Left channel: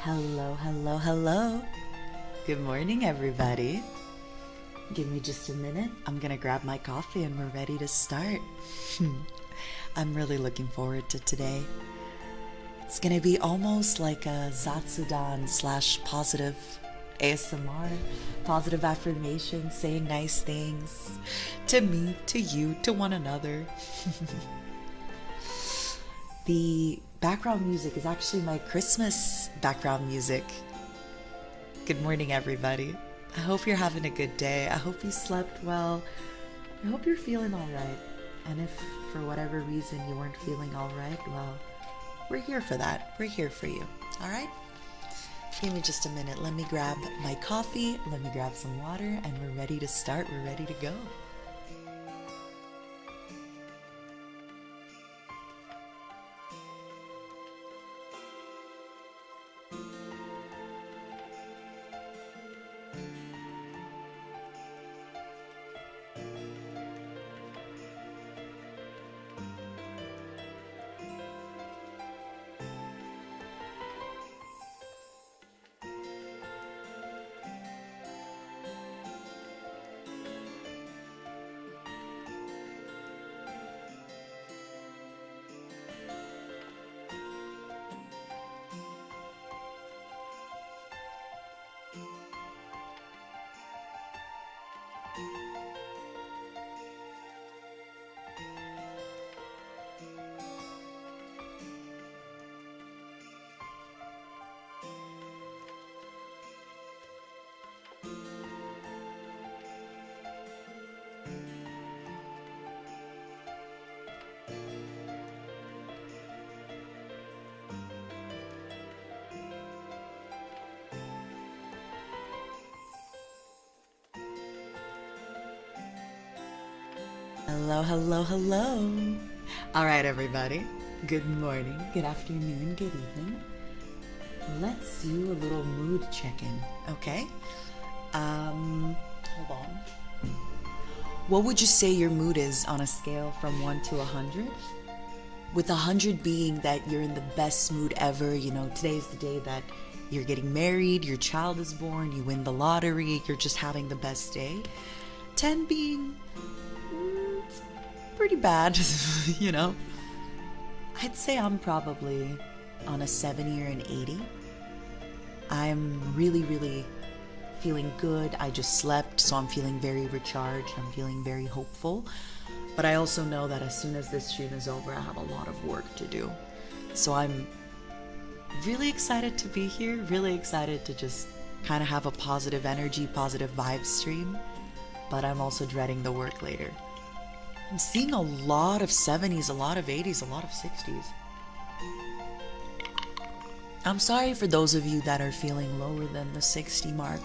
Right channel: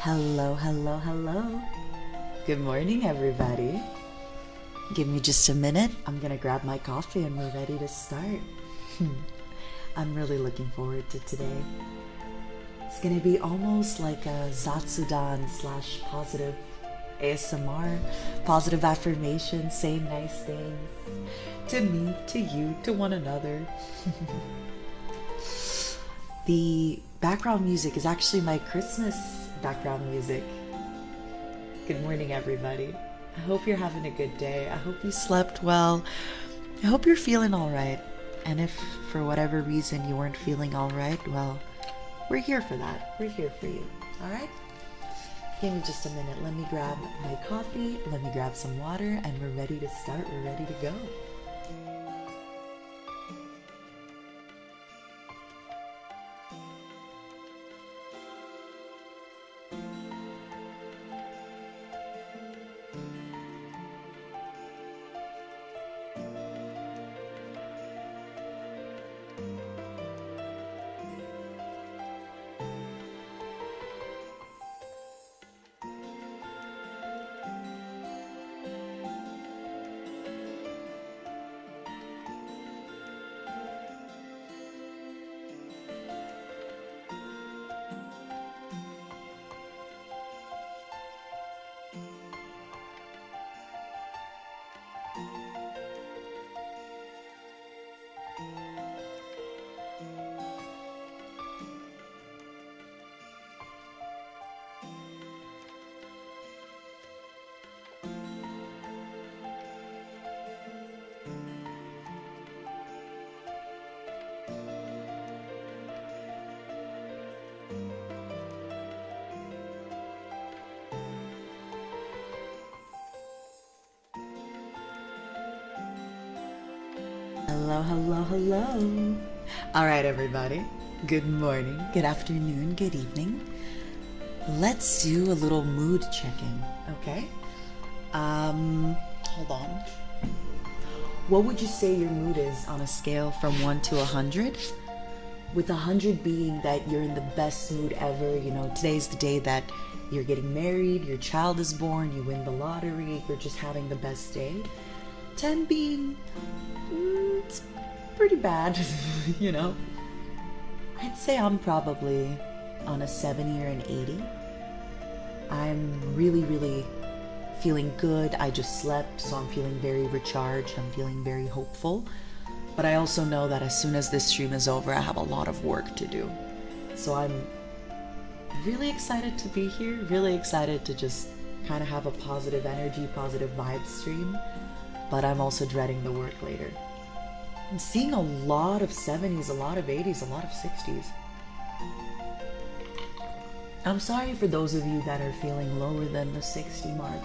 Hello, hello, hello. Good morning, everybody. Give me just a minute. I'm gonna grab my coffee and we're ready to start. I'm really looking forward to today. It's gonna be almost like a Zatsudan / positive ASMR, positive affirmations, saying nice things to me, to you, to one another. The background music is actually my Christmas background music. Good morning, everybody. I hope you're having a good day. I hope you slept well. I hope you're feeling all right. And if for whatever reason you weren't feeling all right, well, we're here for that. We're here for you. All right? Give me just a minute. Let me grab my coffee. Let me grab some water, and we're ready to start. We're ready to go. Hello, hello, hello. All right, everybody. Good morning, good afternoon, good evening. Let's do a little mood check-in, okay? Hold on. What would you say your mood is on a scale from 1 to 100? With 100 being that you're in the best mood ever, you know, today's the day that you're getting married, your child is born, you win the lottery, you're just having the best day. 10 being it's pretty bad, you know. I'd say I'm probably on a 70 or an 80. I'm really feeling good. I just slept, so I'm feeling very recharged. I'm feeling very hopeful. But I also know that as soon as this stream is over, I have a lot of work to do. So I'm really excited to be here, really excited to just kind of have a positive energy, positive vibe stream. But I'm also dreading the work later. I'm seeing a lot of 70s, a lot of 80s, a lot of 60s. I'm sorry for those of you that are feeling lower than the 60 mark.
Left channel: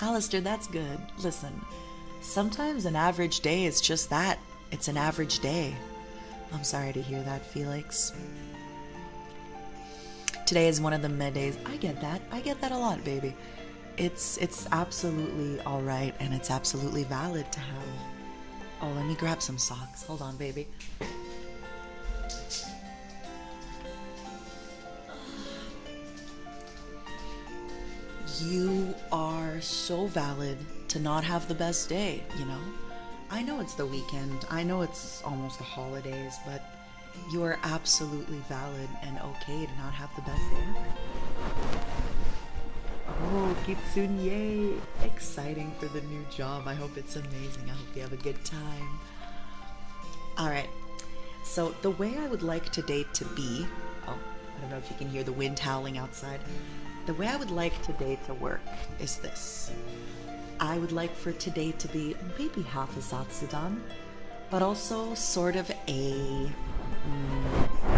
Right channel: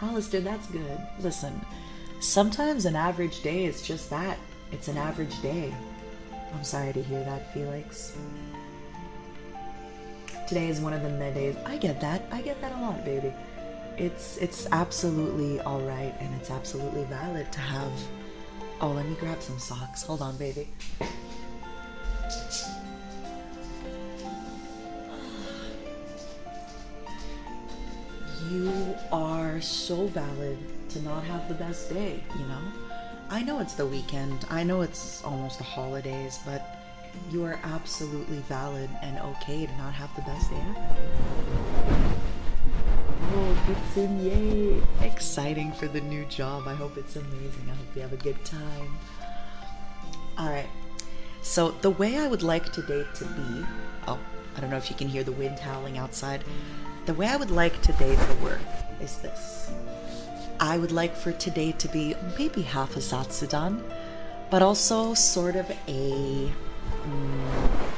Alistair, that's good. Listen, sometimes an average day is just that. It's an average day. I'm sorry to hear that, Felix. Today is one of the med days. I get that. I get that a lot, baby. It's absolutely all right, and it's absolutely valid to have. Oh, let me grab some socks. Hold on, baby. You are so valid to not have the best day, you know? I know it's the weekend. I know it's almost the holidays, but you are absolutely valid and okay to not have the best day ever. Oh, Kitsun, yay! Exciting for the new job. I hope it's amazing. I hope you have a good time. Alright, so the way I would like today to be... Oh, I don't know if you can hear the wind howling outside. The way I would like today to work is this. I would like for today to be maybe half a Satsudan, but also sort of a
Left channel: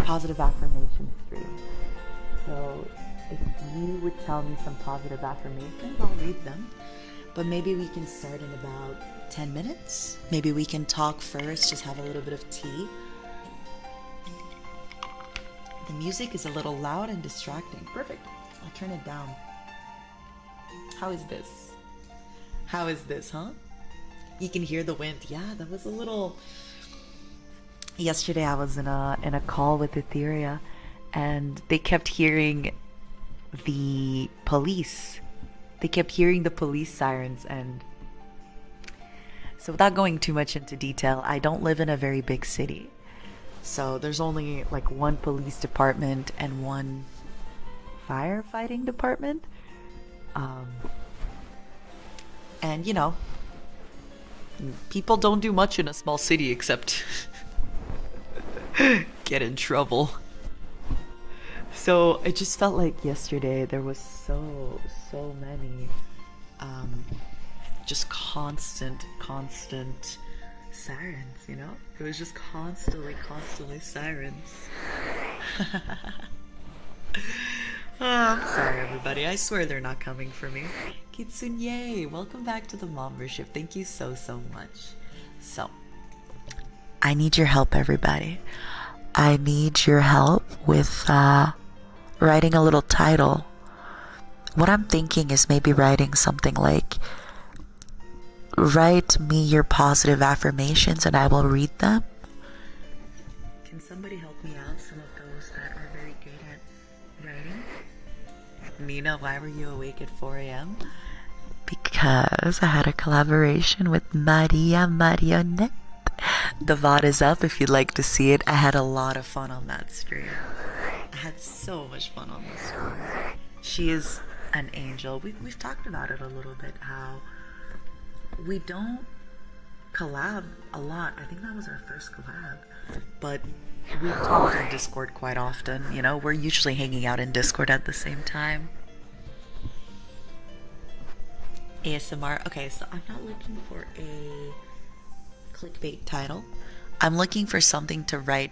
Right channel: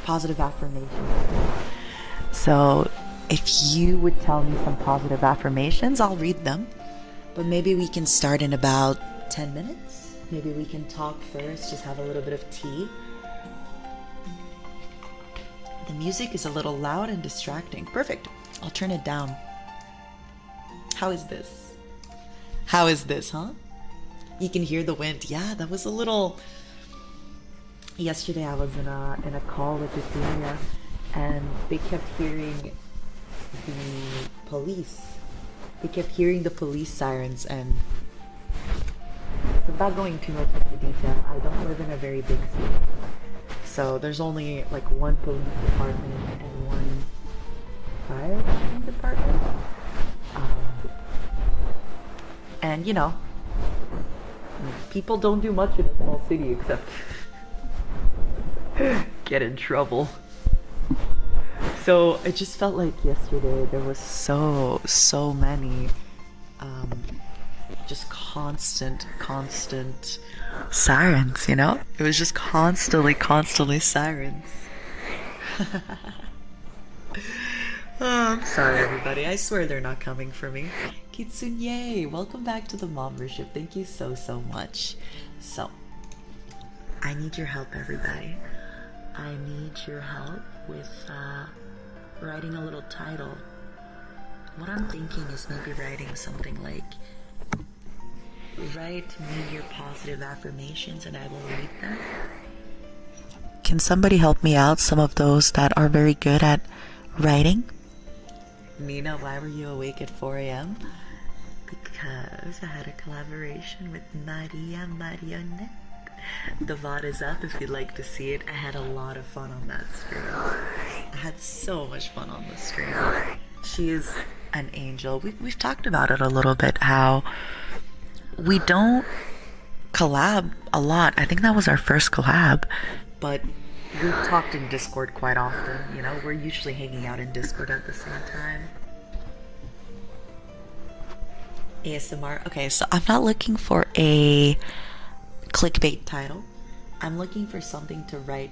positive affirmation. So if you would tell me some positive affirmations, I'll read them. But maybe we can start in about 10 minutes. Maybe we can talk first, just have a little bit of tea. The music is a little loud and distracting. Perfect. I'll turn it down. How is this? How is this, huh? You can hear the wind. Yeah, that was a little... Yesterday I was in a call with Ethyria, and they kept hearing the police. They kept hearing the police sirens, and so without going too much into detail, I don't live in a very big city. So there's only like one police department and one firefighting department. And you know, people don't do much in a small city except get in trouble. So it just felt like yesterday there was so many just constant sirens, you know? It was just constantly sirens. Oh, I'm sorry everybody, I swear they're not coming for me. Kitsunye, welcome back to the Mombership. Thank you so much. So, I need your help everybody. I need your help with writing a little title. What I'm thinking is maybe writing something like, write me your positive affirmations and I will read them. Can somebody help me out? Some of those that are very good at writing. Nina, why were you awake at 4 a.m.? Because I had a collaboration with Maria Marionette. The VOD is up if you'd like to see it. I had a lot of fun on that stream. I had so much fun on the stream. She is an angel. We've talked about it a little bit, how we don't collab a lot. I think that was our first collab, but we've talked in Discord quite often, you know? We're usually hanging out in Discord at the same time. ASMR. Okay, so I'm not looking for a clickbait title. I'm looking for something to write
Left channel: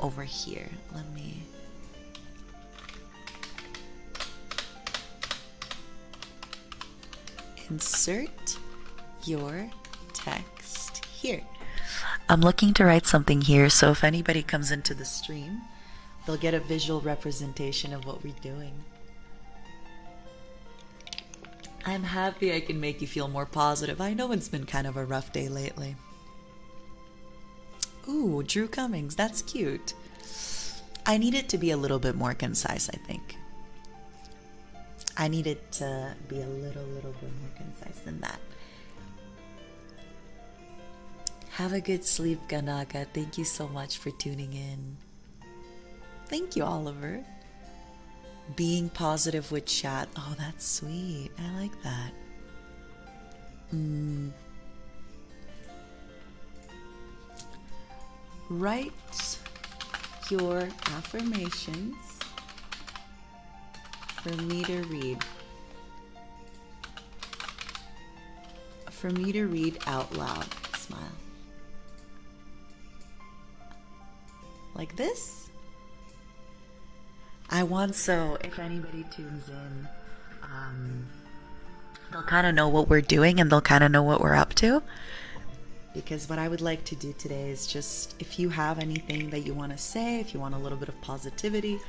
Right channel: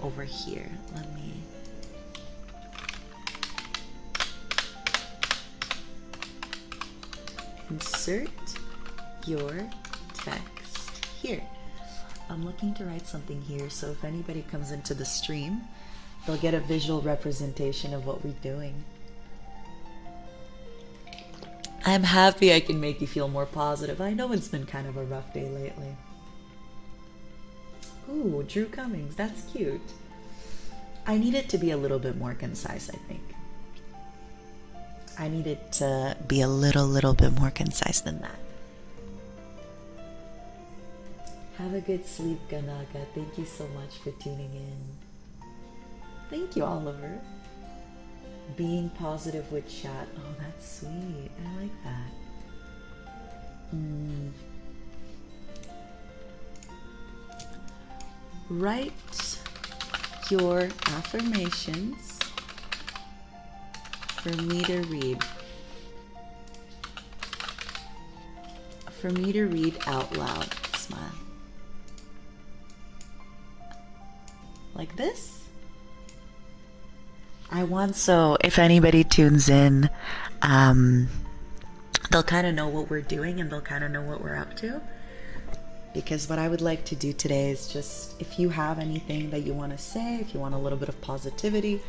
over here. Let me... Insert your text here. I'm looking to write something here, so if anybody comes into the stream, they'll get a visual representation of what we're doing. I'm happy I can make you feel more positive. I know it's been kind of a rough day lately. Ooh, Drew Cummings, that's cute. I need it to be a little bit more concise, I think. I need it to be a little bit more concise than that. Have a good sleep, Ganaka. Thank you so much for tuning in. Thank you, Oliver. Being positive with chat. Oh, that's sweet. I like that. Write your affirmations for me to read. For me to read out loud. Smile. Like this? I want, so if anybody tunes in, they'll kind of know what we're doing and they'll kind of know what we're up to. Because what I would like to do today is just, if you have anything that you want to say, if you want a little bit of positivity,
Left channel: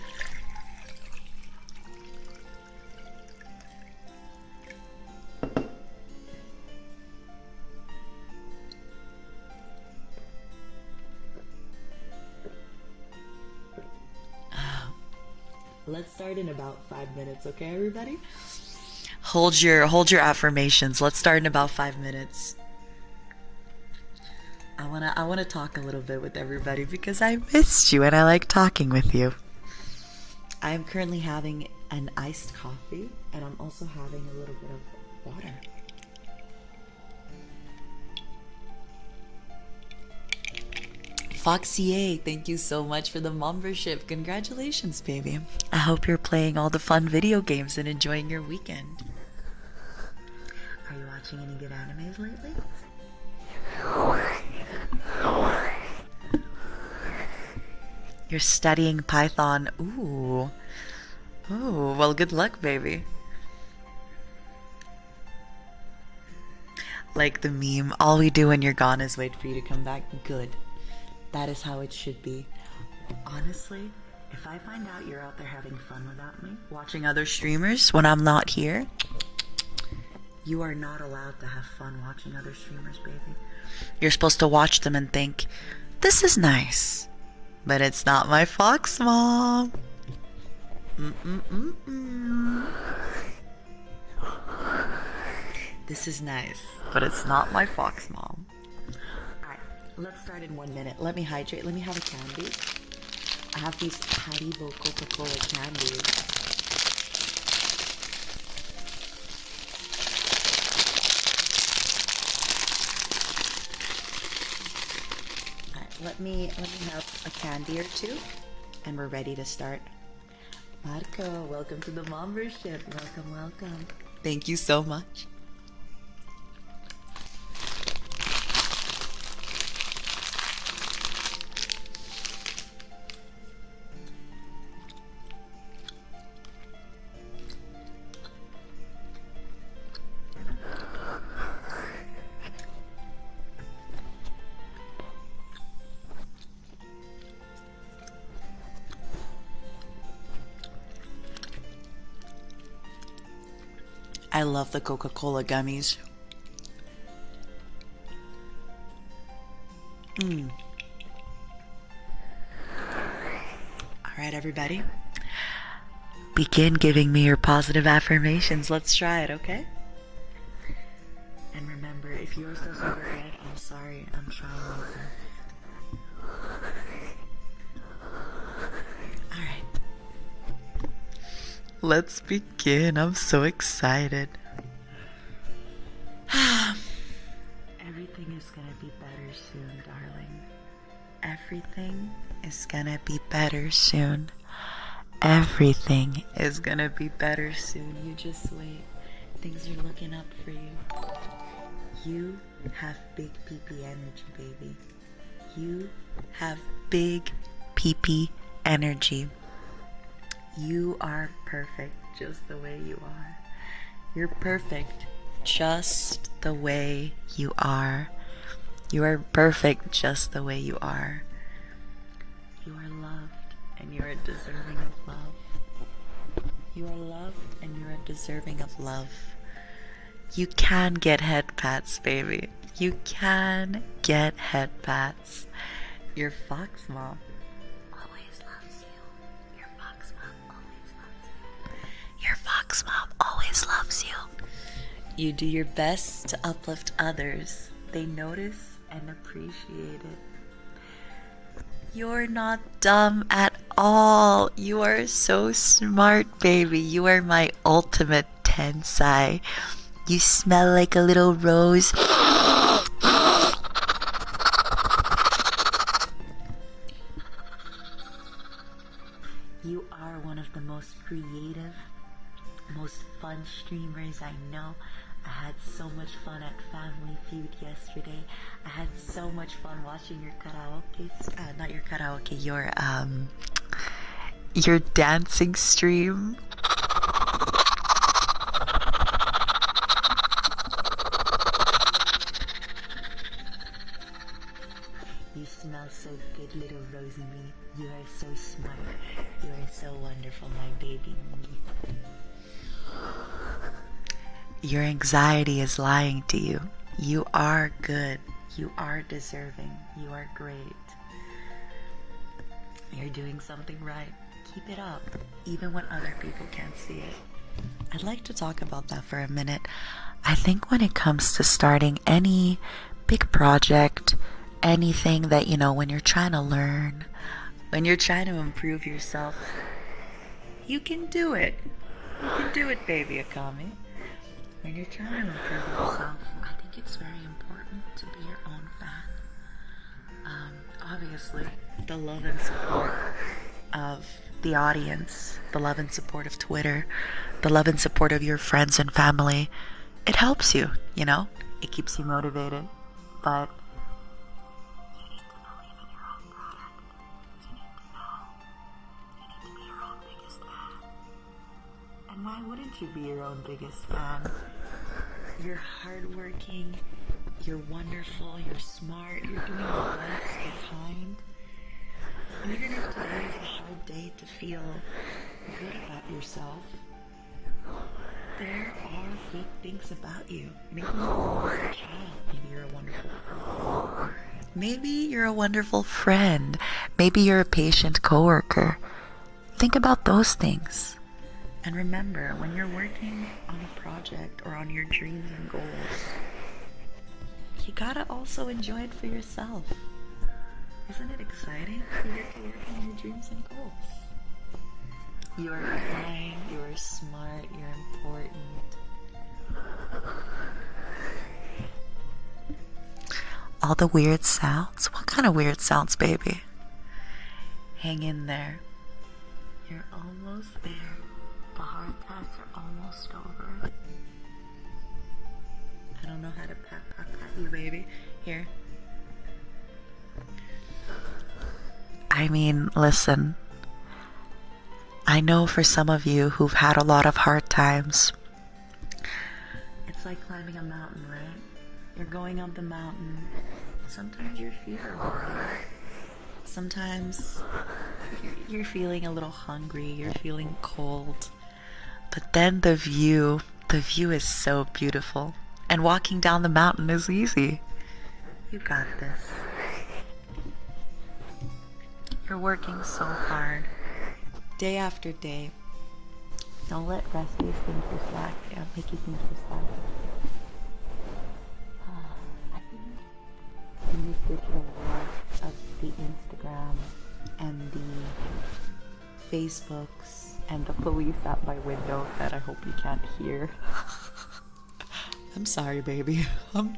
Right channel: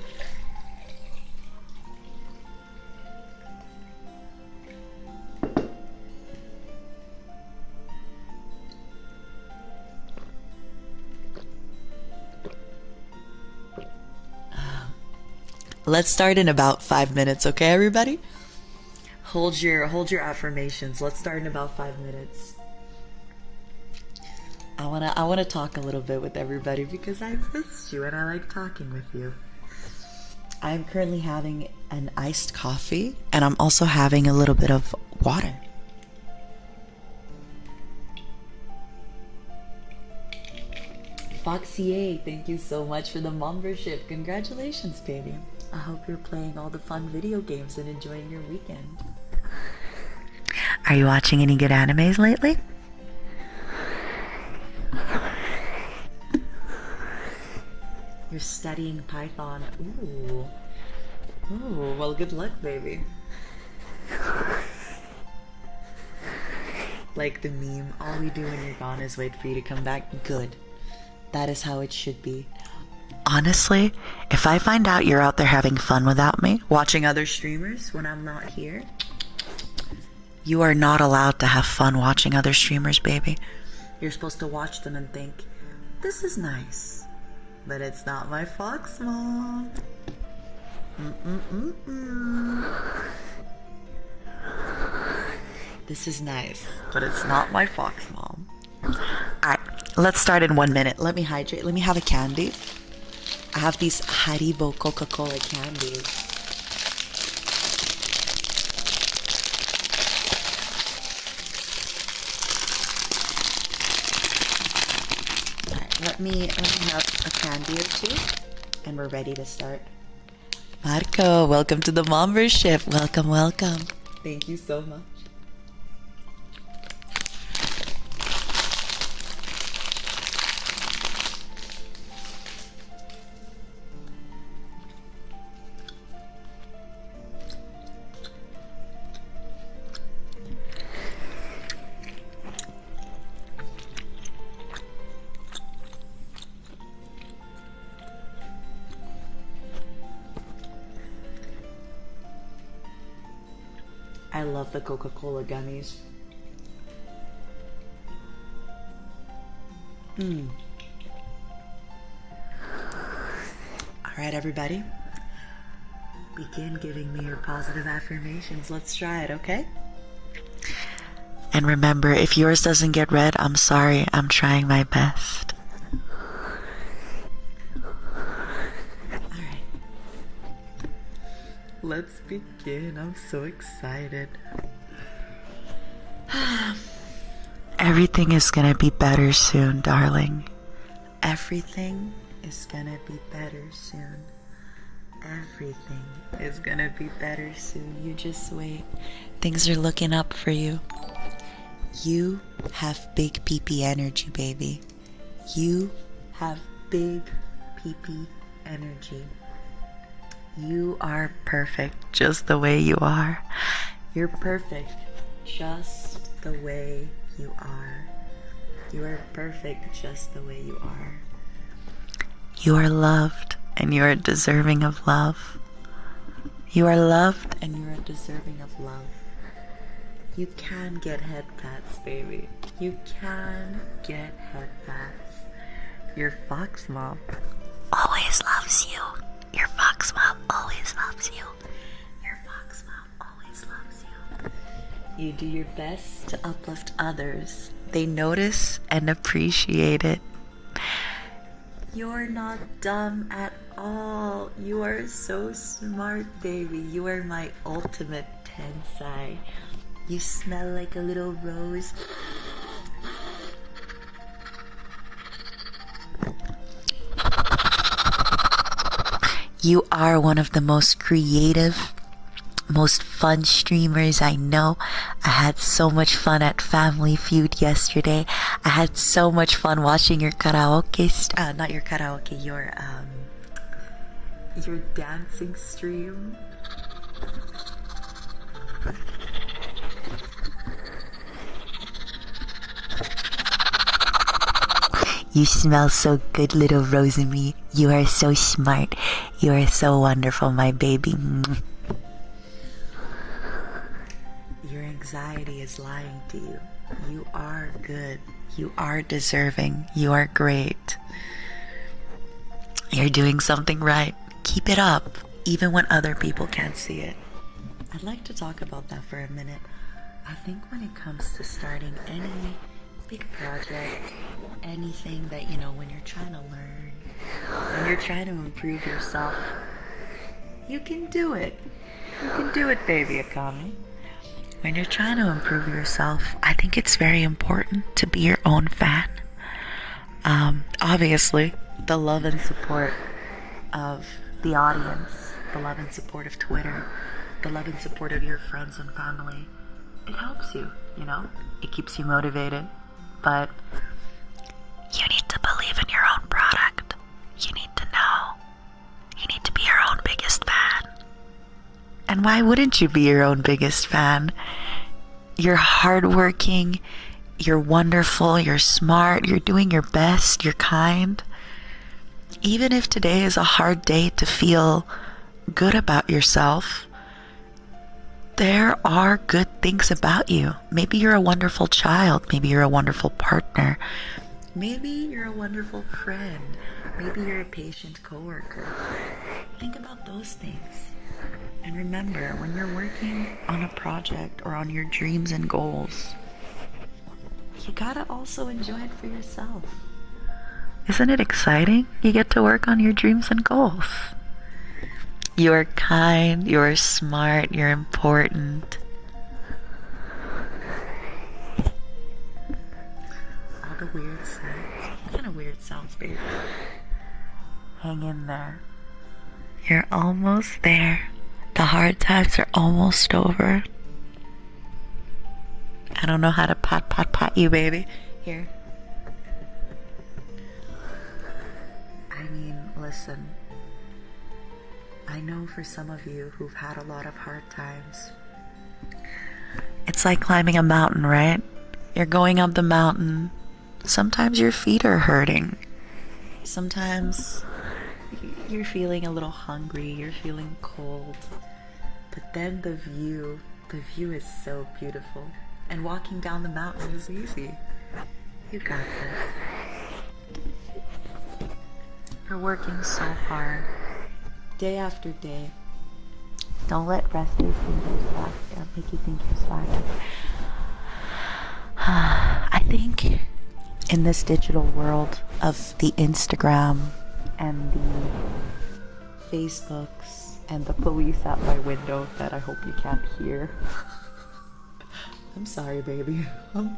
let's start in about 5 minutes, okay, everybody? Hold your affirmations. Let's start in about 5 minutes. I wanna talk a little bit with everybody because I missed you and I like talking with you. I'm currently having an iced coffee, and I'm also having a little bit of water. Foxy, thank you so much for the membership. Congratulations, baby. I hope you're playing all the fun video games and enjoying your weekend. Are you watching any good animes lately? You're studying Python. Ooh. Ooh, well, good luck, baby. Like the meme, all we do when you're gone is wait for you to come back. Good. That is how it should be. Honestly, if I find out you're out there having fun without me, watching other streamers when I'm not here, you are not allowed to have fun watching other streamers, baby. You're supposed to watch them and think, this is nice, but it's not my Fox Mom. This is nice, but it's not my Fox Mom. Alright, let's start in 1 minute. Let me hydrate. Let me have a candy. I have these Haribo Coca-Cola candies. Alright, let me have a candy or two, and we're ready to start. Marco, welcome to the membership. Welcome, welcome. Thank you so much. I love the Coca-Cola gummies. Alright, everybody. Begin giving me your positive affirmations. Let's try it, okay? And remember, if yours doesn't get read, I'm sorry. I'm trying my best. Alright. Let's begin. I'm so excited. Everything is gonna be better soon, darling. Everything is gonna be better soon. Everything is gonna be better soon. You just wait. Things are looking up for you. You have big pee-pee energy, baby. You have big pee-pee energy. You are perfect just the way you are. You're perfect just the way you are. You are perfect just the way you are. You are loved and you are deserving of love. You are loved and you are deserving of love. You can get head pats, baby. You can get head pats. Your Fox Mom always loves you. Your Fox Mom always loves you. Your Fox Mom always loves you. You do your best to uplift others. They notice and appreciate it. You're not dumb at all. You are so smart, baby. You are my ultimate tensai. You smell like a little rose. You are one of the most creative, most fun streamers I know. I had so much fun at Family Feud yesterday. I had so much fun watching your karaoke, not your karaoke, your dancing stream. You smell so good, little Rosemary. You are so smart. You are so wonderful, my baby. Your anxiety is lying to you. You are good. You are deserving. You are great. You're doing something right. Keep it up, even when other people can't see it. I'd like to talk about that for a minute. I think when it comes to starting any big project, anything that, when you're trying to learn, when you're trying to improve yourself, You can do it. You can do it, baby Akami. When you're trying to improve yourself, I think it's very important to be your own fan. Obviously, the love and support of the audience, the love and support of Twitter, the love and support of your friends and family, it helps you, you know? It keeps you motivated. But you need to believe in your own product. You need to know. You need to be your own biggest fan. And why wouldn't you be your own biggest fan? You're hardworking, you're wonderful, you're smart, you're doing your best, you're kind. Even if today is a hard day to feel good about yourself, there are good things about you. Maybe you're a wonderful child, maybe you're a wonderful partner, maybe you're a wonderful friend, maybe you're a patient coworker. Think about those things. And remember, when you're working on a project or on your dreams and goals, you gotta also enjoy it for yourself. Isn't it exciting? You get to work on your dreams and goals. You're kind, you're smart, you're important. All the weird sounds. What kind of weird sounds, baby? Hang in there. You're almost there. The hard times are almost over. I don't know how to pat you, baby. Here. I mean, listen. I know for some of you who've had a lot of hard times, it's like climbing a mountain, right? You're going up the mountain. Sometimes your feet are hurting. Sometimes you're feeling a little hungry, you're feeling cold. But then the view is so beautiful. And walking down the mountain is easy. You got this. You're working so hard. Day after day. Don't let rest days make you think you're slacking. I think in this digital world of the Instagram and the Facebooks and the police at my window that I hope you can't hear. I'm sorry, baby.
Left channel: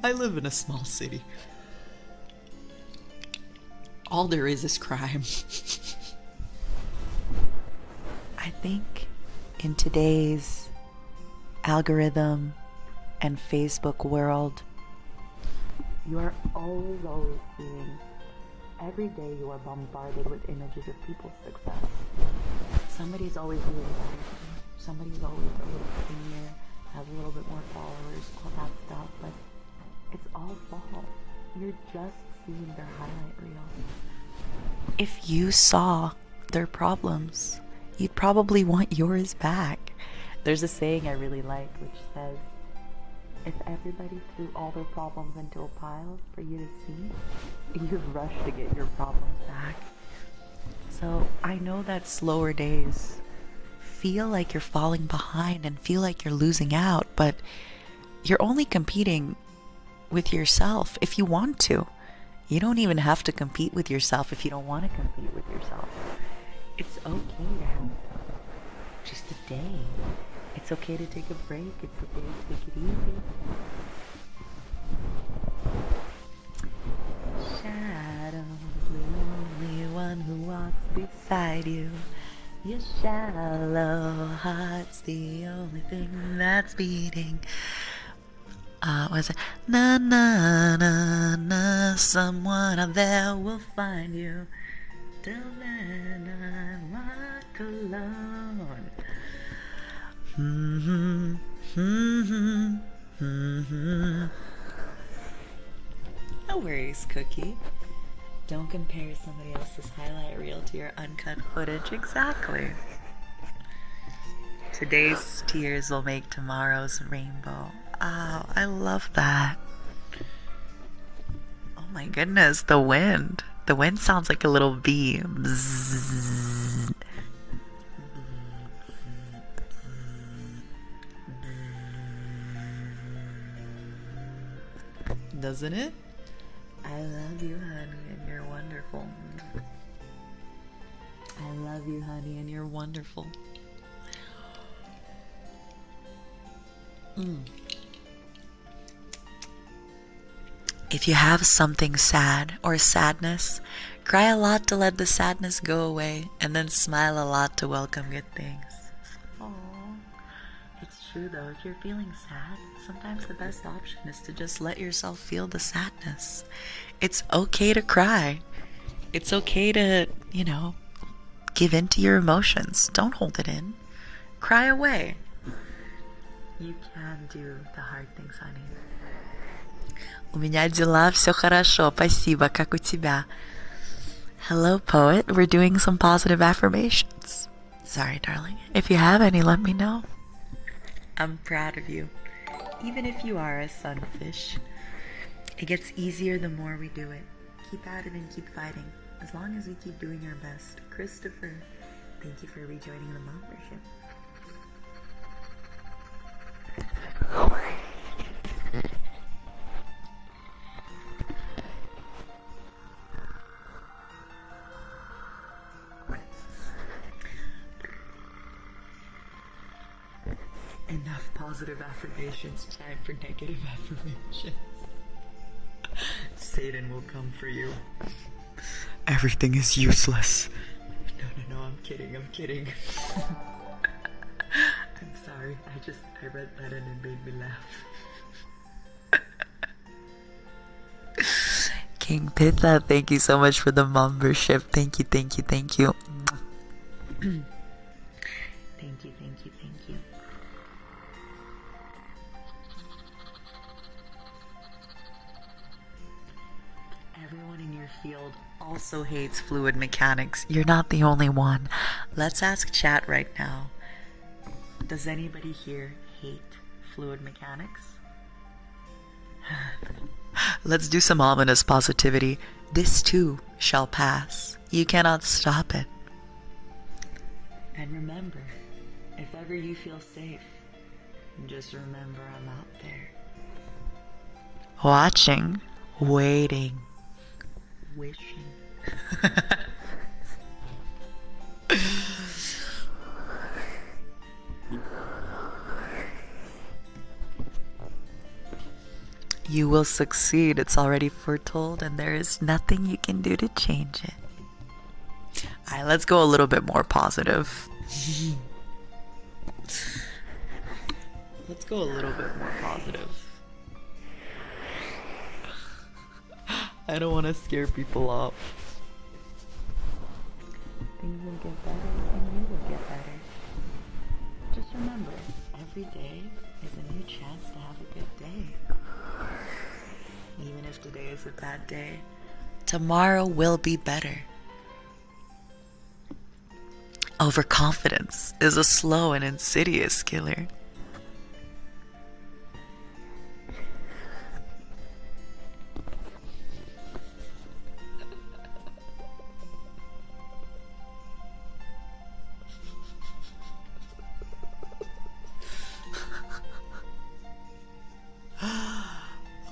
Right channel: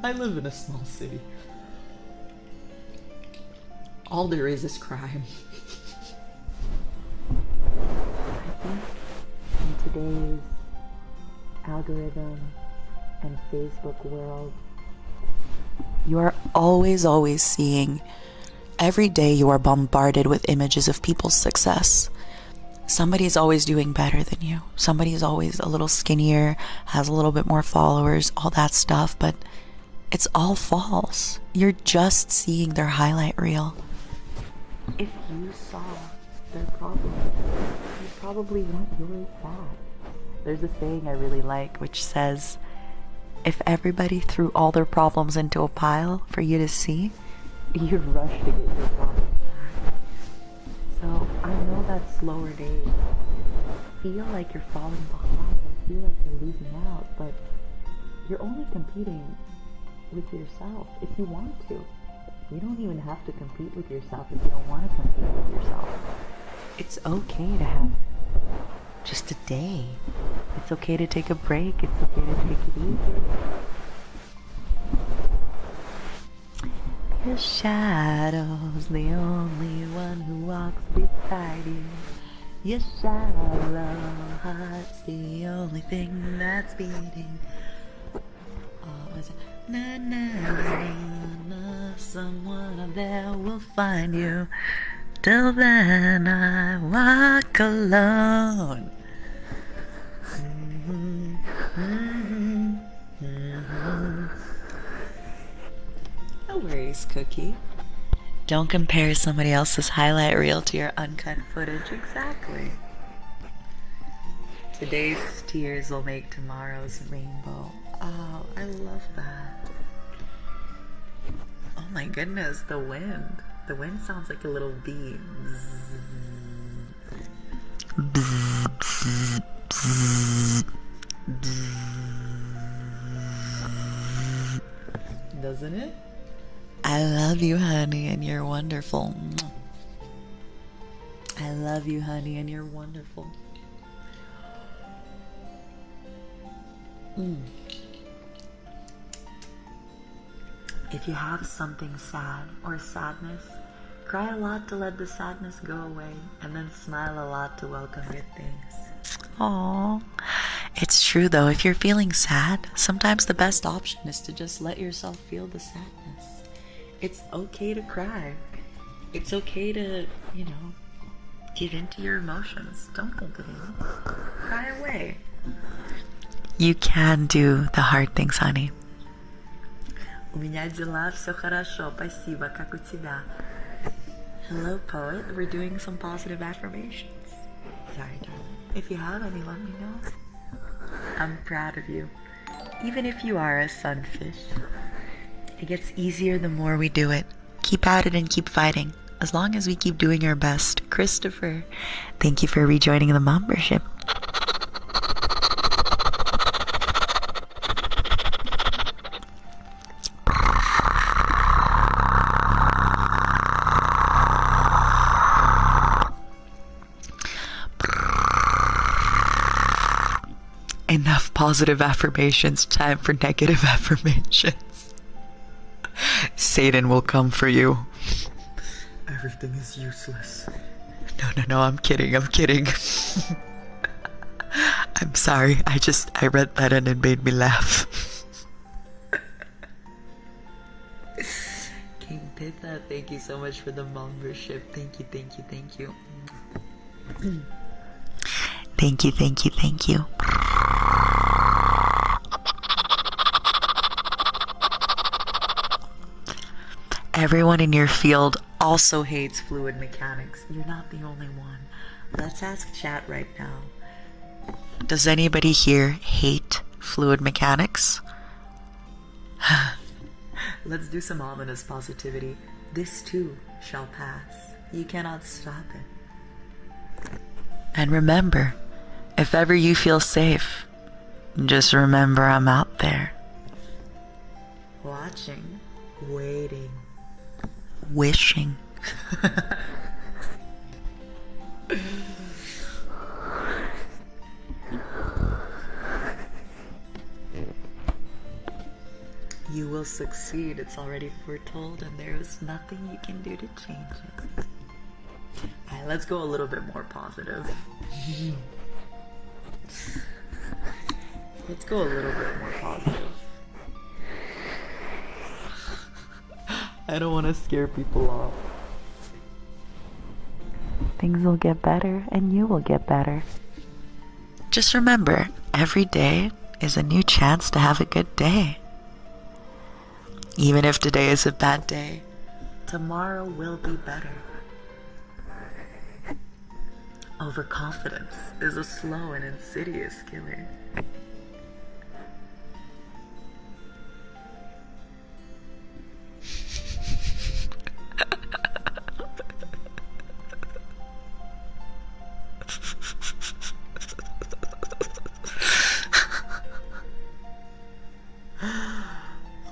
I live in a small city. All there is crime. I think in today's algorithm and Facebook world, you are always seeing, every day you are bombarded with images of people's success. Somebody's always doing better than you. Somebody's always a little skinnier, has a little bit more followers, all that stuff, but it's all false. You're just seeing their highlight reel. If you saw their problems, you'd probably want yours back. There's a saying I really like which says, if everybody threw all their problems into a pile for you to see, you'd rush to get your problems back. So I know that slower days feel like you're falling behind and feel like you're losing out, but you're only competing with yourself if you want to. You don't even have to compete with yourself if you don't want to compete with yourself. It's okay to have just a day. It's okay to take a break. It's okay to take it easy. Your shadow's the only one who walks beside you. Your shallow heart's the only thing that's beating. What is it? Na na na na, someone out there will find you. Till then I walk alone. Mm-hmm, mm-hmm, mm-hmm. No worries, Cookie. Don't compare somebody else's highlight reel to your uncut footage. Exactly. Today's tears will make tomorrow's rainbow. Oh, I love that. Oh my goodness, the wind. The wind sounds like a little bee. Bzzz, bzzz, bzzz, bzzz, bzzz. Doesn't it? I love you, honey, and you're wonderful. I love you, honey, and you're wonderful. If you have something sad or sadness, cry a lot to let the sadness go away, and then smile a lot to welcome good things. Aww. It's true though, if you're feeling sad, sometimes the best option is to just let yourself feel the sadness. It's okay to cry. It's okay to, give in to your emotions. Don't hold it in. Cry away. You can do the hard things, honey. У меня дела, все хорошо, спасибо, как у тебя? Hello, poet. We're doing some positive affirmations. Sorry, darling. If you have any, let me know. I'm proud of you, even if you are a sunfish. It gets easier the more we do it. Keep at it and keep fighting. As long as we keep doing our best. Christopher, thank you for rejoining the membership. Enough positive affirmations, time for negative affirmations. Satan will come for you. Everything is useless. No, I'm kidding. I'm sorry, I read that and it made me laugh. King Pitha, thank you so much for the membership. Thank you. Thank you. Everyone in your field also hates fluid mechanics. You're not the only one. Let's ask chat right now. Does anybody here hate fluid mechanics? Let's do some ominous positivity. This too shall pass. You cannot stop it. And remember, if ever you feel safe, just remember I'm out there. Watching, waiting, wishing. You will succeed. It's already foretold, and there is nothing you can do to change it. Alright, let's go a little bit more positive. Let's go a little bit more positive. I don't want to scare people off. Things will get better, and you will get better. Just remember, every day is a new chance to have a good day. Even if today is a bad day, tomorrow will be better. Overconfidence is a slow and insidious killer.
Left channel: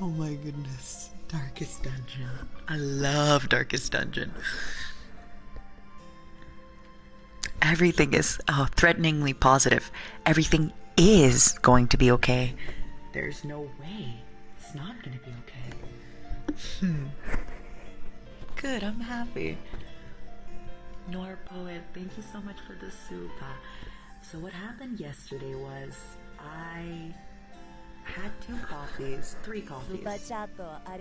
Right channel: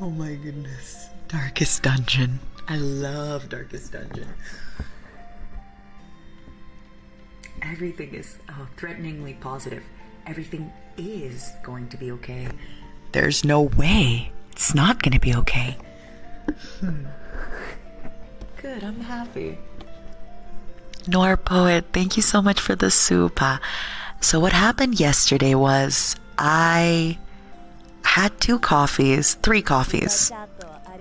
Oh my goodness. Darkest Dungeon. I love Darkest Dungeon. Everything is threateningly positive. Everything is going to be okay. There's no way it's not going to be okay. Good, I'm happy. Nor Poet, thank you so much for the super. So what happened yesterday was I had 3 coffees,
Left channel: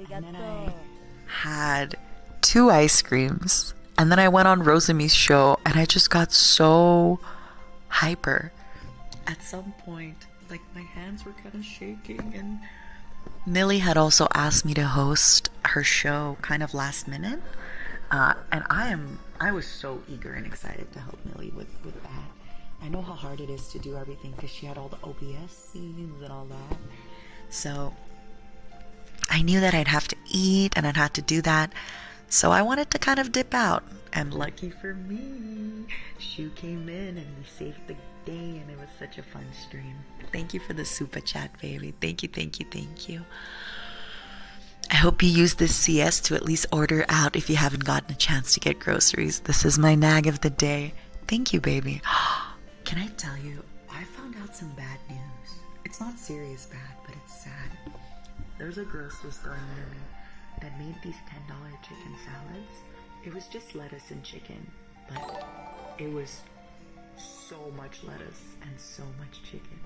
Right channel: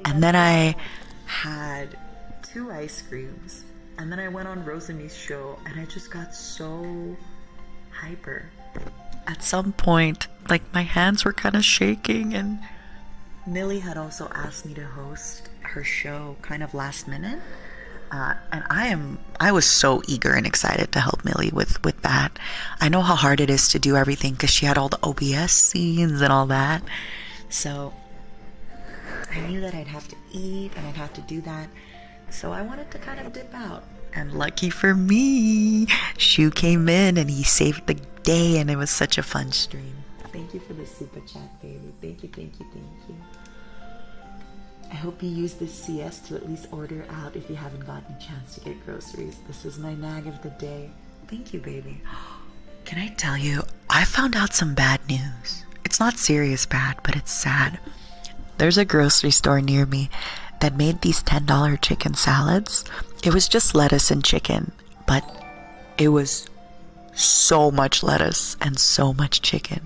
and then I had 2 ice creams, and then I went on Rosemi's show, and I just got so hyper. At some point, like, my hands were kind of shaking, and Millie had also asked me to host her show kind of last minute, and I was so eager and excited to help Millie with that. I know how hard it is to do everything because she had all the OBS scenes and all that. So I knew that I'd have to eat and I'd have to do that. So I wanted to kind of dip out. And lucky for me, Shu came in and he saved the day, and it was such a fun stream. Thank you for the super chat, baby. Thank you. I hope you use this CS to at least order out if you haven't gotten a chance to get groceries. This is my nag of the day. Thank you, baby. Can I tell you, I found out some bad news. It's not serious bad, but it's sad. There's a grocery store near me that made these $10 chicken salads. It was just lettuce and chicken, but it was so much lettuce and so much chicken.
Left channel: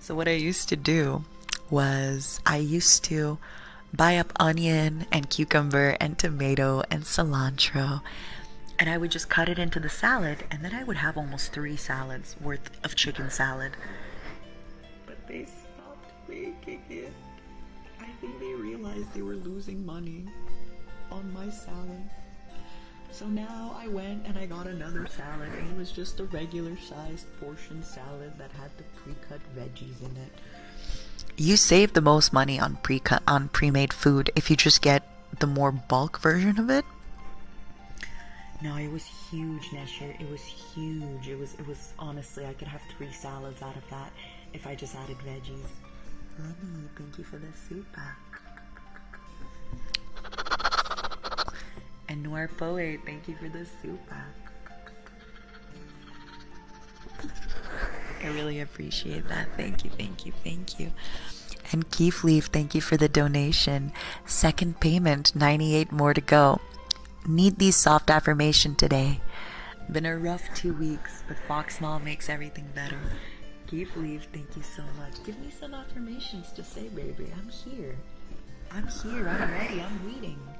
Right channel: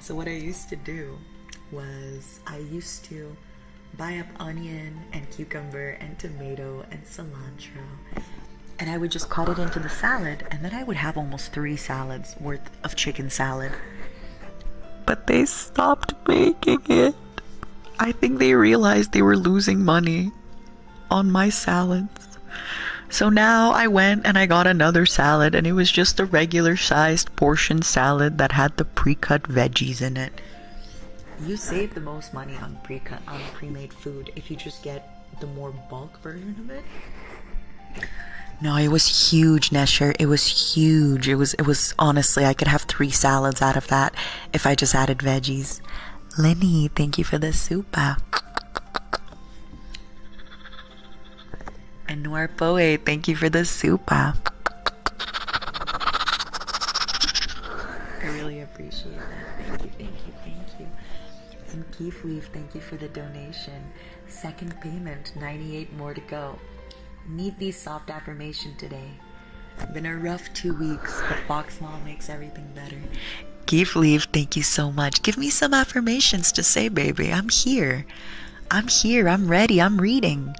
So what I used to do was I used to buy up onion and cucumber and tomato and cilantro, and I would just cut it into the salad, and then I would have almost 3 salads worth of chicken salad. But they stopped making it. I think they realized they were losing money on my salads. So now I went and I got another salad, and it was just a regular sized portion salad that had the pre-cut veggies in it. You save the most money on pre-made food if you just get the more bulk version of it. No, it was huge, Nesher. It was huge. It was honestly, I could have 3 salads out of that if I just added veggies. Lenny, thank you for the super. And Noir Poe, thank you for the super. I really appreciate that. Thank you, thank you, thank you. And Keef Leaf, thank you for the donation. Second payment, 98 more to go. Need these soft affirmation today. Been a rough 2 weeks, but Fox Mall makes everything better. Keef Leaf, thank you so much. Give me some affirmations to say, baby. I'm here. I'm here. I'm ready. I'm reading.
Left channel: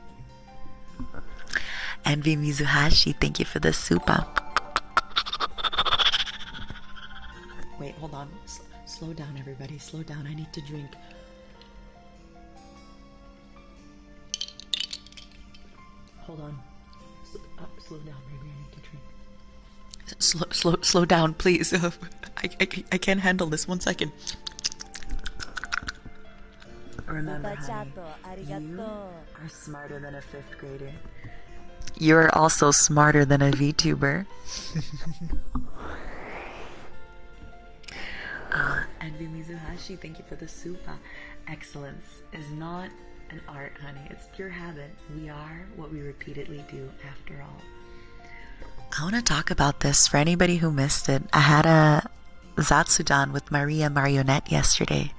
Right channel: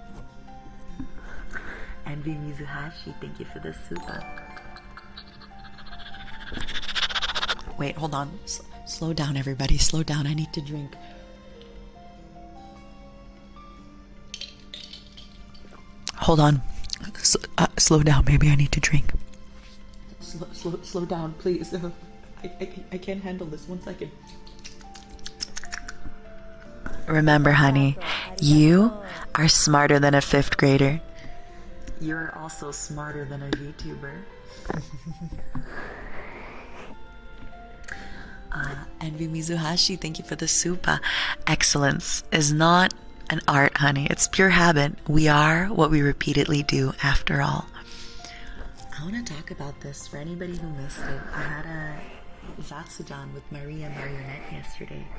Envy Mizuhashi, thank you for the super. Wait, hold on. Slow down, everybody. Slow down. I need to drink. Hold on. Slow down, baby. I need to drink. Slow down, please. I can't handle this. 1 second. Remember, honey, you are smarter than a 5th grader. You're also smarter than a VTuber. Envy Mizuhashi, thank you for the super. Excellence is not an art, honey. It's pure habit. We are what we repeatedly do, after all. I want to talk about this for anybody who missed it. I had a Zatsudan with Maria Marionette yesterday.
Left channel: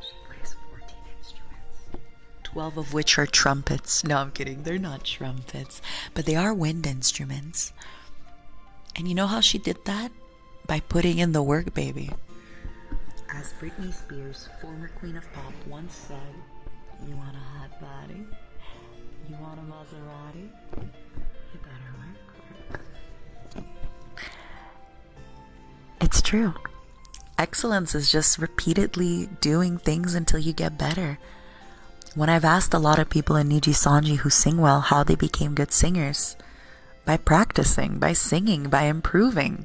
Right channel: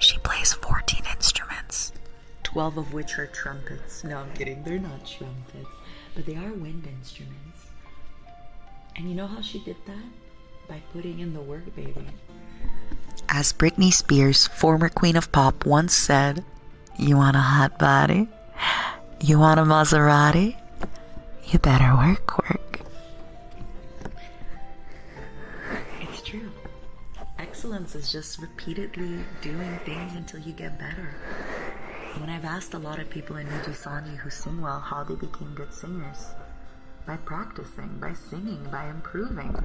She plays 14 instruments, 12 of which are trumpets. No, I'm kidding. They're not trumpets, but they are wind instruments. And you know how she did that? By putting in the work, baby. As Britney Spears, former queen of pop, once said, "You want a hot body? You want a Maserati? You better work. It's true. Excellence is just repeatedly doing things until you get better. When I've asked a lot of people in NIJISANJI who sing well how they became good singers, by practicing, by singing, by improving.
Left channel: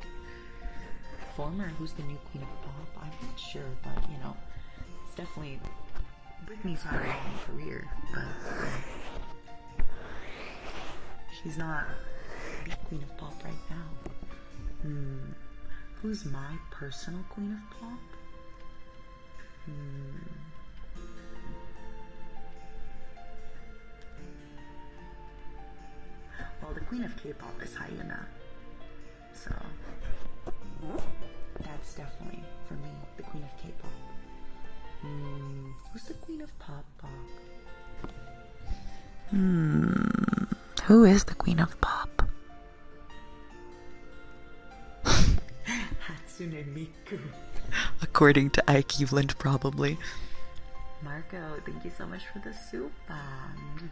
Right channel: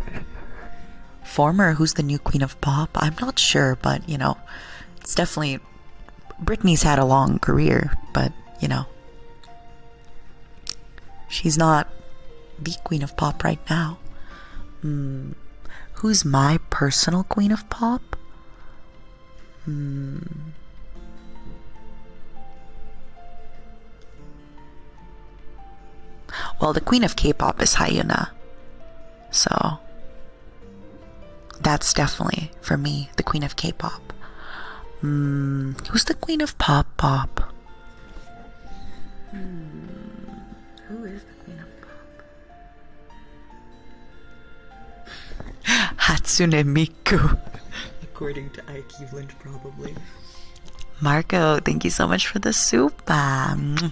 Former, who's the new queen of pop? I'm not sure, but you know, it's definitely... Britney's had a long career, but you know, she's not the queen of pop right now. Who's my personal queen of pop? Well, the queen of K-pop is Hyuna, so that's definitely, for me, the queen of K-pop. Who's the queen of pop? Who is the queen of pop? Hatsune Miku, according to Ike Eveland, probably. Marco, thank you so much for the super.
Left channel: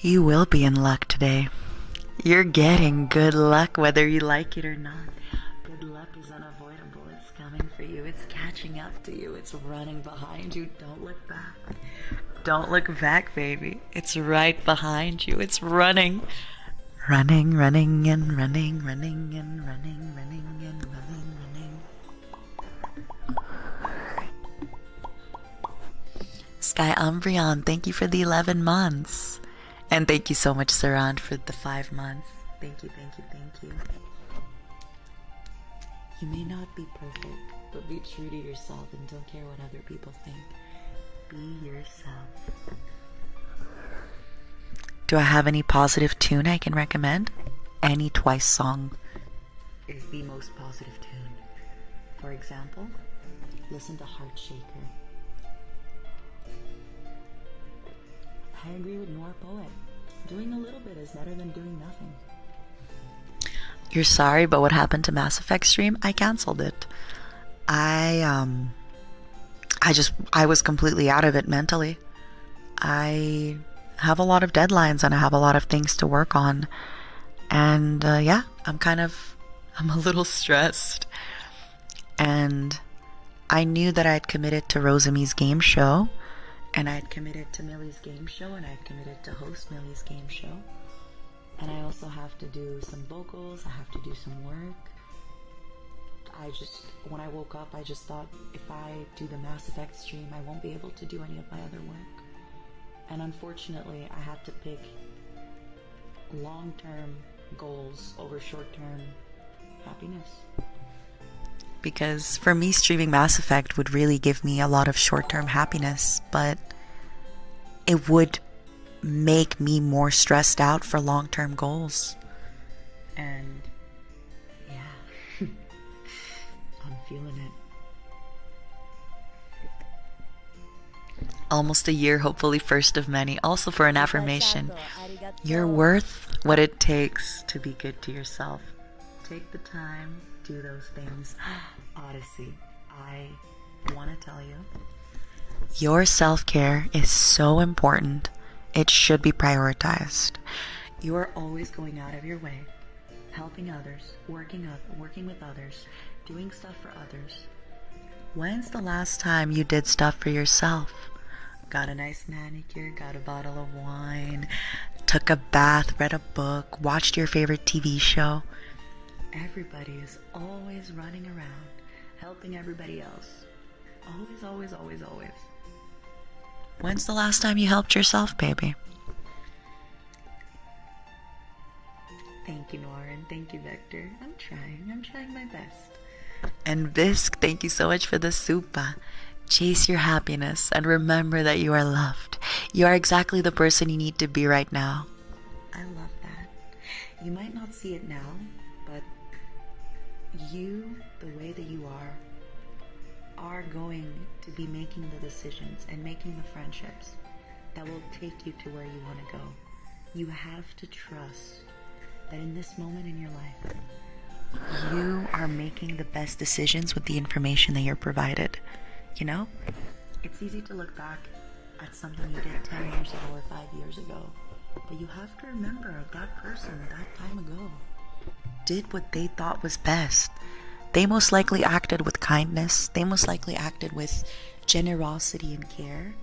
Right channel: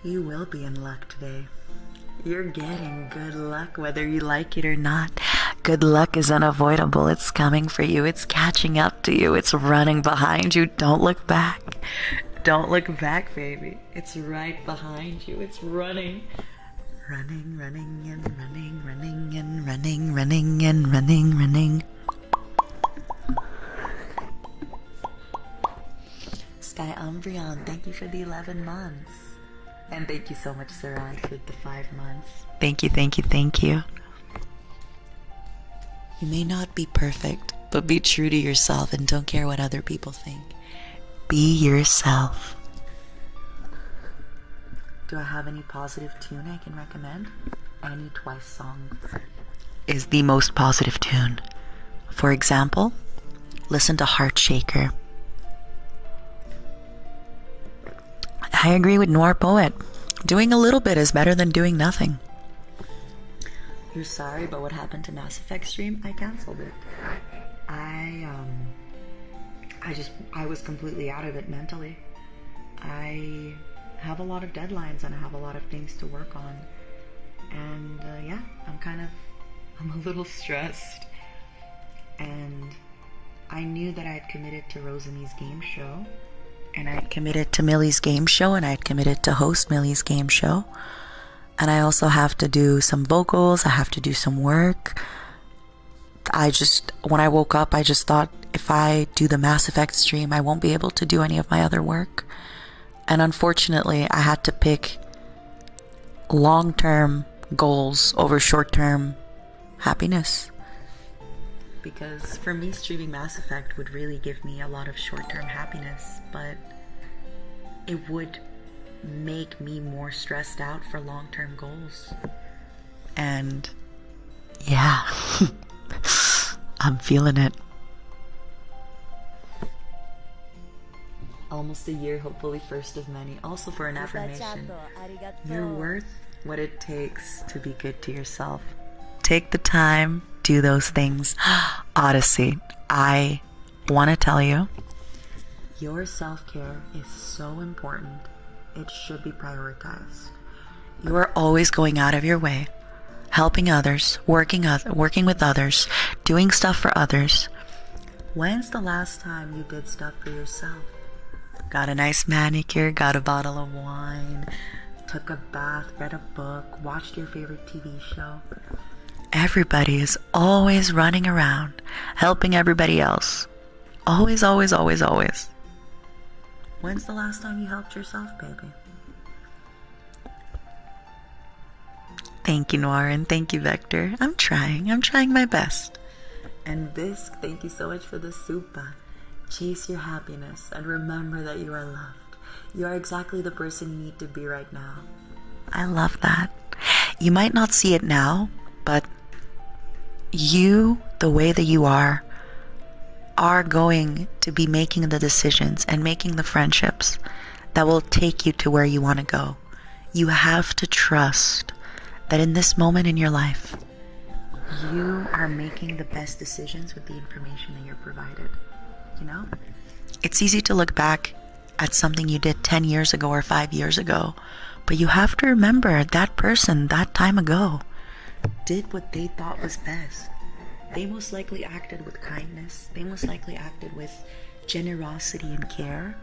You will be in luck today. You're getting good luck whether you like it or not. Good luck is unavoidable. It's coming for you. It's catching up to you. It's running behind you. Don't look back. Don't look back, baby. It's right behind you. It's running. Running, running, and running, running, and running, running, and running, running. Sky Umbreon, thank you for the 11 months. And thank you so much, Saran, for the 5 months. Thank you, thank you, thank you. You may not be perfect, but be true to yourself and don't care what other people think. Be yourself. Do I have any positive tune I can recommend? Any Twice song is the most positive tune. For example, listen to Heart Shaker. I agree with Noir Poet. Doing a little bit is better than doing nothing. You're sorry, but what happened to Mass Effect stream? I canceled it. I was completely out of it mentally. I have a lot of deadlines and I have a lot of things to work on. And yeah, I'm a little stressed. And I knew that I had committed to Rosami's game show, and I had committed to Millie's game show, and I had committed to host Millie's game show. And I also have to do some vocals, I have to do some work. When I woke up, I just thought, if I do the Mass Effect stream, I won't be able to do any of my other work. And unfortunately, I had to pick long-term goals over short-term happiness. Because for me, streaming Mass Effect would really give me a lot of short-term happiness, but it would make me more stressed out for long-term goals. And yeah, I'm feeling it. Almost a year, hopefully first of many. Also for an affirmation, you're worth what it takes to be good to yourself. Take the time, do those things. Odyssey, I want to tell you, your self-care is so important. It should be prioritized. You are always going out of your way, helping others, working with others, doing stuff for others. When's the last time you did stuff for yourself? Got a nice manicure, got a bottle of wine, took a bath, read a book, watched your favorite TV show. Everybody is always running around, helping everybody else. Always, always, always, always. When's the last time you helped yourself, baby? Thank you, Noir, and thank you, Vector. I'm trying my best. And Visc, thank you so much for the supa. Chase your happiness and remember that you are loved. You are exactly the person you need to be right now. I love that. You might not see it now, but you, the way that you are going to be making the decisions and making the friendships that will take you to where you want to go. You have to trust that in this moment in your life, you are making the best decisions with the information that you're provided. You know, it's easy to look back at something you did 10 years ago or 5 years ago, but you have to remember that person that time ago did what they thought was best. They most likely acted with kindness. They most likely acted with generosity and care.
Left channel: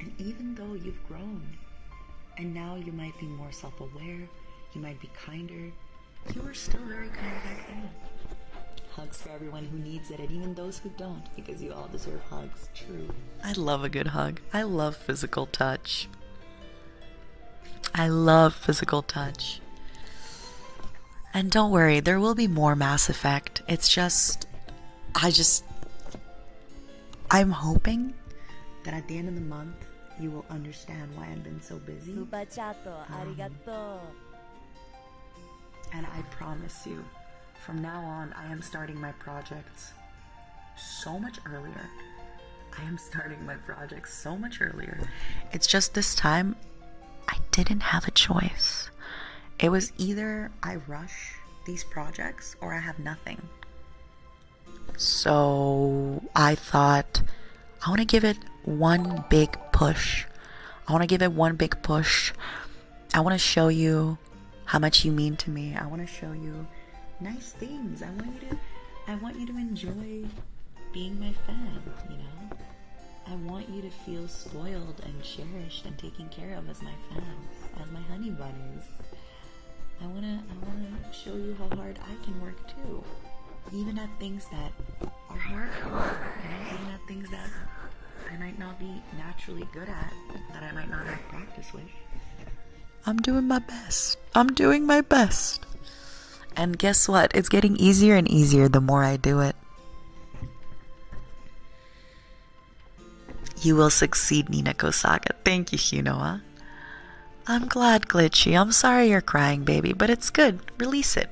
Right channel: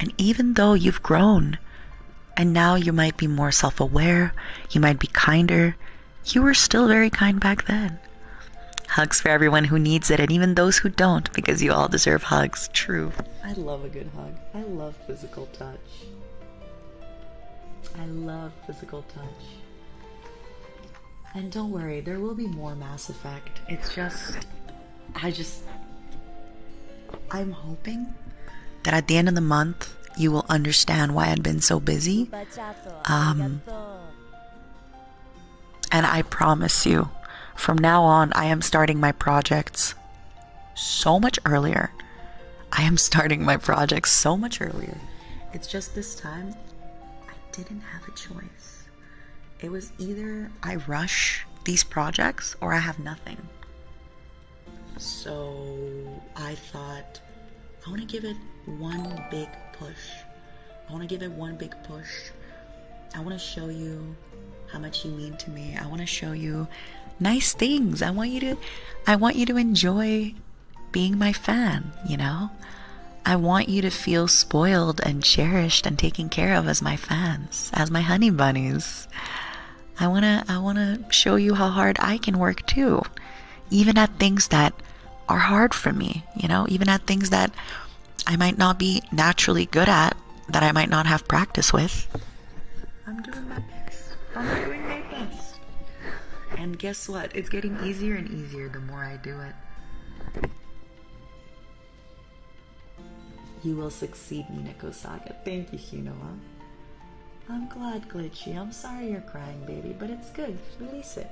And even though you've grown and now you might be more self-aware, you might be kinder, you were still very kind back then. Hugs for everyone who needs it, and even those who don't, because you all deserve hugs. True. I love a good hug. I love physical touch. I love physical touch. And don't worry, there will be more Mass Effect. It's just, I'm hoping that at the end of the month, you will understand why I've been so busy. And I promise you, from now on, I am starting my projects so much earlier. It's just this time, I didn't have a choice. It was either I rush these projects or I have nothing. So I thought, I want to give it one big push. I want to show you how much you mean to me. I want to show you nice things. I want you to enjoy being my fan, you know? I want you to feel spoiled and cherished and taken care of as my fans, as my honey bunnies. I want to show you how hard I can work too, even at things that are hard for me, you know, even at things that I might not be naturally good at, that I might not have practice with. I'm doing my best. And guess what? It's getting easier and easier the more I do it. You will succeed, Nina Kosaka. Thank you, Hinoa. I'm glad, Glitchy. I'm sorry you're crying, baby, but it's good. Release it.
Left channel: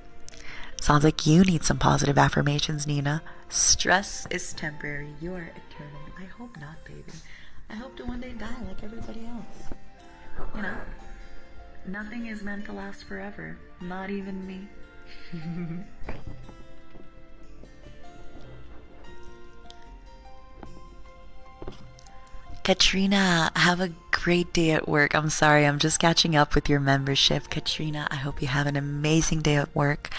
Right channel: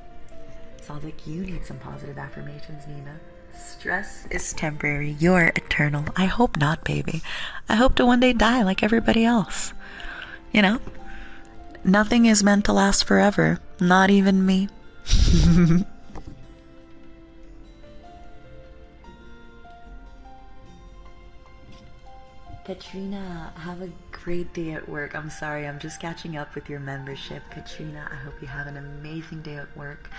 Sounds like you need some positive affirmations, Nina. Stress is temporary. You're eternal. I hope not, baby. I hope to one day die like everybody else. You know? Nothing is meant to last forever. Not even me. Katrina, have a great day at work. I'm sorry, I'm just catching up with your membership. Katrina, I hope you have an amazing day at work.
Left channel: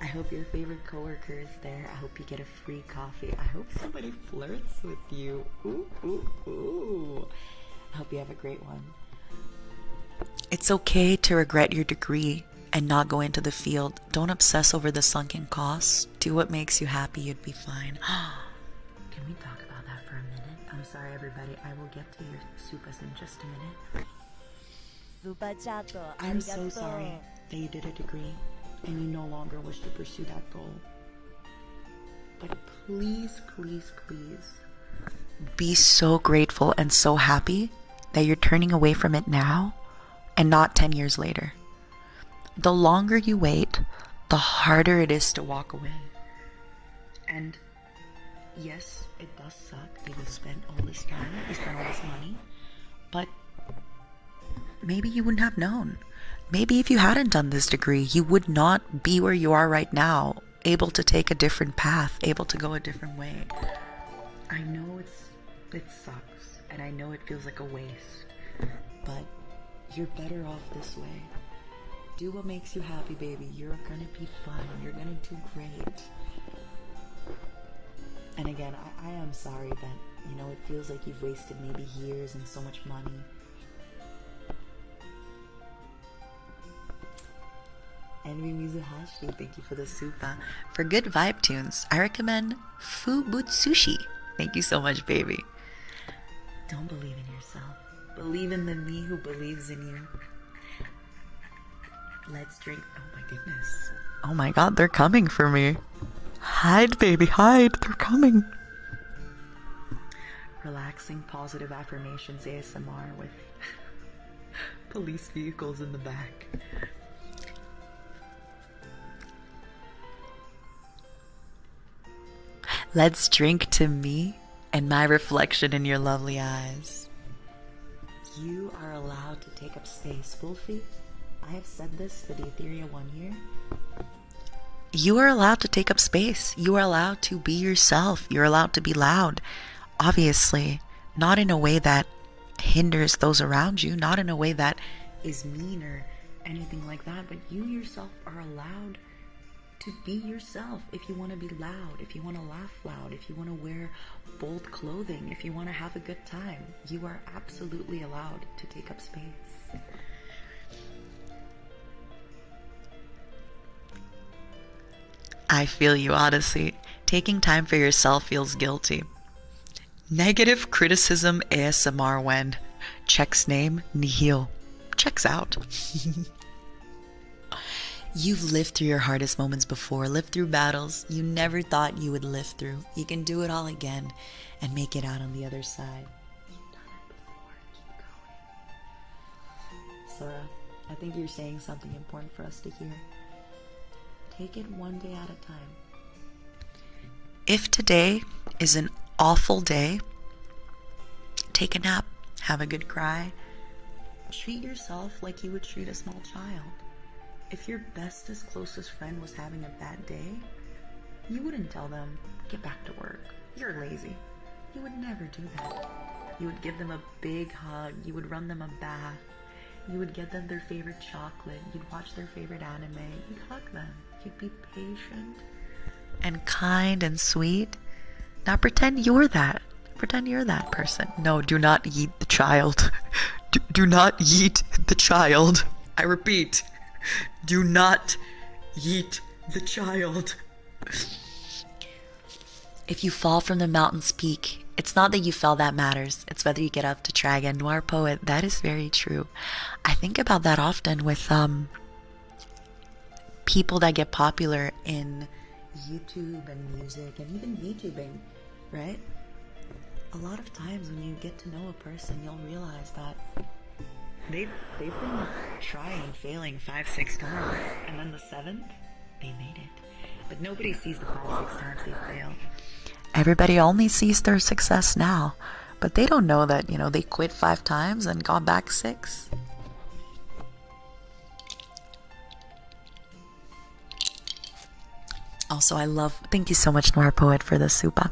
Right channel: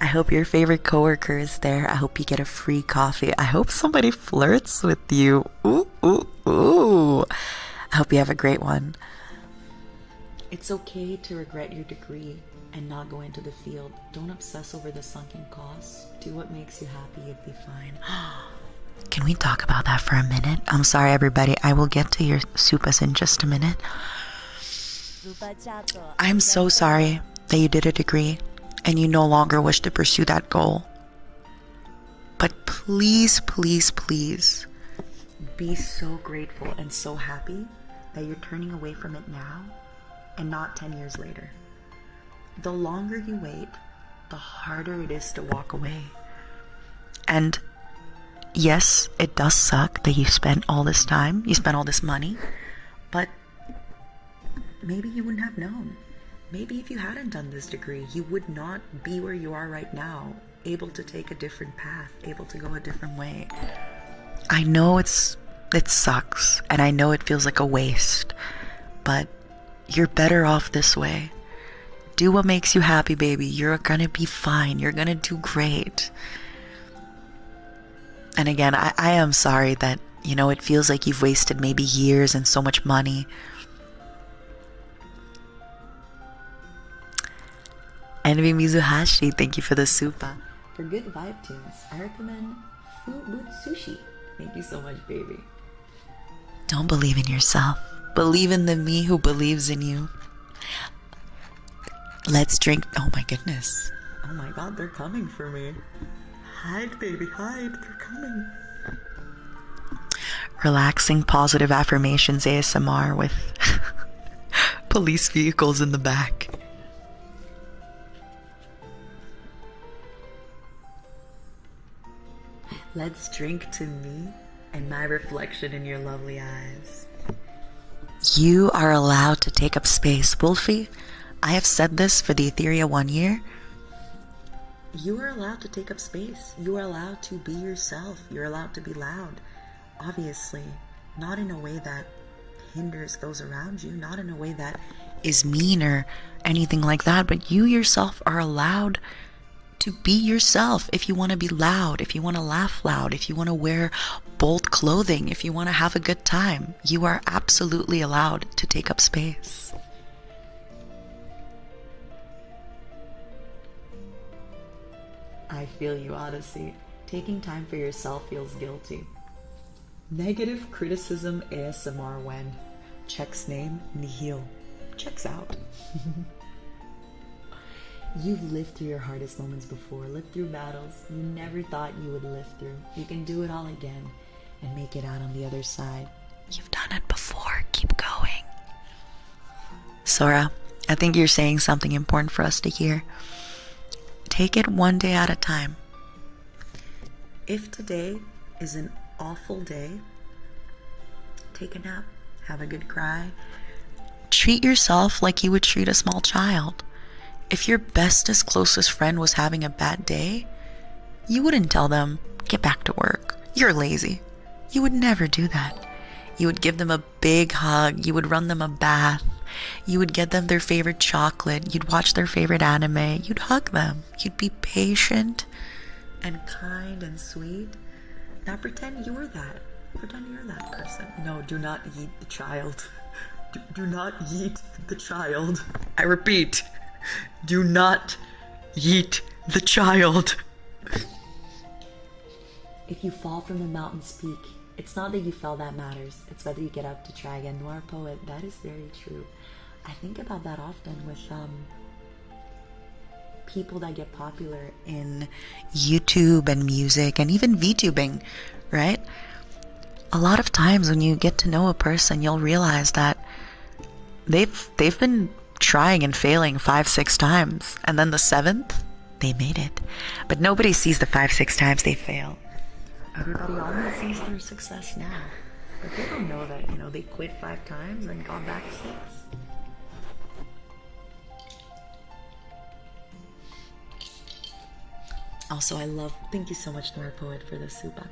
I hope your favorite coworker is there. I hope you get a free coffee. I hope somebody flirts with you. Ooh, ooh, ooh. I hope you have a great one. It's okay to regret your degree and not go into the field. Don't obsess over the sunken costs. Do what makes you happy. You'd be fine. Can we talk about that for a minute? I'm sorry, everybody. I will get to your supas in just a minute. I'm so sorry that you did a degree and you no longer wish to pursue that goal. But please, please, please be so grateful and so happy that you're turning away from it now and not 10 years later. The longer you wait, the harder it is to walk away. And yes, it does suck that you spent all this time, you spent all this money, but maybe you wouldn't have known. Maybe if you hadn't done this degree, you would not be where you are right now, able to take a different path, able to go a different way. I know it sucks, and I know it feels like a waste, but you're better off this way. Do what makes you happy, baby. You're gonna be fine. You're gonna do great. And again, I am sorry that, you know, it feels like you've wasted maybe years and so much money. Envy Mizuhashi, thank you for the supa. For good vibe tunes, I recommend Fubutsushi. Thank you so much, baby. Don't believe in yourself. Believe in the me who believes in you. Let's drink. Oh my goodness. Oh my god, they're coming for me. Hide, baby, hide. They're coming. Relaxing positive affirmations ASMR with police vehicles in the back. Let's drink to me and my reflection in your lovely eyes. You are allowed to take up space. Wolfie, I have said this for the Ethyria 1 year. You are allowed to take up space. You are allowed to be yourself. You're allowed to be loud. Obviously, not in a way that hinders those around you, not in a way that is mean or anything like that, but you yourself are allowed to be yourself. If you want to be loud, if you want to laugh loud, if you want to wear bold clothing, if you want to have a good time, you are absolutely allowed to take up space. I feel you, Odyssey. Taking time for yourself feels guilty. Negative criticism ASMR when checks name nihil. Checks out. You've lived through your hardest moments before, lived through battles you never thought you would live through. You can do it all again and make it out on the other side. You've done it before. Keep going. Sora, I think you're saying something important for us to hear. Take it one day at a time. If today is an awful day, take a nap, have a good cry. Treat yourself like you would treat a small child. If your bestest, closest friend was having a bad day, you wouldn't tell them, get back to work. You're lazy. You would never do that. You would give them a big hug. You would run them a bath. You would get them their favorite chocolate. You'd watch their favorite anime. You'd hug them. You'd be patient and kind and sweet. Now pretend you're that. Pretend you're that person. No, do not yeet the child. Do not yeet the child. I repeat, do not yeet the child. If you fall from the mountain's peak, it's not that you fell that matters. It's whether you get up to try again. Noir poet, that is very true. I think about that often with people that get popular in YouTube and music and even VTubing, right? a lot of times when you get to know a person, you'll realize that they've been trying and failing 5-6 times, and then the 7th they made it. But nobody sees the 5-6 times they failed. Everybody only sees their success now, but they don't know that, you know, they quit 5 times and got back 6. Also, I love, thank you so much, Noir Poet, for the supa.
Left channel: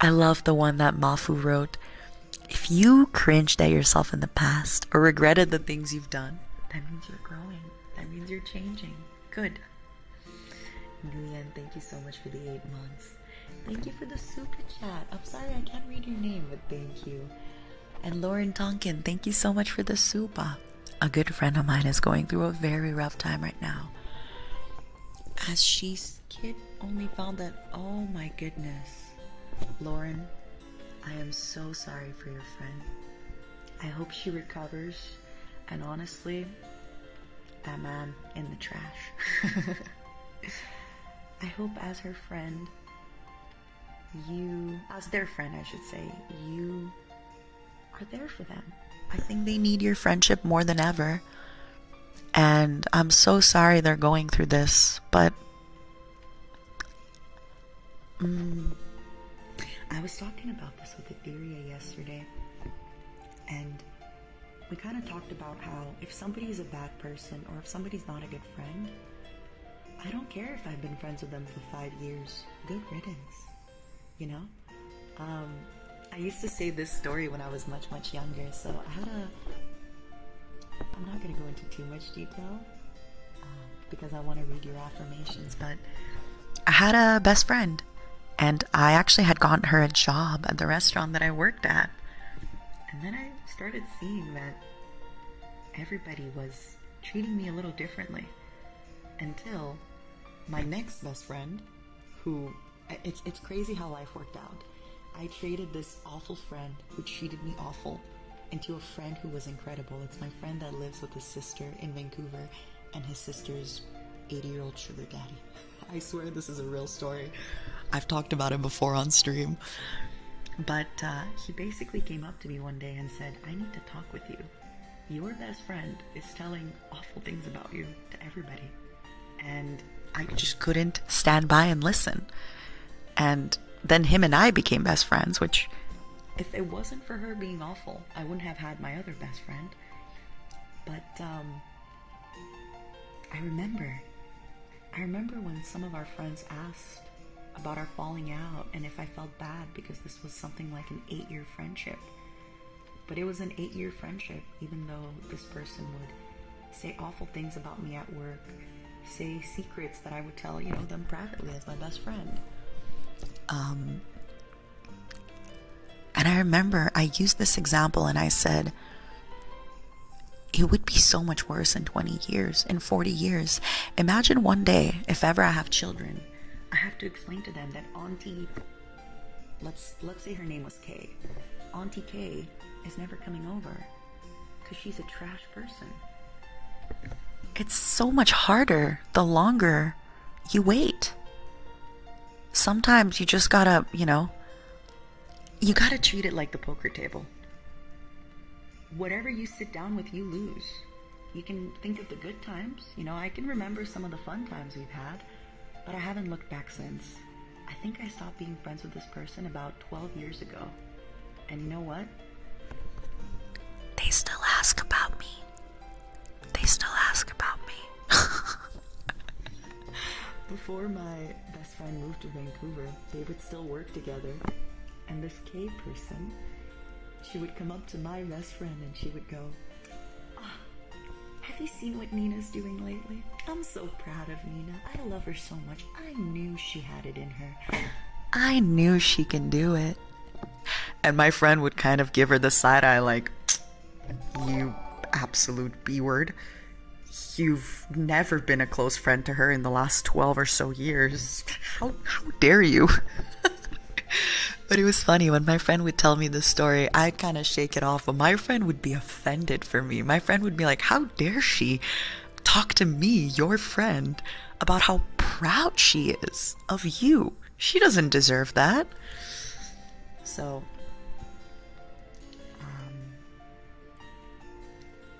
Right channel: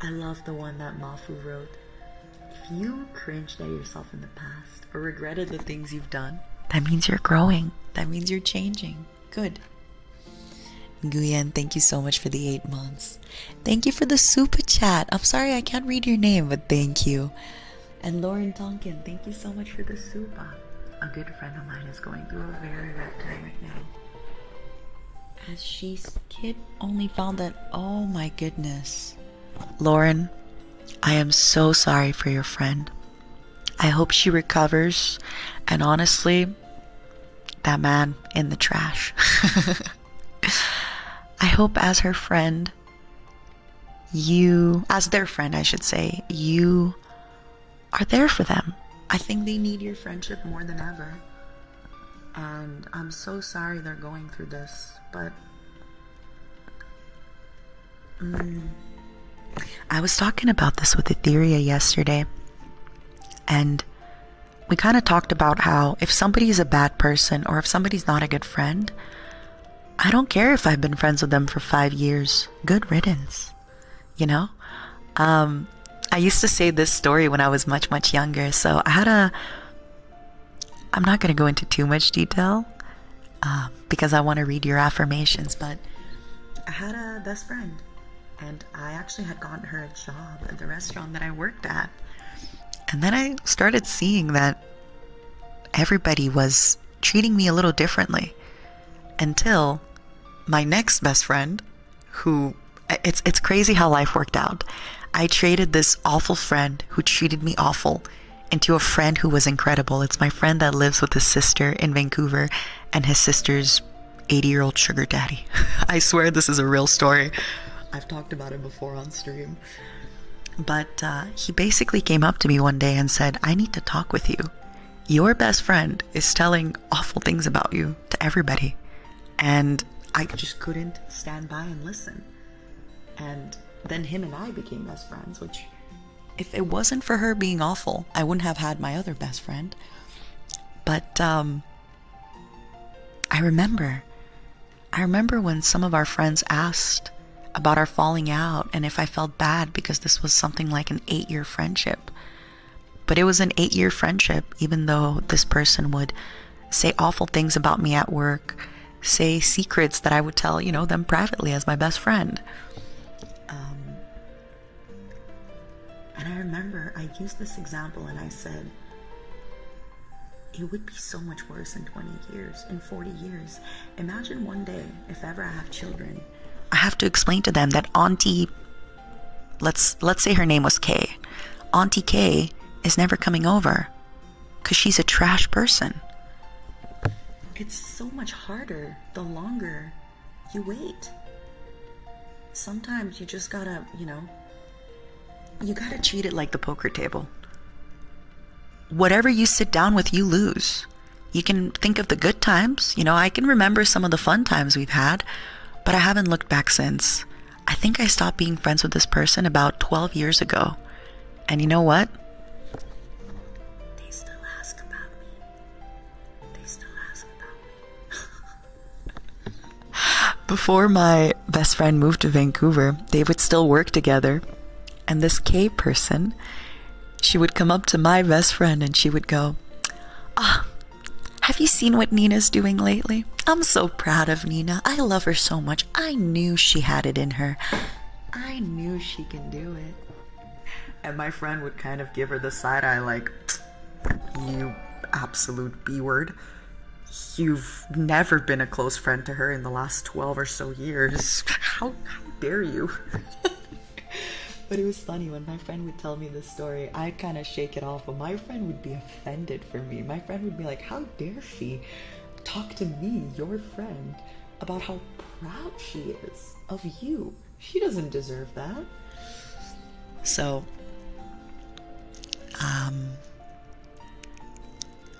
I love the one that Mafu wrote. If you cringed at yourself in the past or regretted the things you've done, that means you're growing. That means you're changing. Good. Nguyen, thank you so much for the 8 months. Thank you for the super chat. I'm sorry I can't read your name, but thank you. And Lauren Tonkin, thank you so much for the supa. A good friend of mine is going through a very rough time right now, as she's kid only found that, oh my goodness. Lauren, I am so sorry for your friend. I hope she recovers, and honestly, that man in the trash. I hope as her friend, you, as their friend I should say, you are there for them. I think they need your friendship more than ever. And I'm so sorry they're going through this, but I was talking about this with Ethyria yesterday, and we kind of talked about how if somebody's a bad person or if somebody's not a good friend, I don't care if I've been friends with them for 5 years. Good riddance, you know? I used to say this story when I was much, much younger. So I had I'm not going to go into too much detail because I want to read your affirmations, but I had a best friend, and I actually had gotten her a job at the restaurant that I worked at. And then I started seeing that everybody was treating me a little differently, until my next best friend, who, it's crazy how life worked out. I traded this awful friend who treated me awful into a friend who was incredible. It's my friend that lives with his sister in Vancouver and his sister's 80-year-old sugar daddy. I swear this is a real story. I've talked about it before on stream. But he basically came up to me one day and said, I need to talk with you. Your best friend is telling awful things about you to everybody. And I just couldn't stand by and listen. And then him and I became best friends, which, if it wasn't for her being awful, I wouldn't have had my other best friend. But I remember when some of our friends asked about our falling out and if I felt bad because this was something like an 8-year friendship. But it was an 8-year friendship, even though this person would say awful things about me at work, say secrets that I would tell, you know, them privately as my best friend. And I remember I used this example and I said, it would be so much worse in 20 years, in 40 years. Imagine one day, if ever I have children, I have to explain to them that Auntie, let's say her name was Kay. Auntie Kay is never coming over because she's a trash person. It's so much harder the longer you wait. Sometimes you just gotta, you know, you gotta treat it like the poker table. Whatever you sit down with, you lose. You can think of the good times. You know, I can remember some of the fun times we've had, but I haven't looked back since. I think I stopped being friends with this person about 12 years ago. And you know what? They still ask about me. They still ask about me. Before my best friend moved to Vancouver, they would still work together. And this K person, she would come up to my best friend and she would go, have you seen what Nina's doing lately? I'm so proud of Nina. I love her so much. I knew she had it in her. I knew she can do it. And my friend would kind of give her the side eye like, you absolute B-word. You've never been a close friend to her in the last 12 or so years. How dare you? But it was funny when my friend would tell me this story, I'd kind of shake it off, but my friend would be offended for me. My friend would be like, how dare she talk to me, your friend, about how proud she is of you? She doesn't deserve that. So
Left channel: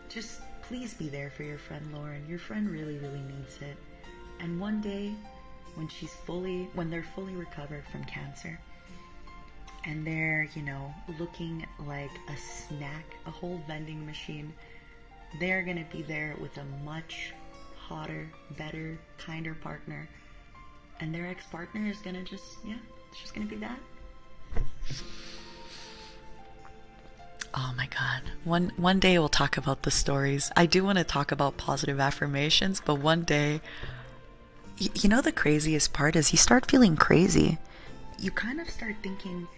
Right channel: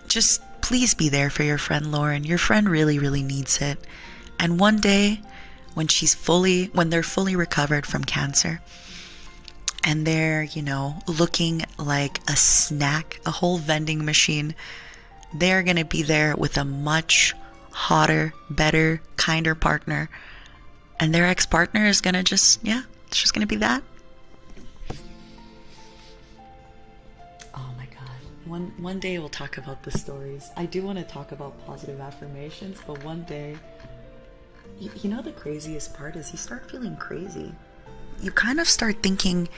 Just please be there for your friend Lauren. Your friend really, really needs it. And one day, when they're fully recovered from cancer, and they're, you know, looking like a snack, a whole vending machine, they're gonna be there with a much hotter, better, kinder partner. And their ex-partner is gonna it's just gonna be that. Oh my God. One day we'll talk about the stories. I do want to talk about positive affirmations, but one day, you know, the craziest part is you start feeling crazy. You kind of start thinking,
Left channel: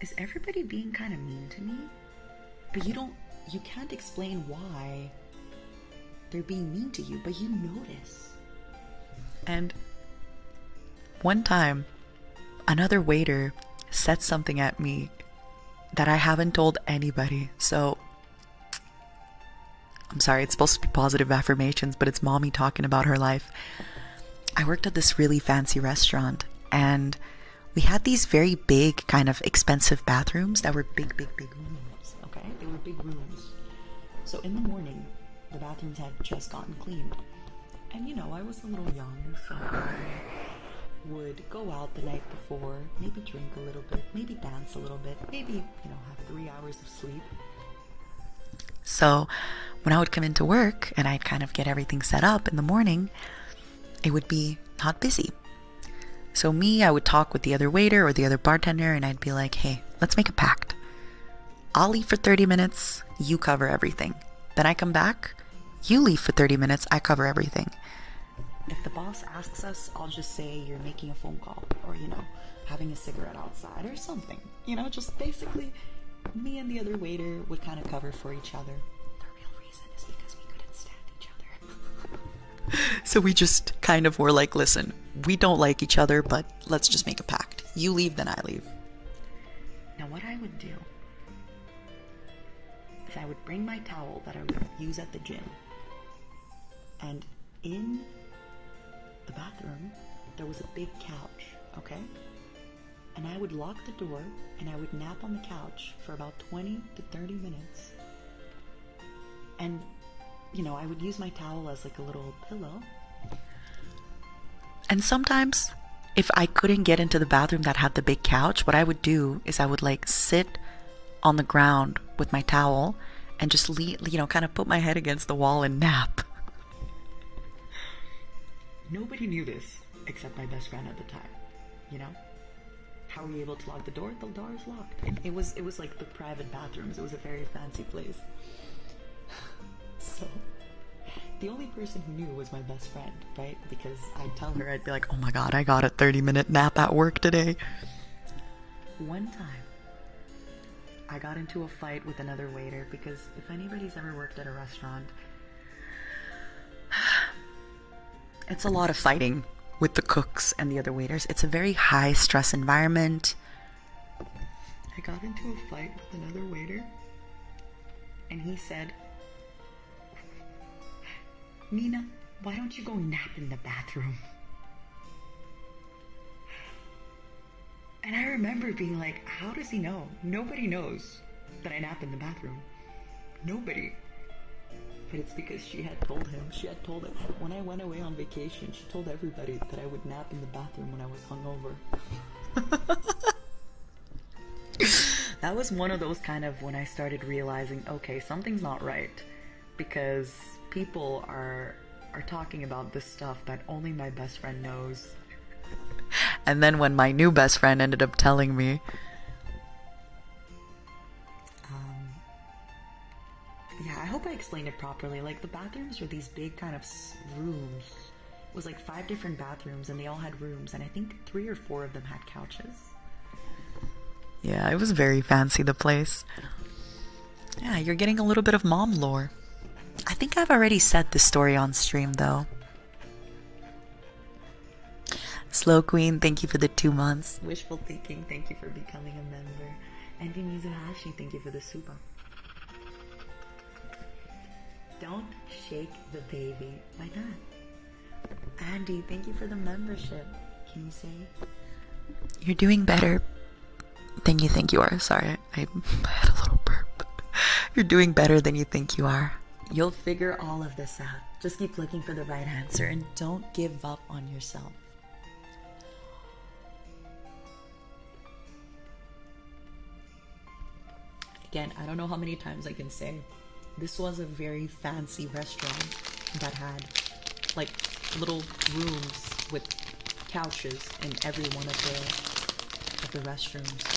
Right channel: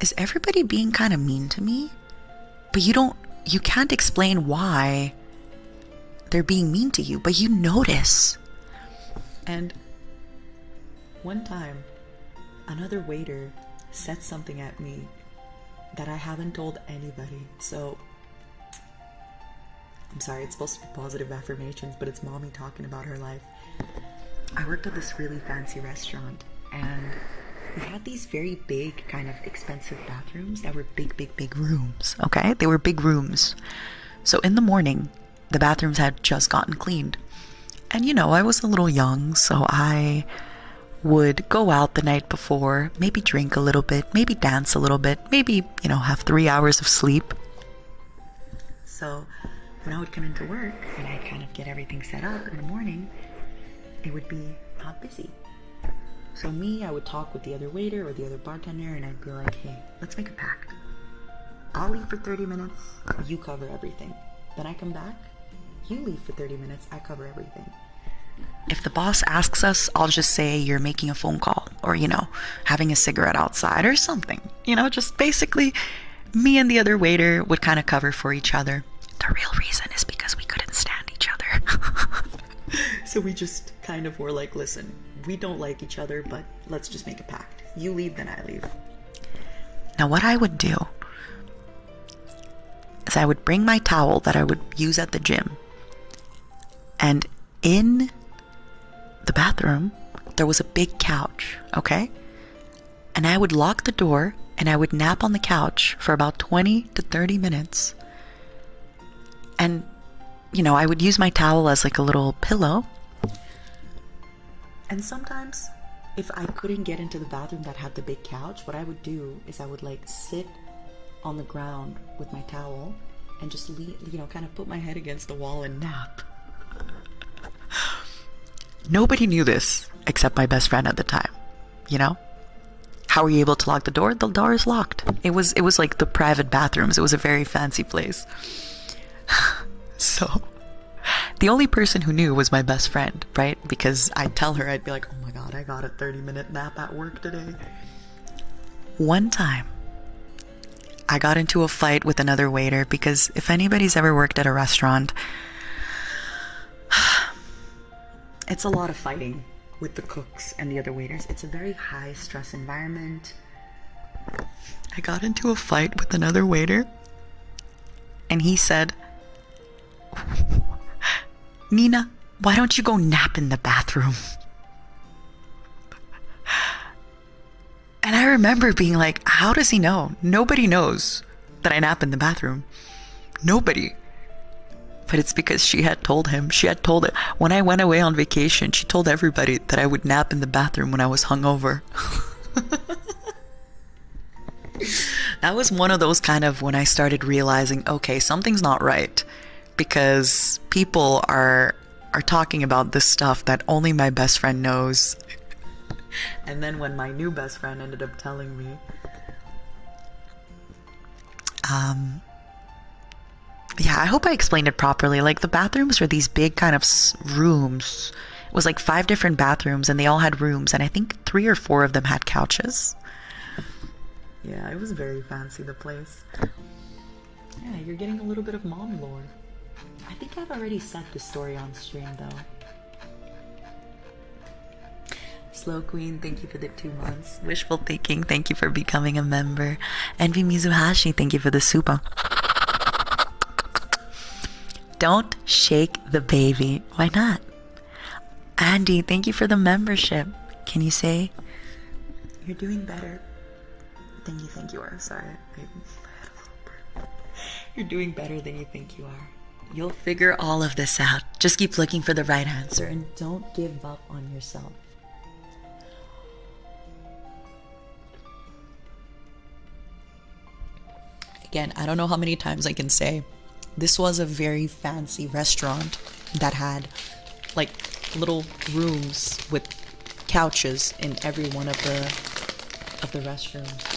is everybody being kind of mean to me? But you can't explain why they're being mean to you, but you notice. And one time, another waiter said something at me that I haven't told anybody. So I'm sorry, it's supposed to be positive affirmations, but it's mommy talking about her life. I worked at this really fancy restaurant, and we had these very big, kind of expensive bathrooms that were big rooms, okay? They were big rooms. So in the morning, the bathrooms had just gotten cleaned. And you know, I was a little young, so I would go out the night before, maybe drink a little bit, maybe dance a little bit, maybe, you know, have 3 hours of sleep. So when I would come into work and I'd kind of get everything set up in the morning, it would be not busy. So I would talk with the other waiter or the other bartender, and I'd be like, hey, let's make a pact. I'll leave for 30 minutes, you cover everything. Then I come back, you leave for 30 minutes, I cover everything. If the boss asks us, I'll just say you're making a phone call, or, you know, having a cigarette outside or something. You know, just basically me and the other waiter would kind of cover for each other. The real reason is because we couldn't stand each other. So we just kind of were like, listen, we don't like each other, but let's just make a pact. You leave, then I leave. Now what I would do is I would bring my towel that I would use at the gym, and in the bathroom there was a big couch, okay? And I would lock the door and I would nap on the couch for about 20 to 30 minutes. And, you know, I would use my towel as like a little pillow. And sometimes if I couldn't get into the bathroom that had the big couch, what I would do is I would like sit on the ground with my towel and just kind of put my head against the wall and nap. Nobody knew this except my best friend at the time, you know? How were you able to lock the door? The door is locked. It was like the private bathrooms. It was a very fancy place. So the only person who knew was my best friend, right? Because I'd tell her, I'd be like, oh my God, I got a 30-minute nap at work today. One time, I got into a fight with another waiter, because if anybody's ever worked at a restaurant, it's a lot of fighting with the cooks and the other waiters. It's a very high stress environment. I got into a fight with another waiter, and he said, Nina, why don't you go nap in the bathroom? And I remember being like, how does he know? Nobody knows that I nap in the bathroom. Nobody. But it's because she had told him. She had told it. When I went away on vacation, she told everybody that I would nap in the bathroom when I was hungover. That was one of those kind of when I started realizing, okay, something's not right. Because people are talking about this stuff that only my best friend knows. And then when my new best friend ended up telling me, yeah, I hope I explained it properly. Like, the bathrooms were these big kind of rooms. It was like 5 different bathrooms, and they all had rooms, and I think 3 or 4 of them had couches. Yeah, it was very fancy, the place. Yeah, you're getting a little bit of mom lore. I think I've already said this story on stream, though. Slow Queen, thank you for the 2 months. Wishful Thinking, thank you for becoming a member. Envy Mizuhashi, thank you for the super. Don't shake the baby. Why not? Andy, thank you for the membership. Can you say you're doing better? Thank you are. Sorry, I had a little burp. You're doing better than you think you are. You'll figure all of this out. Just keep looking for the right answer and don't give up on yourself. Again, I don't know how many times I can say this was a very fancy restaurant that had like little rooms with couches in every one of the restrooms.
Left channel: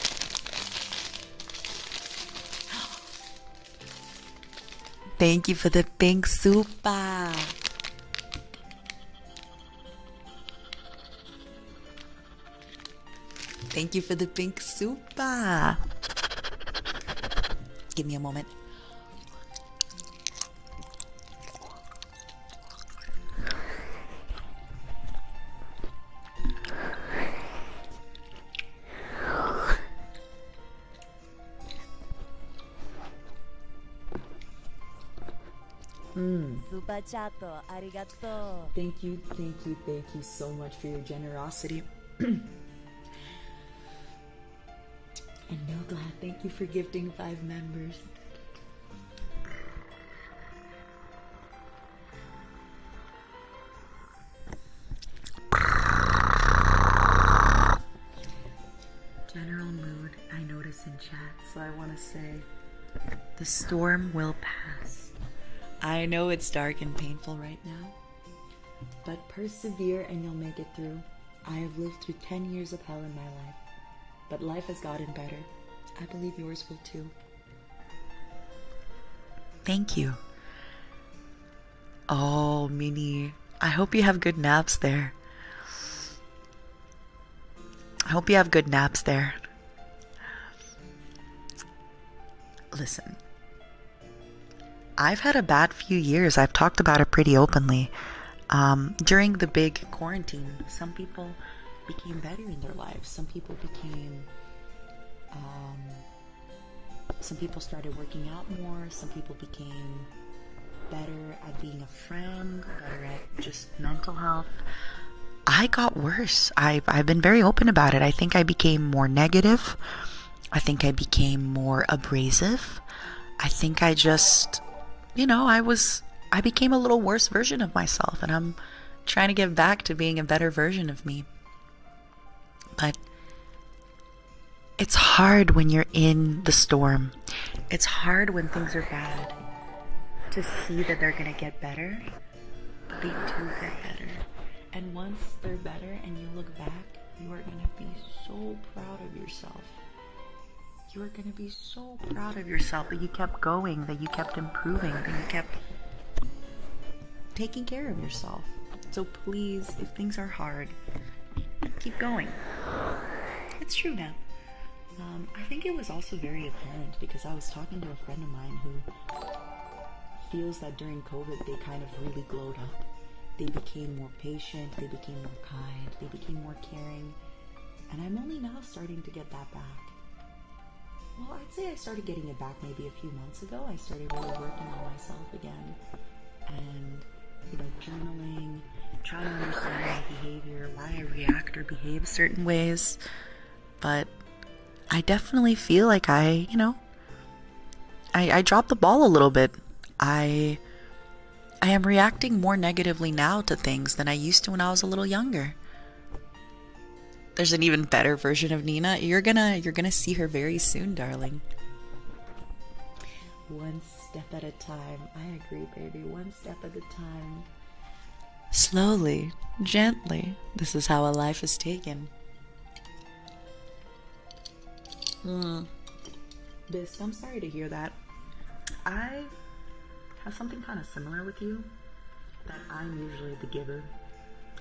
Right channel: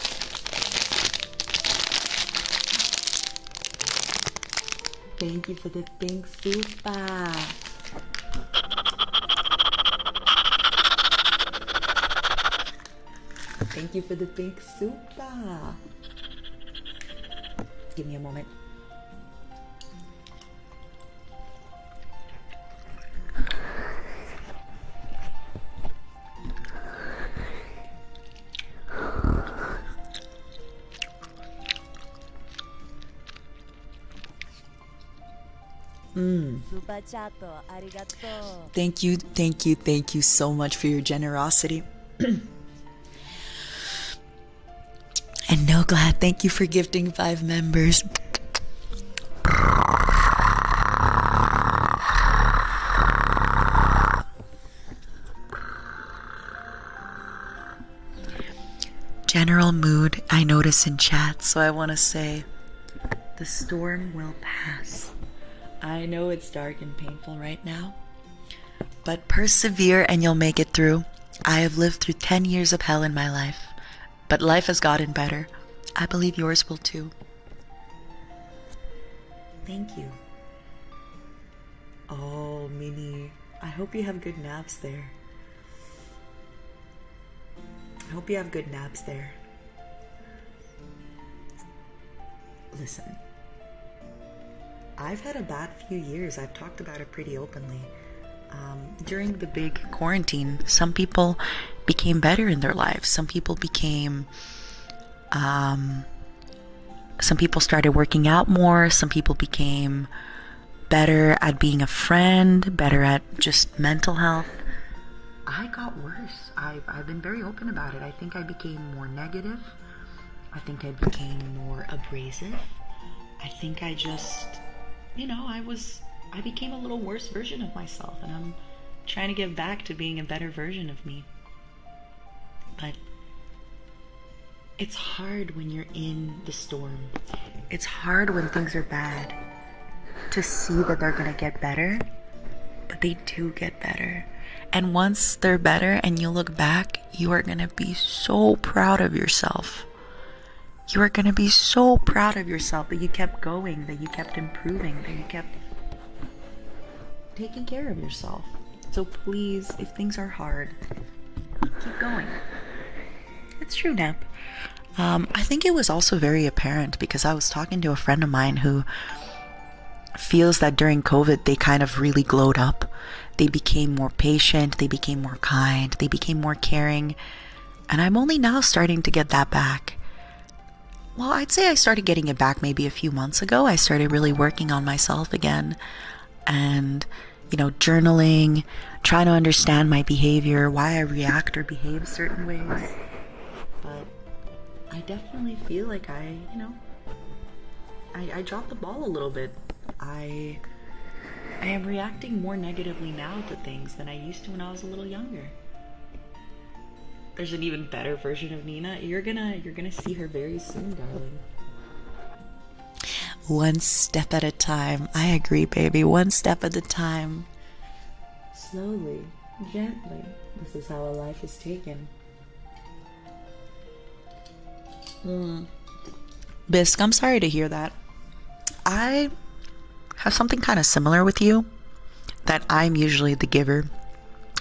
Thank you for the pink super. Thank you for the pink super. Give me a moment. Thank you so much for your generosity. And no glad, thank you for gifting 5 members. General mood I notice in chat, so I want to say the storm will pass. I know it's dark and painful right now, but persevere and you'll make it through. I have lived through 10 years of hell in my life, but life has gotten better. I believe yours will too. Thank you. Oh, Minnie, I hope you have good naps there. I hope you have good naps there. Listen, I've had a bad few years. I've talked about it pretty openly. During the big quarantine, some people became better in their lives. Some people started working out more. Some people became better at being a friend, better at just mental health. I got worse. I've been very open about it. I think I became more negative. I think I became more abrasive. I think I just, I became a little worse version of myself, and I'm trying to get back to being a better version of me. But it's hard when you're in the storm. It's hard when things are bad to see that they're gonna get better. They do get better. And once they're better and you look back, you are gonna be so proud of yourself. You are gonna be so proud of yourself that you kept going, that you kept improving, that you kept taking care of yourself. So please, if things are hard, keep going. It's true, Nap. I think it was also very apparent because I was talking to a friend of mine who feels that during COVID they kind of really glowed up. They became more patient, they became more kind, they became more caring, and I'm only now starting to get that back. Well, I'd say I started getting it back maybe a few months ago. I started really working on myself again and, journaling, trying to understand my behavior, why I react or behave certain ways. But I definitely feel like I dropped the ball a little bit. I am reacting more negatively now to things than I used to when I was a little younger. There's an even better version of Nina. You're gonna see her very soon, darling. One step at a time. I agree, baby. One step at a time. Slowly, gently. This is how a life is taken. Bisque, I'm sorry to hear that. I have something kind of similar with you, that I'm usually the giver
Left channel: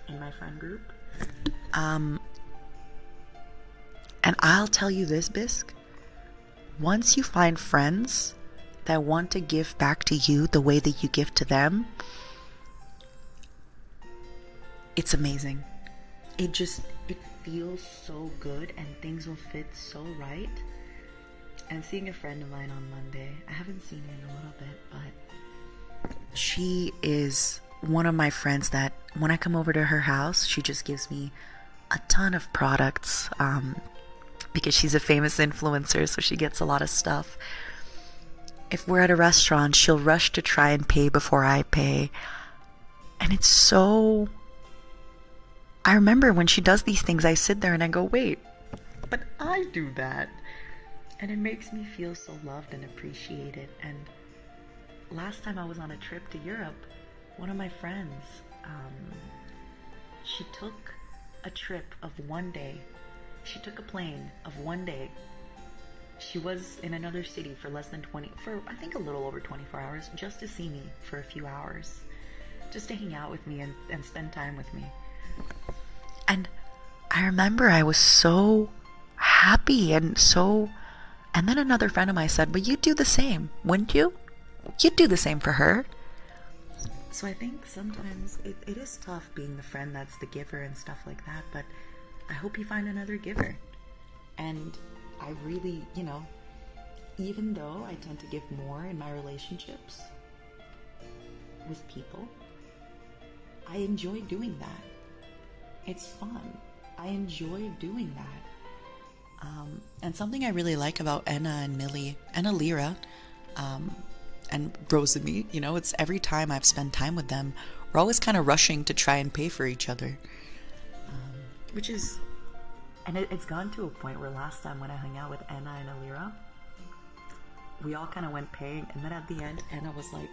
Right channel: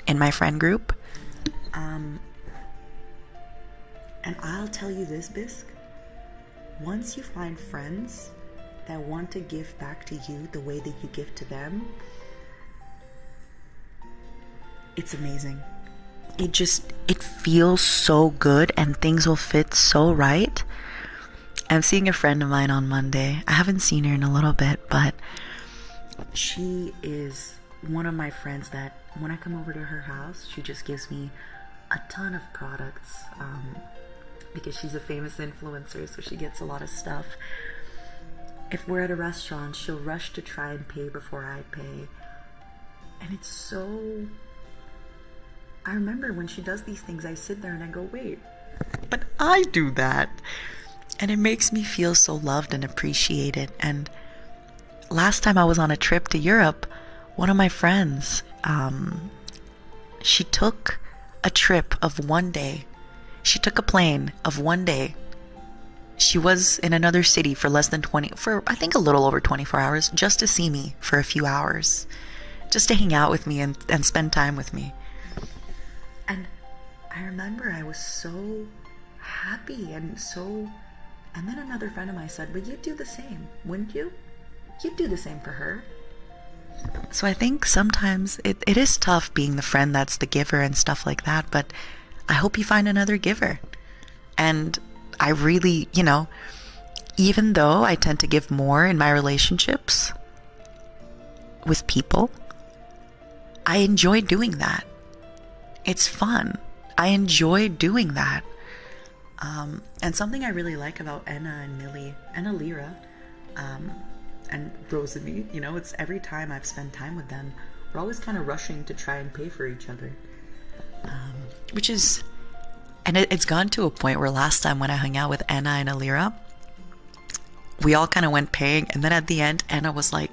in my friend group. And I'll tell you this, Bisque. Once you find friends that want to give back to you the way that you give to them, it's amazing. It feels so good and things will fit so right. I'm seeing a friend of mine on Monday. I haven't seen her in a little bit, but she is one of my friends that when I come over to her house, she just gives me a ton of products, because she's a famous influencer, so she gets a lot of stuff. If we're at a restaurant, she'll rush to try and pay before I pay. And it's so... I remember when she does these things, I sit there and I go, wait, but I do that. And it makes me feel so loved and appreciated. And last time I was on a trip to Europe, one of my friends, she took a trip of 1 day. She took a plane of 1 day. She was in another city for I think a little over 24 hours, just to see me for a few hours, just to hang out with me and spend time with me. And I remember I was so happy and then another friend of mine said, but you'd do the same, wouldn't you? You'd do the same for her. So I think sometimes it is tough being the friend that's the giver and stuff like that, but I hope you find another giver. And I really, even though I tend to give more in my relationships with people, I enjoy doing that. It's fun. I enjoy doing that. And something I really like about Enna and Millie and Lyra, and Rosalie, it's every time I've spent time with them, we're always kind of rushing to try and pay for each other. Which is, and it's gone to a point where last time when I hung out with Enna and Lyra, we all kind of went paying, and then at the end, Enna was like,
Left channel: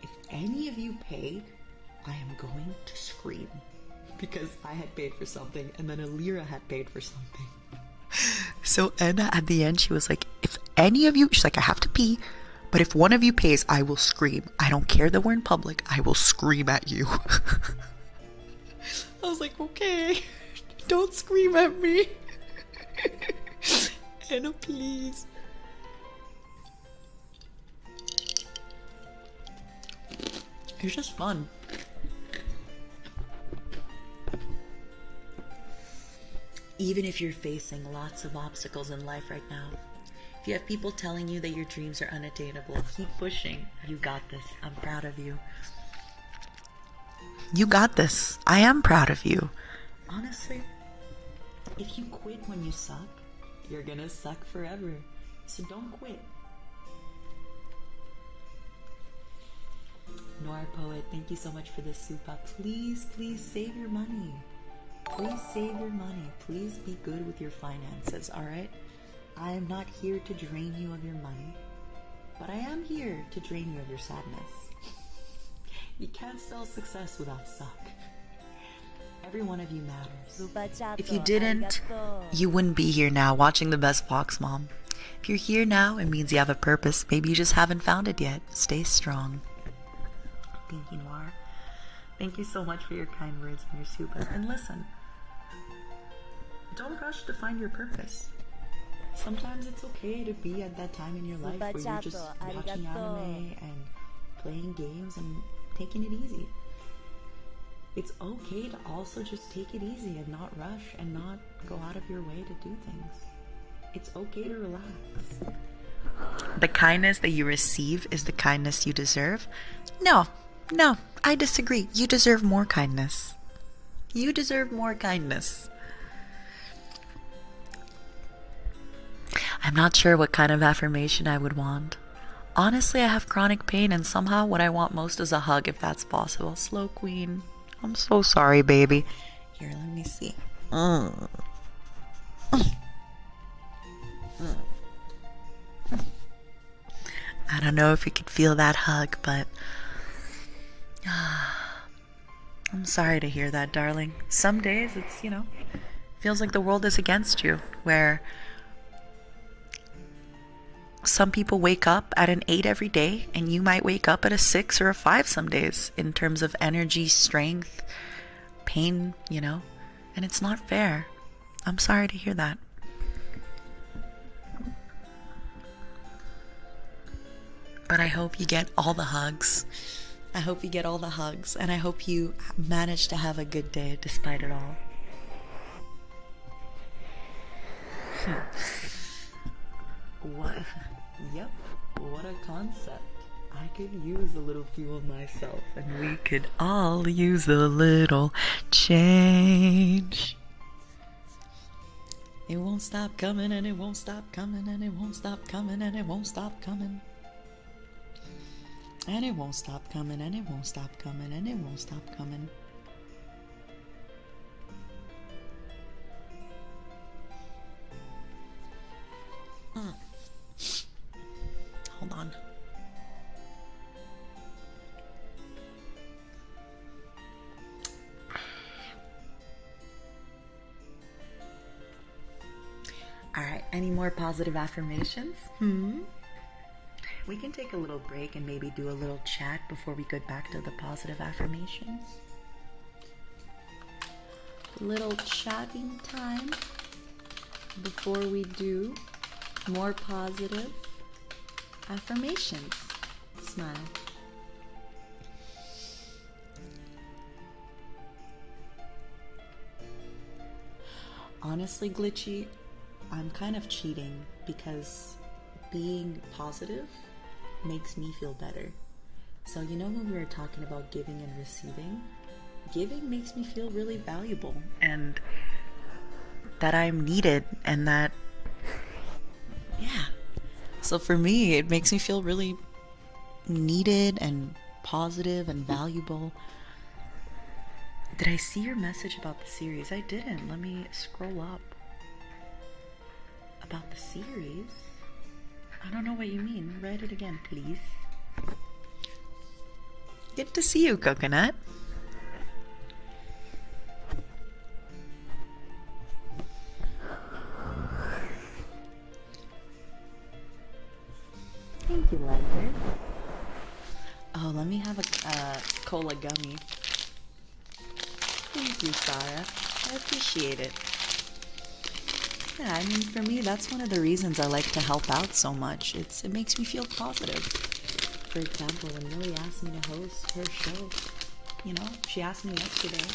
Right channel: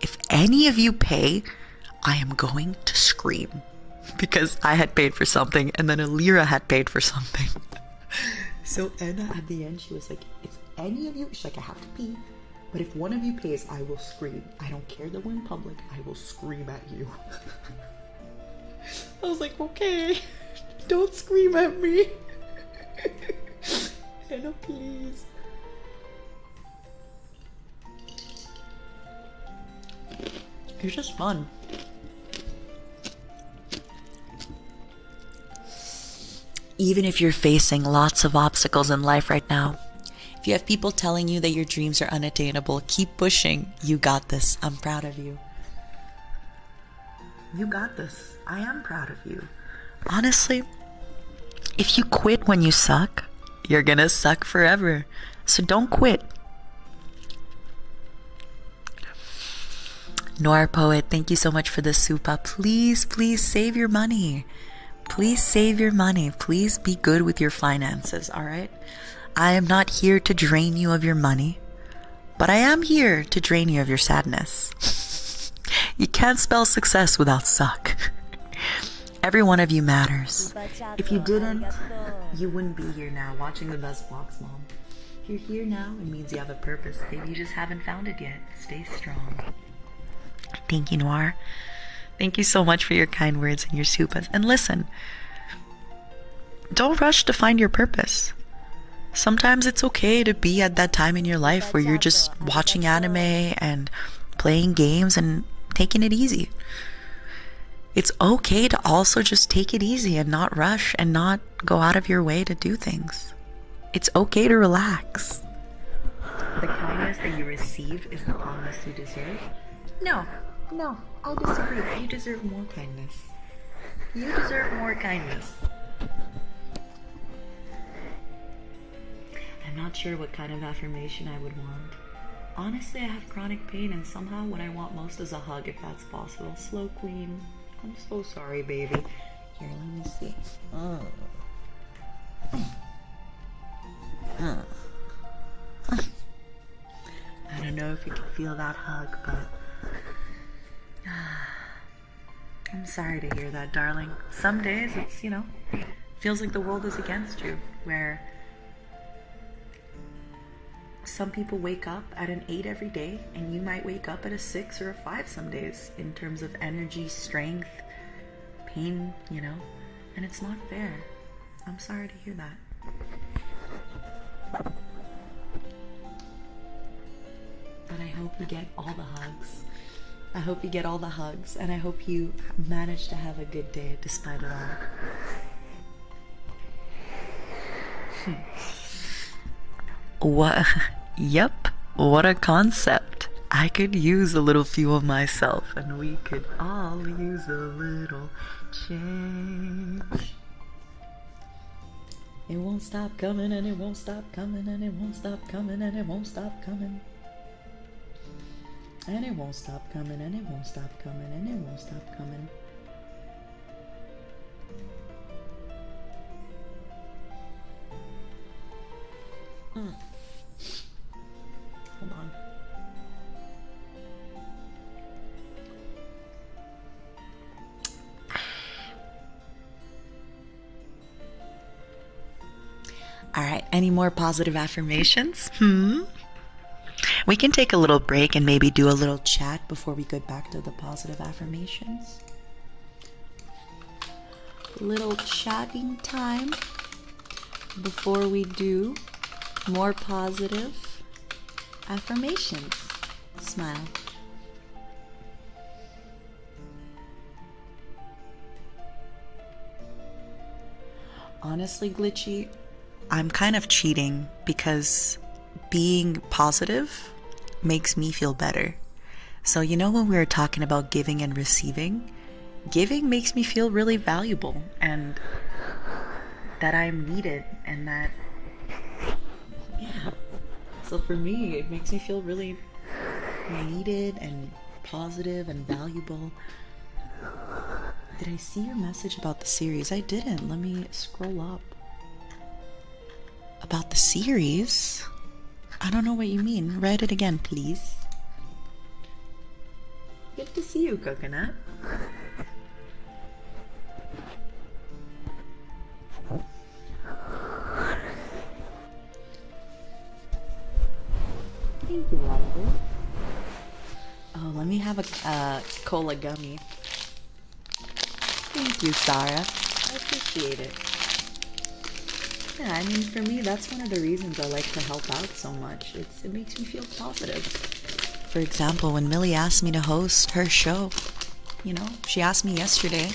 if any of you pay, I am going to scream. Because I had paid for something, and then Lyra had paid for something. So Enna, at the end, she was like, if any of you, she's like, I have to pee, but if one of you pays, I will scream. I don't care that we're in public, I will scream at you. I was like, okay, don't scream at me. Enna, please. It's just fun. Even if you're facing lots of obstacles in life right now, if you have people telling you that your dreams are unattainable, keep pushing. You got this. I'm proud of you. You got this. I am proud of you. Honestly, if you quit when you suck, you're gonna suck forever. So don't quit. Nora Poet, thank you so much for the supa. Please, please save your money. Please save your money. Please be good with your finances, all right? I am not here to drain you of your money, but I am here to drain you of your sadness. You can't spell success without suck. Every one of you matters. If you didn't, you wouldn't be here now watching the best box, Mom. If you're here now, it means you have a purpose. Maybe you just haven't found it yet. Stay strong. Thank you, Noir. Thank you so much for your kind words and your supas. And listen, don't rush to find your purpose. Sometimes it's okay to be at that time in your life where you're just watching anime and playing games and taking it easy. It's okay to also just take it easy and not rush and not go out of your way to do things. It's okay to relax. The kindness that you receive is the kindness you deserve. No, I disagree. You deserve more kindness. You deserve more kindness. I'm not sure what kind of affirmation I would want. Honestly, I have chronic pain, and somehow what I want most is a hug, if that's possible. Slow Queen, I'm so sorry, baby. Here, let me see. I don't know if you could feel that hug, but I'm sorry to hear that, darling. Some days it's, feels like the world is against you, where some people wake up at an 8 every day, and you might wake up at a 6 or a 5 some days in terms of energy, strength, pain, and it's not fair. I'm sorry to hear that. But I hope you get all the hugs. I hope you get all the hugs, and I hope you manage to have a good day despite it all. What? Yep, what a concept. I could use a little fuel myself, and we could all use a little change. It won't stop coming, and it won't stop coming, and it won't stop coming, and it won't stop coming. And it won't stop coming, and it won't stop coming, and it won't stop coming. Hold on. All right, any more positive affirmations? We can take a little break and maybe do a little chat before we get back to the positive affirmations. Little chatting time before we do more positive affirmations. Smile. Honestly, Glitchy, I'm kind of cheating because being positive makes me feel better. So you know when we were talking about giving and receiving, giving makes me feel really valuable and that I'm needed and that, yeah. So for me, it makes me feel really needed and positive and valuable. Did I see your message about the series? I didn't. Let me scroll up. About the series? I don't know what you mean. Read it again, please. Good to see you, Coconut. Thank you, Liza. Oh, let me have a cola gummy. Thank you, Sarah. I appreciate it. Yeah, I mean, for me, that's one of the reasons I like to help out so much. It makes me feel positive. For example, when Millie asked me to host her show, you know, she asked me yesterday,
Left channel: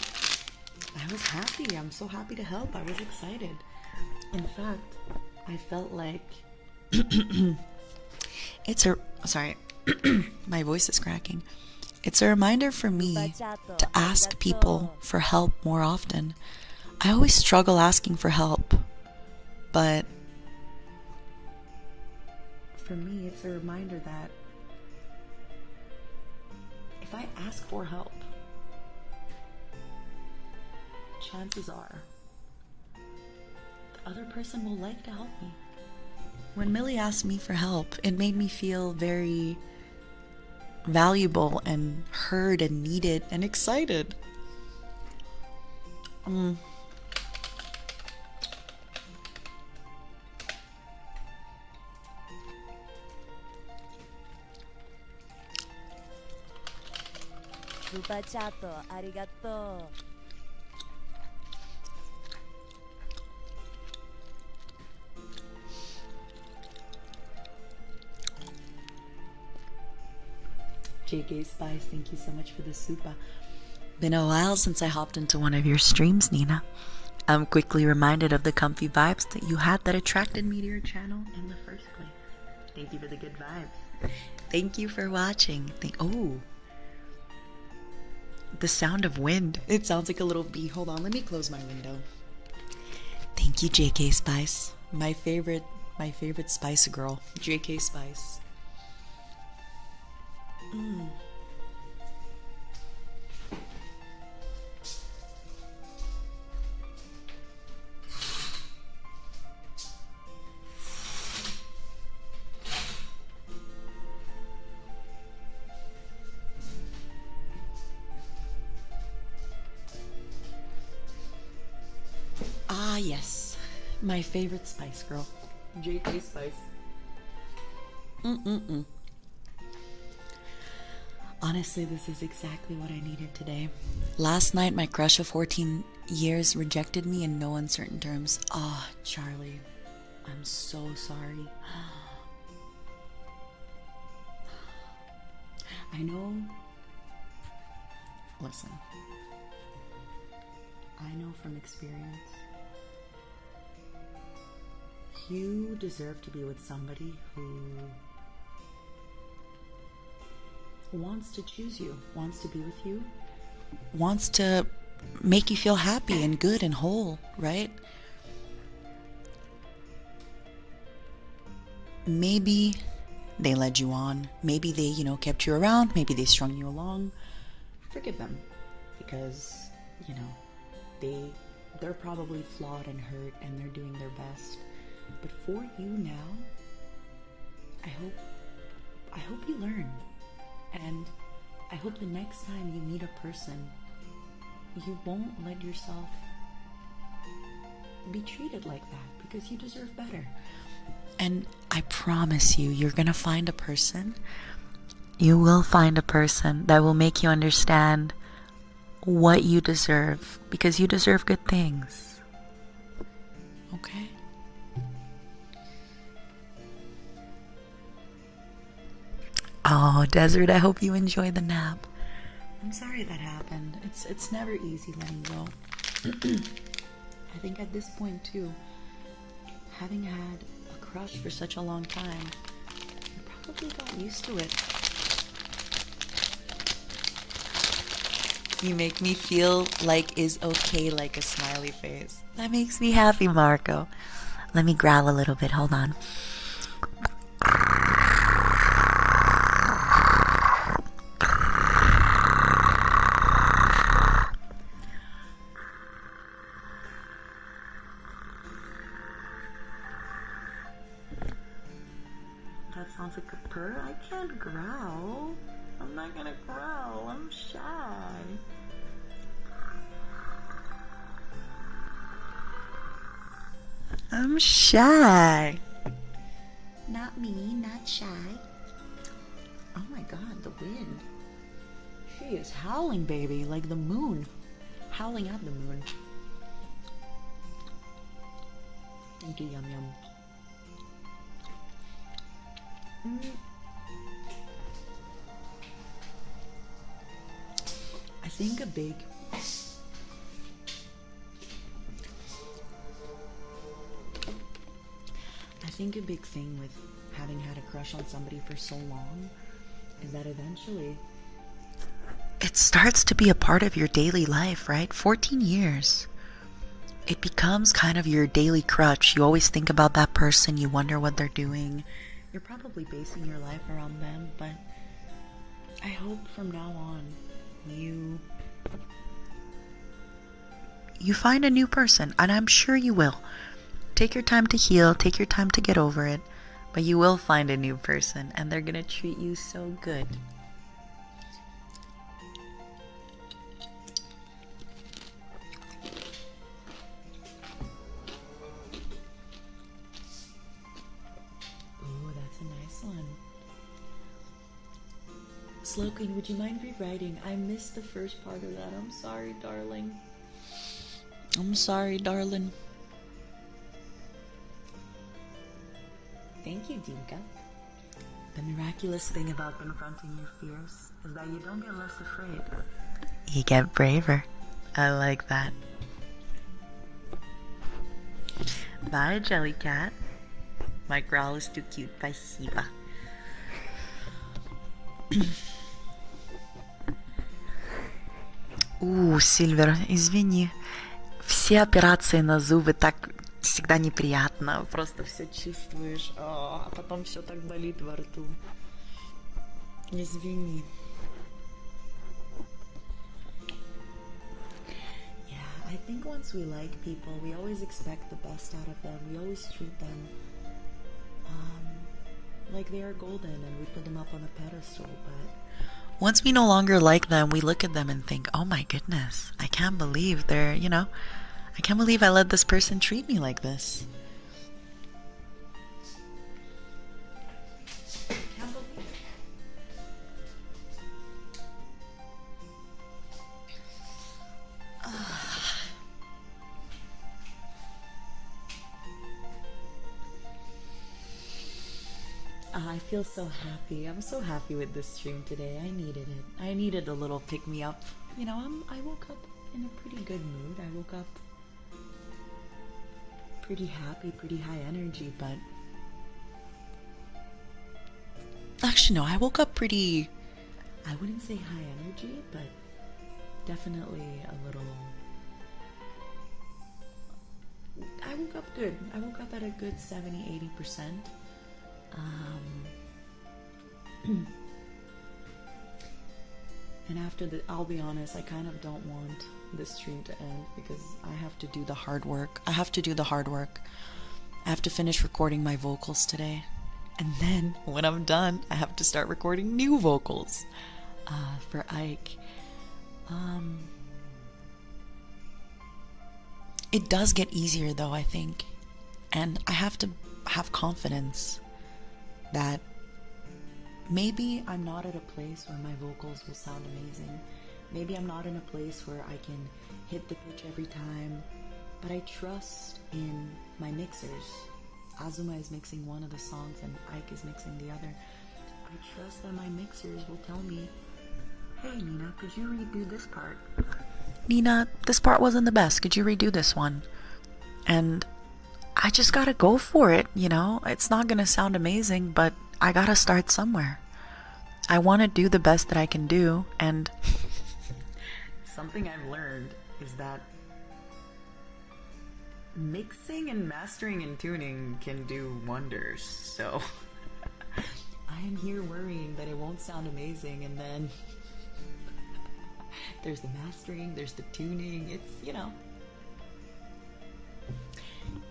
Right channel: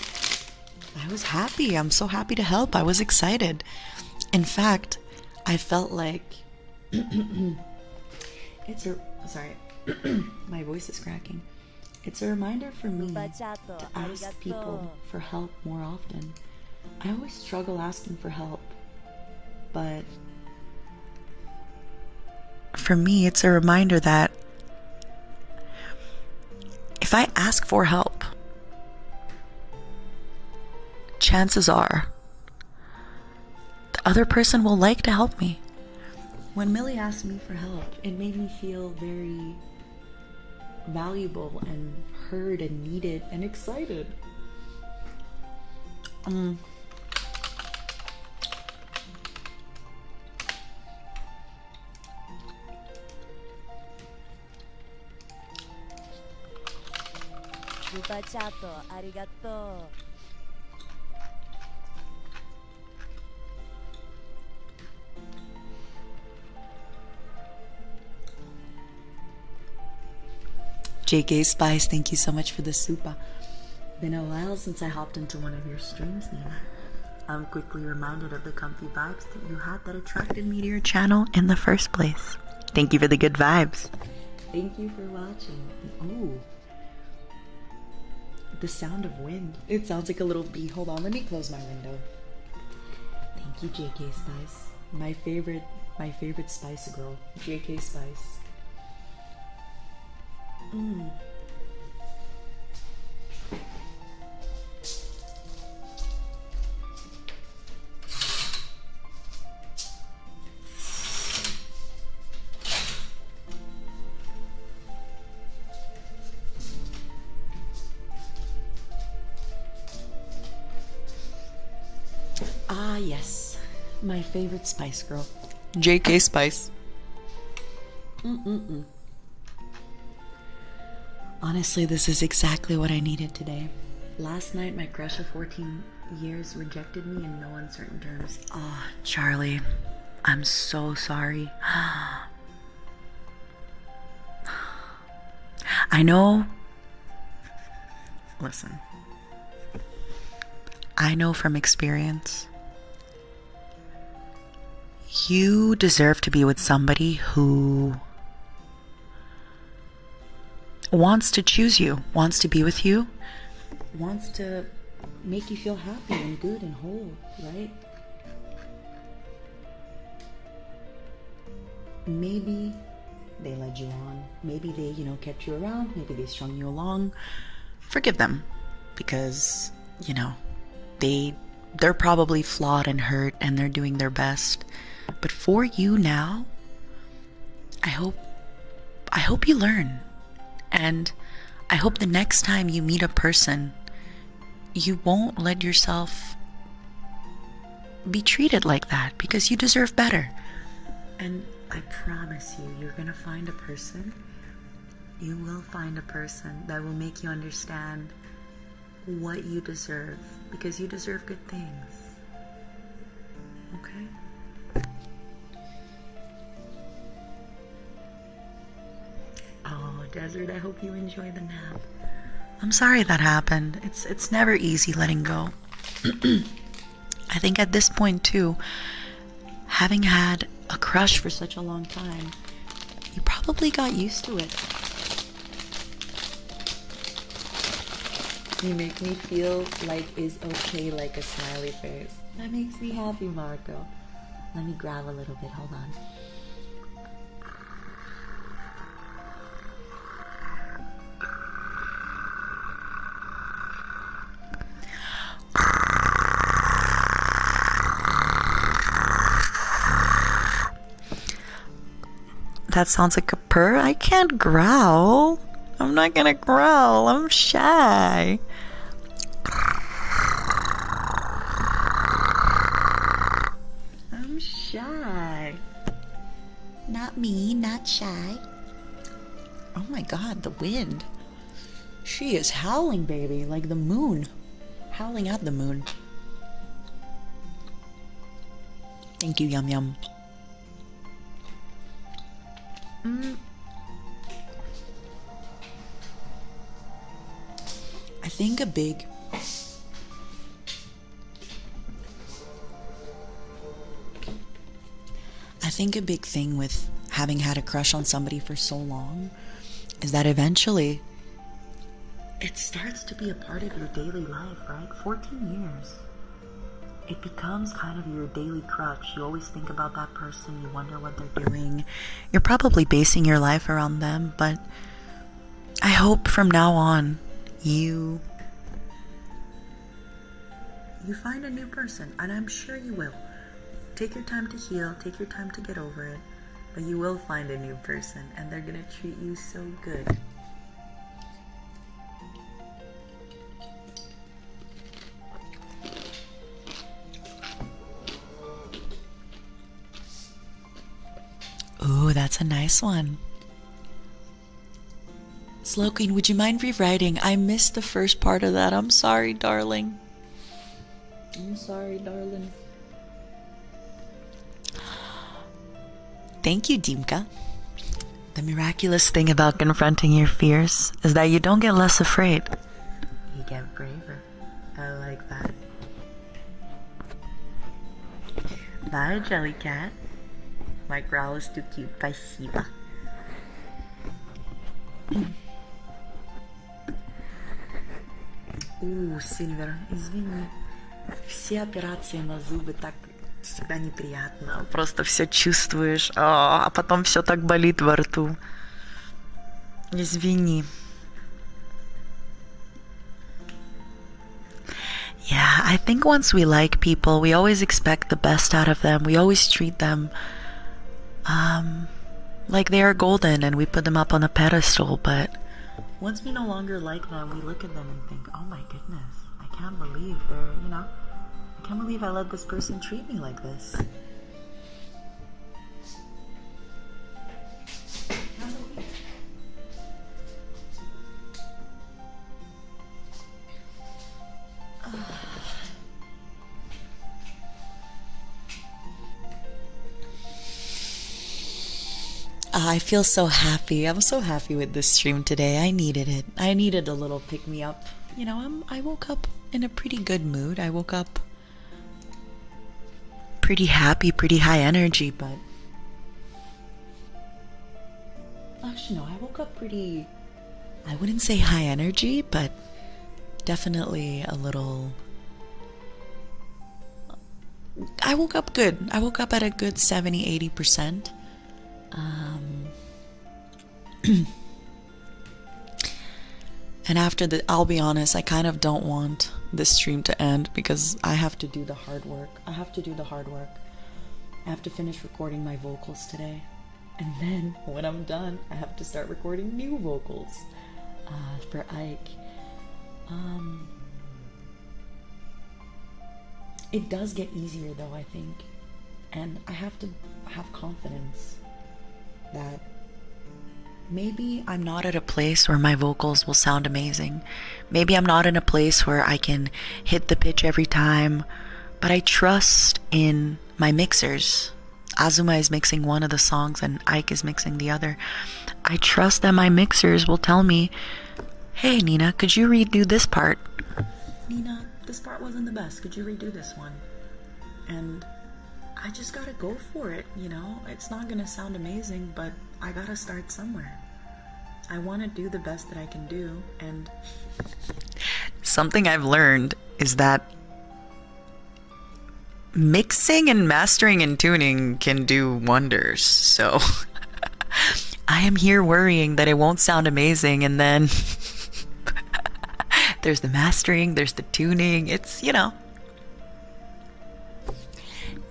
I was happy. I'm so happy to help. I was excited. In fact, I felt like sorry, my voice is cracking. It's a reminder for me to ask people for help more often. I always struggle asking for help, but for me, it's a reminder that if I ask for help, chances are the other person will like to help me. When Millie asked me for help, it made me feel very valuable and heard and needed and excited. Super chat, arigato. JK Spice, thank you so much for the super. Been a while since I hopped into one of your streams, Nina. I'm quickly reminded of the comfy vibes that you had that attracted me to your channel in the first place. Thank you for the good vibes. Thank you for watching. Oh, the sound of wind. It sounds like a little bee. Hold on, let me close my window. Thank you, JK Spice. My favorite Spice girl, JK Spice. Ah, yes. My favorite Spice girl, JK Spice. Honestly, this is exactly what I needed today. Last night, my crush of 14 years rejected me in no uncertain terms. Oh, Charlie, I'm so sorry. I know. Listen. I know from experience. You deserve to be with somebody who wants to choose you, wants to be with you, wants to make you feel happy and good and whole, right? Maybe they led you on. Maybe they, you know, kept you around. Maybe they strung you along. Forgive them, because, you know, they're probably flawed and hurt, and they're doing their best. But for you now, I hope you learn. And I hope the next time you meet a person, you won't let yourself be treated like that, because you deserve better. And I promise you, you're gonna find a person. You will find a person that will make you understand what you deserve, because you deserve good things. Okay? Oh, Desert, I hope you enjoy the nap. I'm sorry that happened. It's never easy letting go. I think at this point too, having had a crush for such a long time, you probably got used to it. You make me feel like is okay, like a smiley face. That makes me happy, Marco. Let me growl a little bit, hold on. That sounds like a purr. I can't growl. I'm not gonna growl. I'm shy. I'm shy. Not me, not shy. Oh my god, the wind. She is howling, baby, like the moon. Howling at the moon. Thank you, Yum Yum. I think a big thing with having had a crush on somebody for so long is that eventually it starts to be a part of your daily life, right? 14 years. It becomes kind of your daily crutch. You always think about that person. You wonder what they're doing. You're probably basing your life around them, but I hope from now on you find a new person, and I'm sure you will. Take your time to heal, take your time to get over it, but you will find a new person, and they're gonna treat you so good. Ooh, that's a nice one. Slow Queen, would you mind rewriting? I missed the first part of that. I'm sorry, darling. I'm sorry, darling. Thank you, Dimka. The miraculous thing about confronting your fears is that you don't get less afraid. You get braver. I like that. Bye, Jellycat. My growl is too cute. Спасибо. Сильвер, извини. Все операции на зубы так всегда неприятно. Просто все чувствуешь, а потом все так болит во рту. Извини. Yeah, I think once we like people, we always expect the best out of them. We always treat them like they are golden and we put them up on a pedestal. But once we no longer like them, we look at them and think, oh my goodness, I can't believe they're, you know, I can't believe I let this person treat me like this. I feel so happy. I'm so happy with this stream today. I needed it. I needed a little pick-me-up. You know, I woke up in a pretty good mood. I woke up pretty happy, pretty high energy, but... Actually, no, I woke up pretty... I wouldn't say high energy, but definitely a little... I woke up good. I woke up at a good 70-80%. And after the, I'll be honest, I kind of don't want this stream to end because I have to do the hard work. I have to finish recording my vocals today. And then when I'm done, I have to start recording new vocals for Ike. It does get easier though, I think. And I have to have confidence that maybe I'm not at a place where my vocals will sound amazing. Maybe I'm not in a place where I can hit the pitch every time, but I trust in my mixers. Azuma is mixing one of the songs and Ike is mixing the other. I trust that my mixers will tell me, hey Nina, could you redo this part? Nina, this part wasn't the best. Could you redo this one? And I just gotta go for it, you know? It's not gonna sound amazing, but I gotta start somewhere. I wanna do the best that I can do, and something I've learned is that mixing and mastering and tuning can do wonders. So I am here worrying that it won't sound amazing, and then there's the mastering, there's the tuning. It's, you know.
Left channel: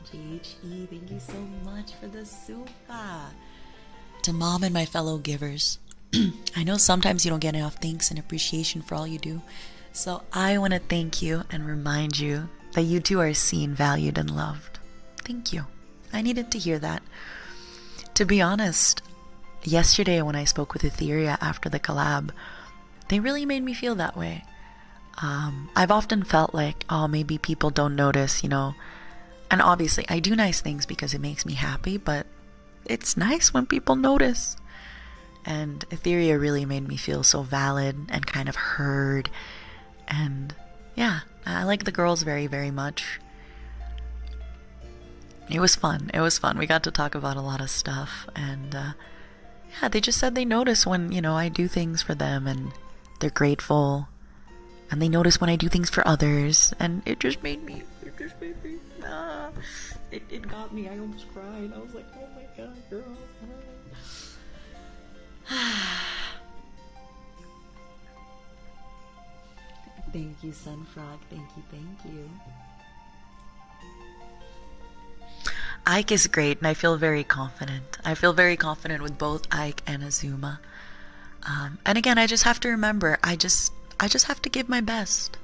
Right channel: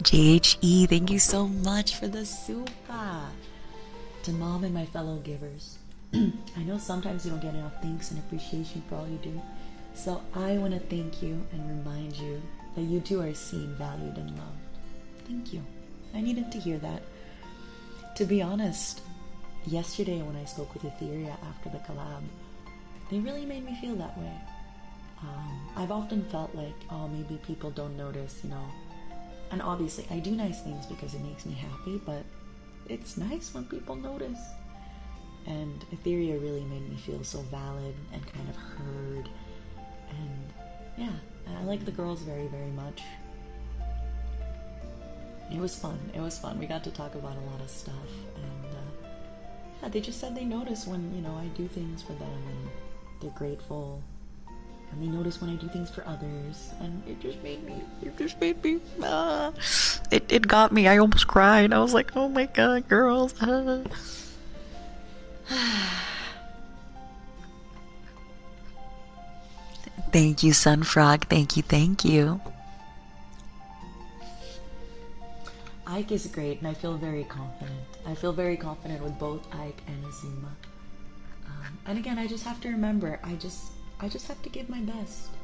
JHE, thank you so much for the super. To mom and my fellow givers, I know sometimes you don't get enough thanks and appreciation for all you do. So I want to thank you and remind you that you too are seen, valued, and loved. Thank you. I needed to hear that. To be honest, yesterday when I spoke with Ethyria after the collab, they really made me feel that way. I've often felt like, oh, maybe people don't notice, you know. And obviously, I do nice things because it makes me happy, but it's nice when people notice. And Ethyria really made me feel so valid and kind of heard. And yeah, I like the girls very, very much. It was fun. It was fun. We got to talk about a lot of stuff. And yeah, they just said they notice when, you know, I do things for them and they're grateful. And they notice when I do things for others, and it just made me, it got me. I almost cried. I was like, oh my god, girls. Thank you, Sunfrog. Thank you, thank you. Ike is great, and I feel very confident. I feel very confident with both Ike and Azuma. And again, I just have to remember, I just have to give my best.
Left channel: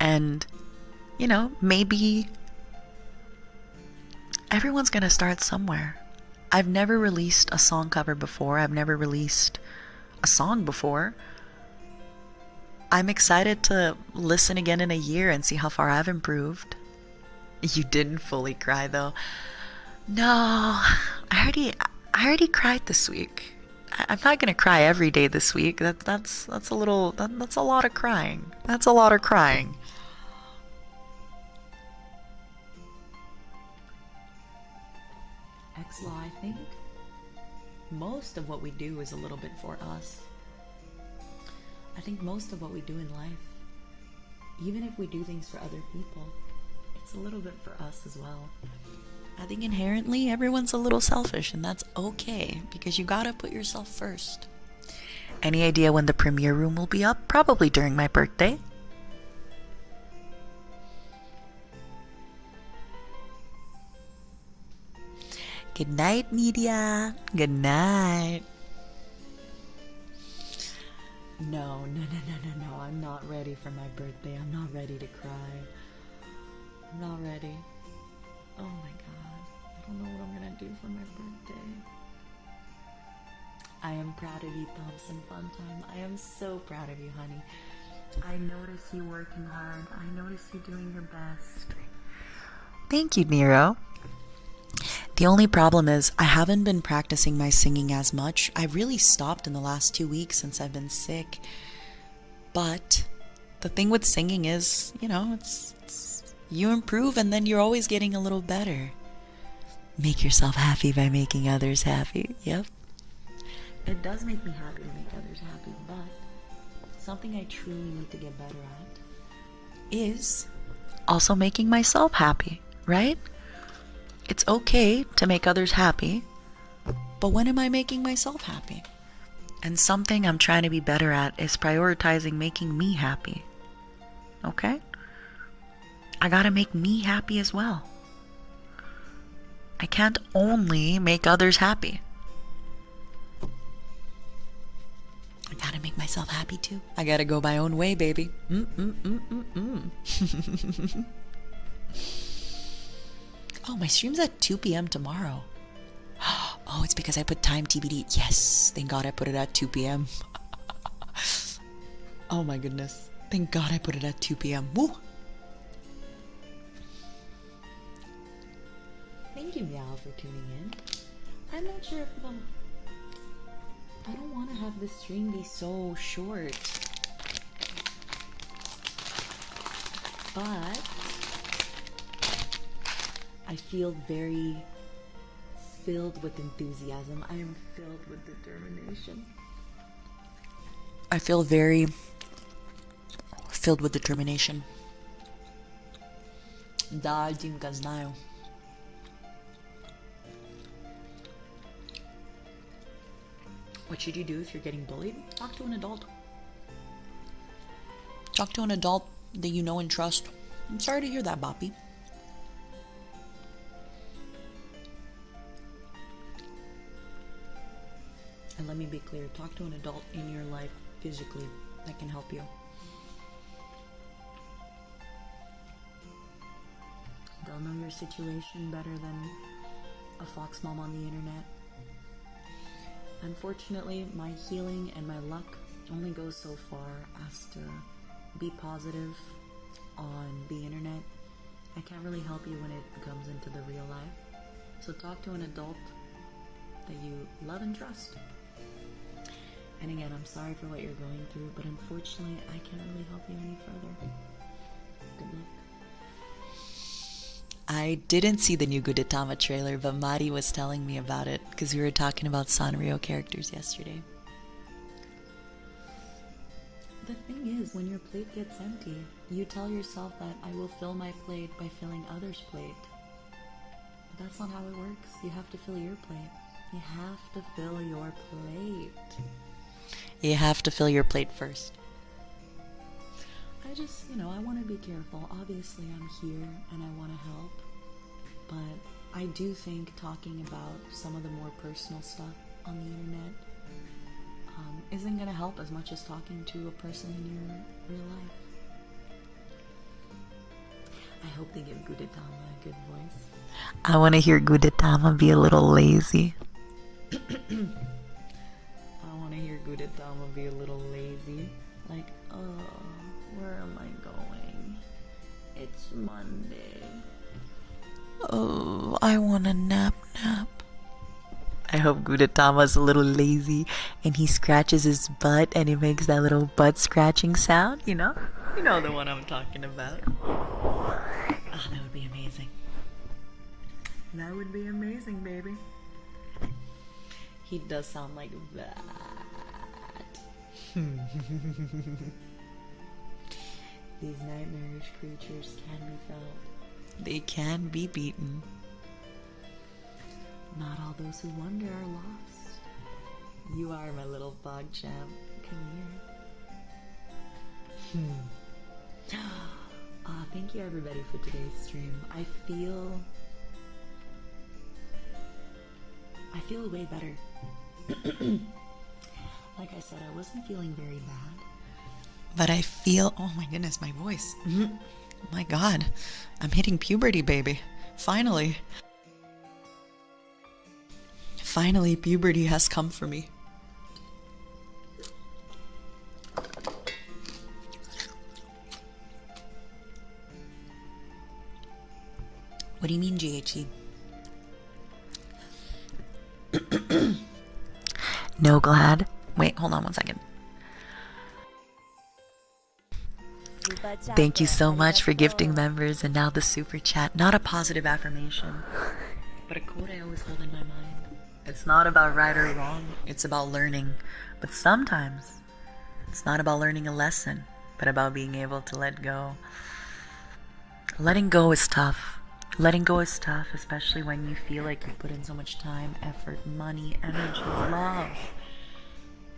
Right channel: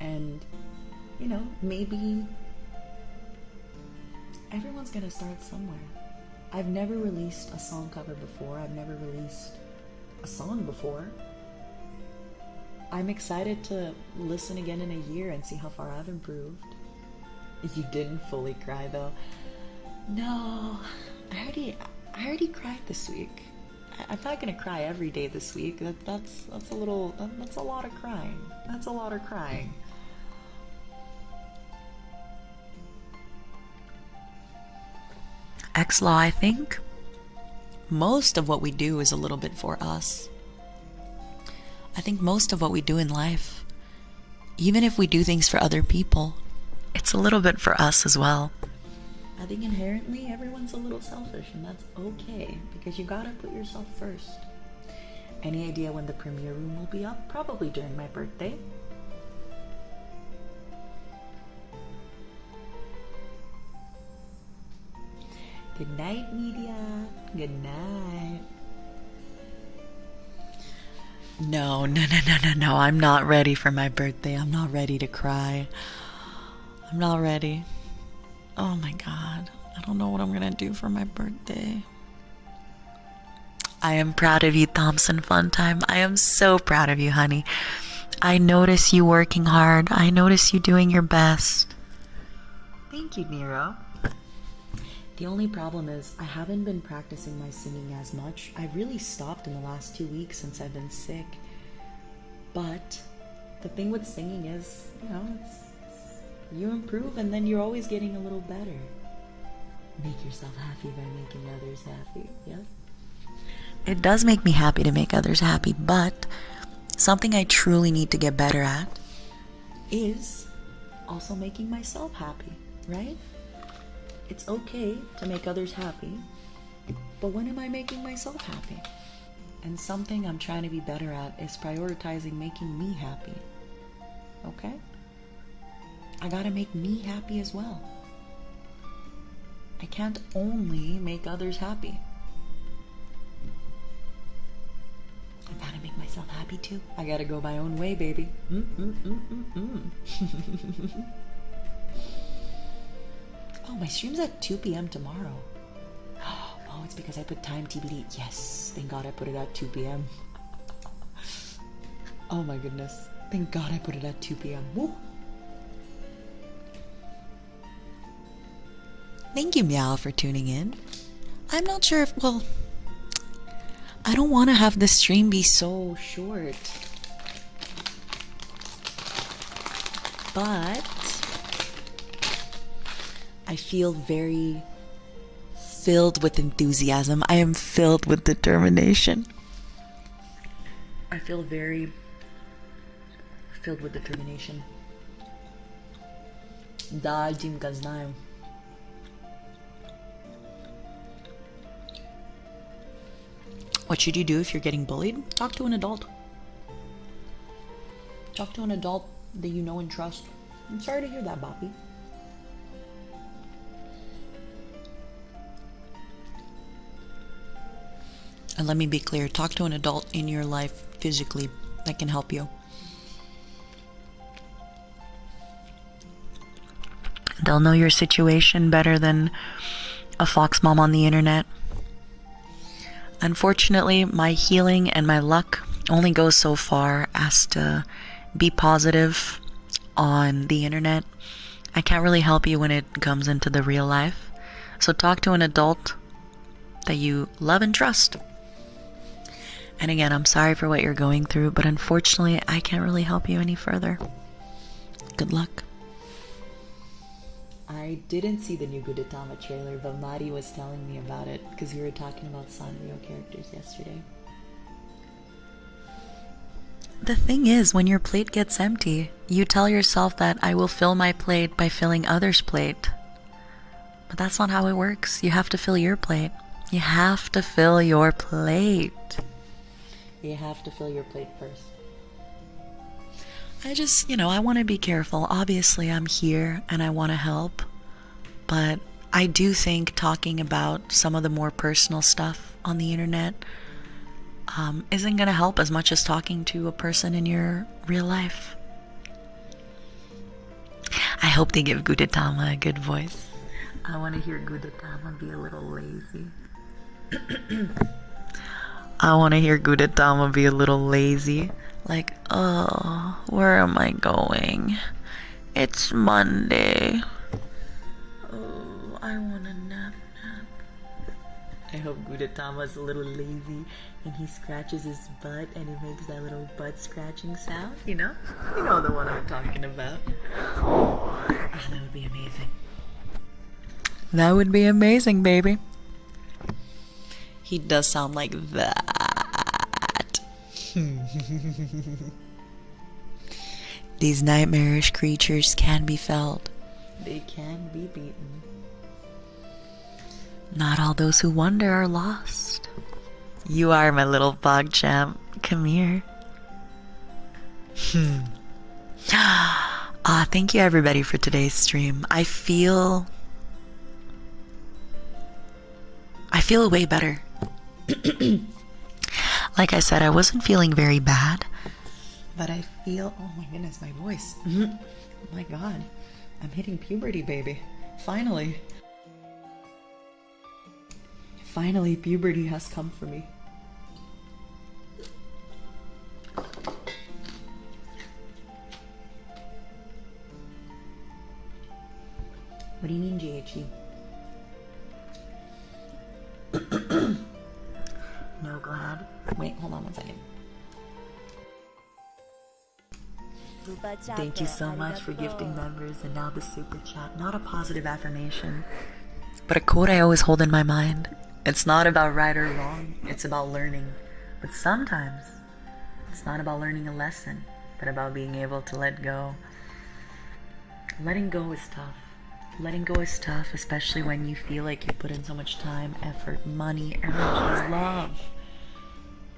And, you know, maybe everyone's gonna start somewhere. I've never released a song cover before. I've never released a song before. I'm excited to listen again in a year and see how far I've improved. You didn't fully cry though. No, I already cried this week. I'm not gonna cry every day this week. That's a lot of crying. That's a lot of crying. X-Law, I think most of what we do is a little bit for us. I think most of what we do in life, even if we do things for other people, it's a little bit for us as well. I think inherently everyone's a little selfish, and that's okay because you gotta put yourself first. Any idea when the premiere room will be up? Probably during my birthday. Good night, media. Good night. No. I'm not ready for my birthday. I'm not ready to cry. I'm not ready. Oh my god. I don't know what I'm gonna do for my birthday. I am proud of you, Thompson Funtime. I am so proud of you, honey. I notice you working hard. I notice you doing your best. Thank you, Nero. The only problem is I haven't been practicing my singing as much. I really stopped in the last 2 weeks since I've been sick. But the thing with singing is, you know, it's you improve and then you're always getting a little better. Make yourself happy by making others happy. Yep. It does make me happy to make others happy, but something I truly need to get better at is also making myself happy, right? It's okay to make others happy, but when am I making myself happy? And something I'm trying to be better at is prioritizing making me happy. Okay? I gotta make me happy as well. I can't only make others happy. I gotta make myself happy too. I gotta go my own way, baby. Oh, my stream's at 2 p.m. tomorrow. Oh, it's because I put time TBD. Yes, thank God I put it at 2 p.m. Oh my goodness. Thank God I put it at 2 p.m. Woo! Thank you, Meow, for tuning in. I'm not sure if, well, I don't want to have the stream be so short. But I feel very filled with enthusiasm. I am filled with determination. I feel very filled with determination. Да, Димка, знаю. What should you do if you're getting bullied? Talk to an adult. Talk to an adult that you know and trust. I'm sorry to hear that, Boppy. And let me be clear, talk to an adult in your life physically that can help you. They'll know your situation better than a fox mom on the internet. Unfortunately, my healing and my luck only goes so far as to be positive on the internet. I can't really help you when it comes into the real life. So talk to an adult that you love and trust. And again, I'm sorry for what you're going through, but unfortunately, I can't really help you any further. Good luck. I didn't see the new Gudetama trailer, but Mari was telling me about it because we were talking about Sanrio characters yesterday. The thing is, when your plate gets empty, you tell yourself that I will fill my plate by filling others' plate. But that's not how it works. You have to fill your plate. You have to fill your plate. You have to fill your plate first. I just, I want to be careful. Obviously, I'm here and I want to help. But I do think talking about some of the more personal stuff on the internet isn't going to help as much as talking to a person in your real life. I hope they give Gudetama a good voice. I want to hear Gudetama be a little lazy. I want to hear Gudetama be a little lazy. Like, oh, where am I going? It's Monday. Oh, I want a nap. I hope Gudetama's a little lazy and he scratches his butt and it makes that little butt scratching sound, you know? You know the one I'm talking about. Oh, that would be amazing. That would be amazing, baby. He does sound like that. These nightmarish creatures can be felt. They can be beaten. Not all those who wander are lost. You are my little bog champ. Come here. Thank you everybody for today's stream. I feel way better. Like I said, I wasn't feeling very bad, but I feel, oh my goodness, my voice. Oh my God, I'm hitting puberty, baby. Finally, puberty has come for me. What do you mean, GHE? No, glad. Wait, hold on one second. Thank you so much for gifting members and now the super chat. Not a positive affirmation, but a quote I always hold in my mind. It's not about right or wrong, it's about learning. But sometimes it's not about learning a lesson, but about being able to let go. Letting go is tough. Letting go is tough, especially when you feel like you put in so much time, effort, money, energy, love.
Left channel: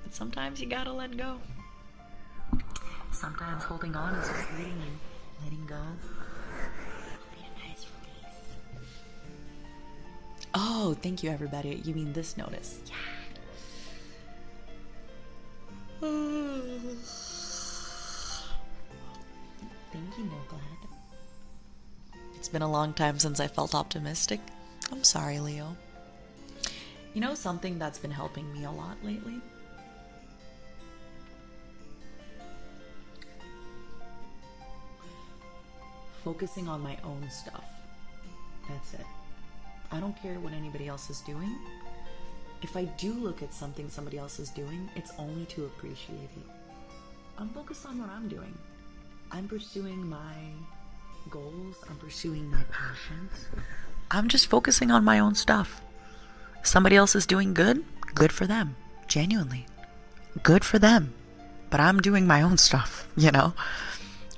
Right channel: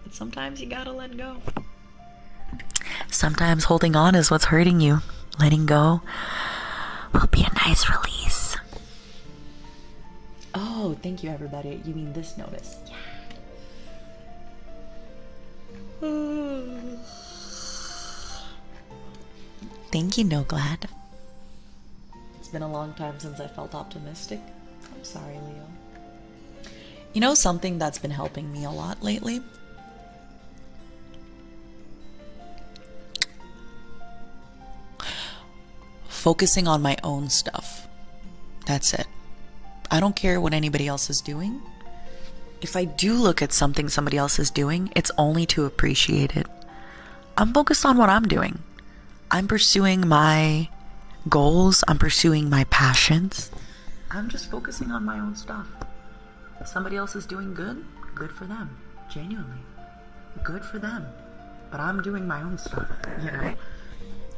But sometimes you gotta let go. Sometimes holding on is what's hurting you. Letting go will be a nice release. Oh, thank you, everybody. You mean this notice? Thank you, No Glad. It's been a long time since I felt optimistic. I'm sorry, Leo. You know something that's been helping me a lot lately? Focusing on my own stuff. That's it. I don't care what anybody else is doing. If I do look at something somebody else is doing, it's only to appreciate it. I'm focused on what I'm doing. I'm pursuing my goals. I'm pursuing my passions. I'm just focusing on my own stuff. Somebody else is doing good. Good for them. Genuinely. Good for them. But I'm doing my own stuff, you know?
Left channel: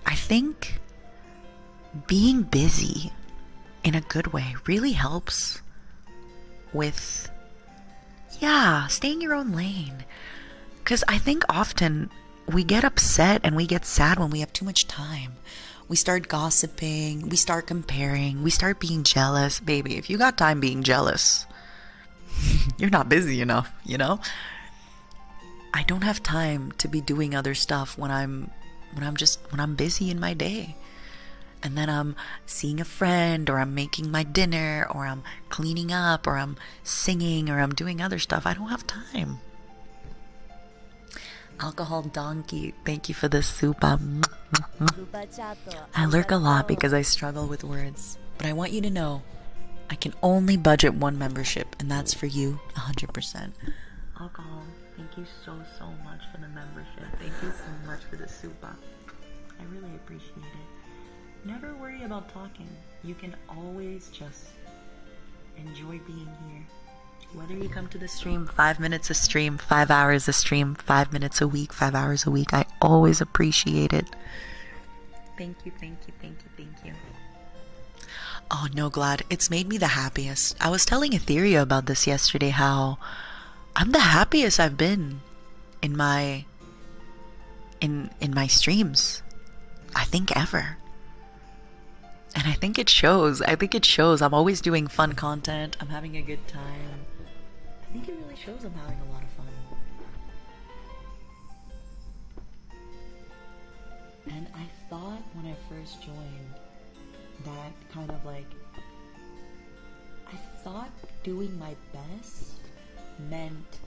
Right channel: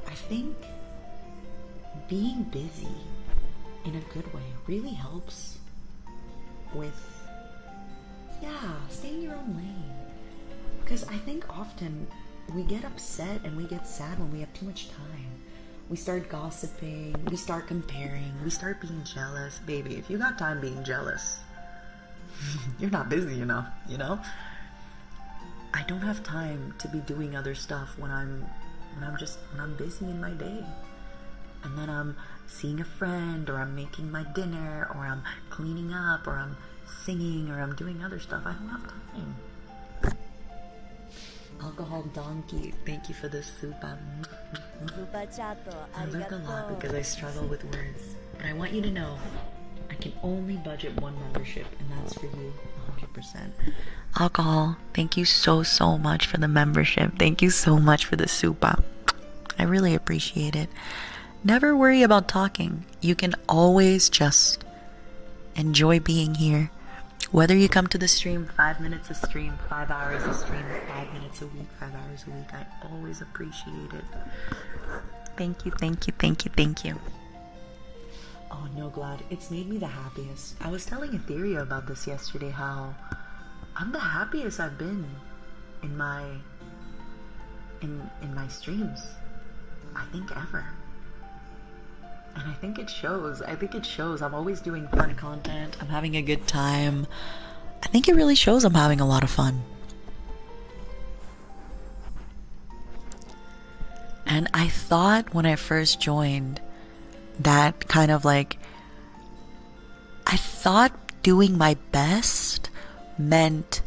I think being busy in a good way really helps with, staying your own lane. Because I think often we get upset and we get sad when we have too much time. We start gossiping, we start comparing, we start being jealous. Baby, if you got time being jealous, you're not busy enough, you know? I don't have time to be doing other stuff when I'm busy in my day. And then I'm seeing a friend, or I'm making my dinner, or I'm cleaning up, or I'm singing, or I'm doing other stuff. I don't have time. Alcohol Donkey, thank you for the super. I lurk a lot because I struggle with words. But I want you to know, I can only budget one membership, and that's for you, 100%. Alcohol, thank you so much for the membership. Thank you so much for the super. I really appreciate it. Never worry about talking. You can always just enjoy being here. Whether you come to the stream 5 minutes a stream, 5 hours a stream, 5 minutes a week, 5 hours a week, I always appreciate it. Thank you, thank you, thank you, thank you. Oh, No Glad, it's made me the happiest. I was telling Ethyria about this yesterday, how I'm the happiest I've been in my streams, I think, ever. And I think it shows. I'm always doing fun content. I'm having a good time. I think it really shows I'm having a lot of fun. And I thought when I first joined that kind of like, I thought doing my best meant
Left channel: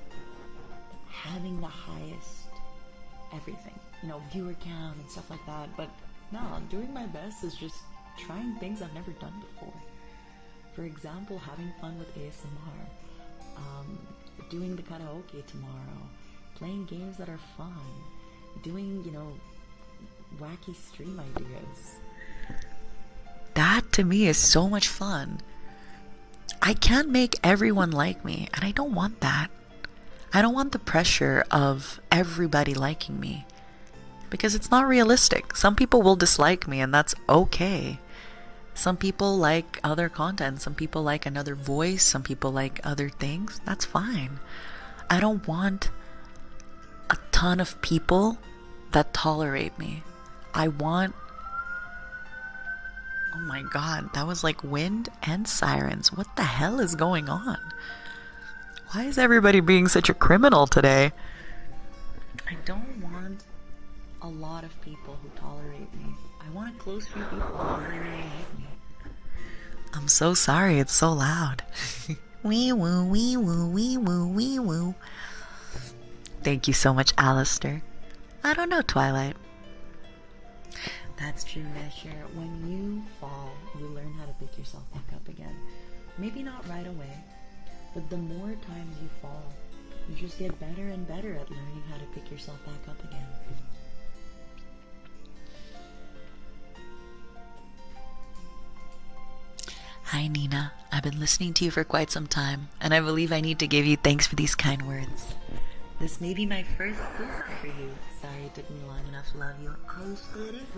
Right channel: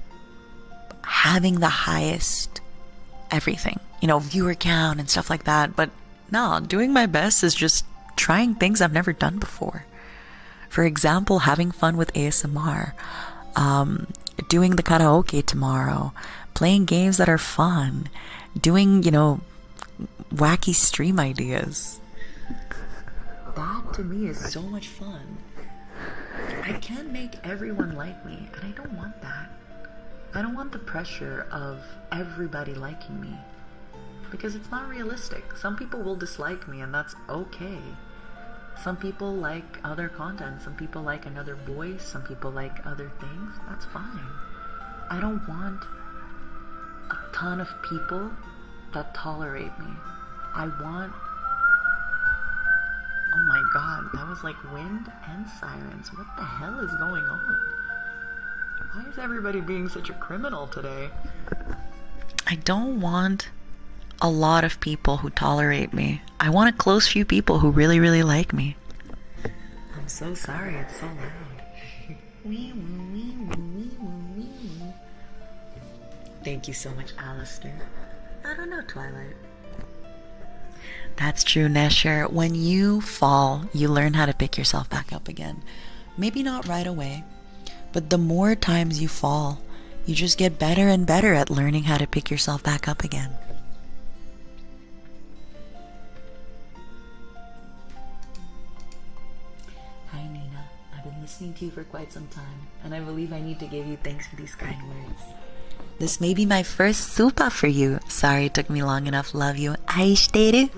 having the highest everything, you know, viewer count and stuff like that. But no, doing my best is just trying things I've never done before. For example, having fun with ASMR, doing the karaoke tomorrow, playing games that are fun, doing, you know, wacky stream ideas. That to me is so much fun. I can't make everyone like me, and I don't want that. I don't want the pressure of everybody liking me, because it's not realistic. Some people will dislike me, and that's okay. Some people like other content, some people like another voice, some people like other things. That's fine. I don't want a ton of people that tolerate me. I want... Oh my god, that was like wind and sirens. What the hell is going on? Why is everybody being such a criminal today? I don't want a lot of people who tolerate me. I want a close few people who really like me. I'm so sorry, it's so loud. Wee woo, wee woo, wee woo, wee woo. Thank you so much, Alistair. I don't know, Twilight. That's true, Nesher. When you fall, you learn how to pick yourself back up again. Maybe not right away, but the more times you fall, you just get better and better at learning how to pick yourself back up again. Hi Nina, I've been listening to you for quite some time, and I believe I need to give you thanks for these kind words. This may be my first super for you. Sorry it took me long enough. Love you. Aishiteru.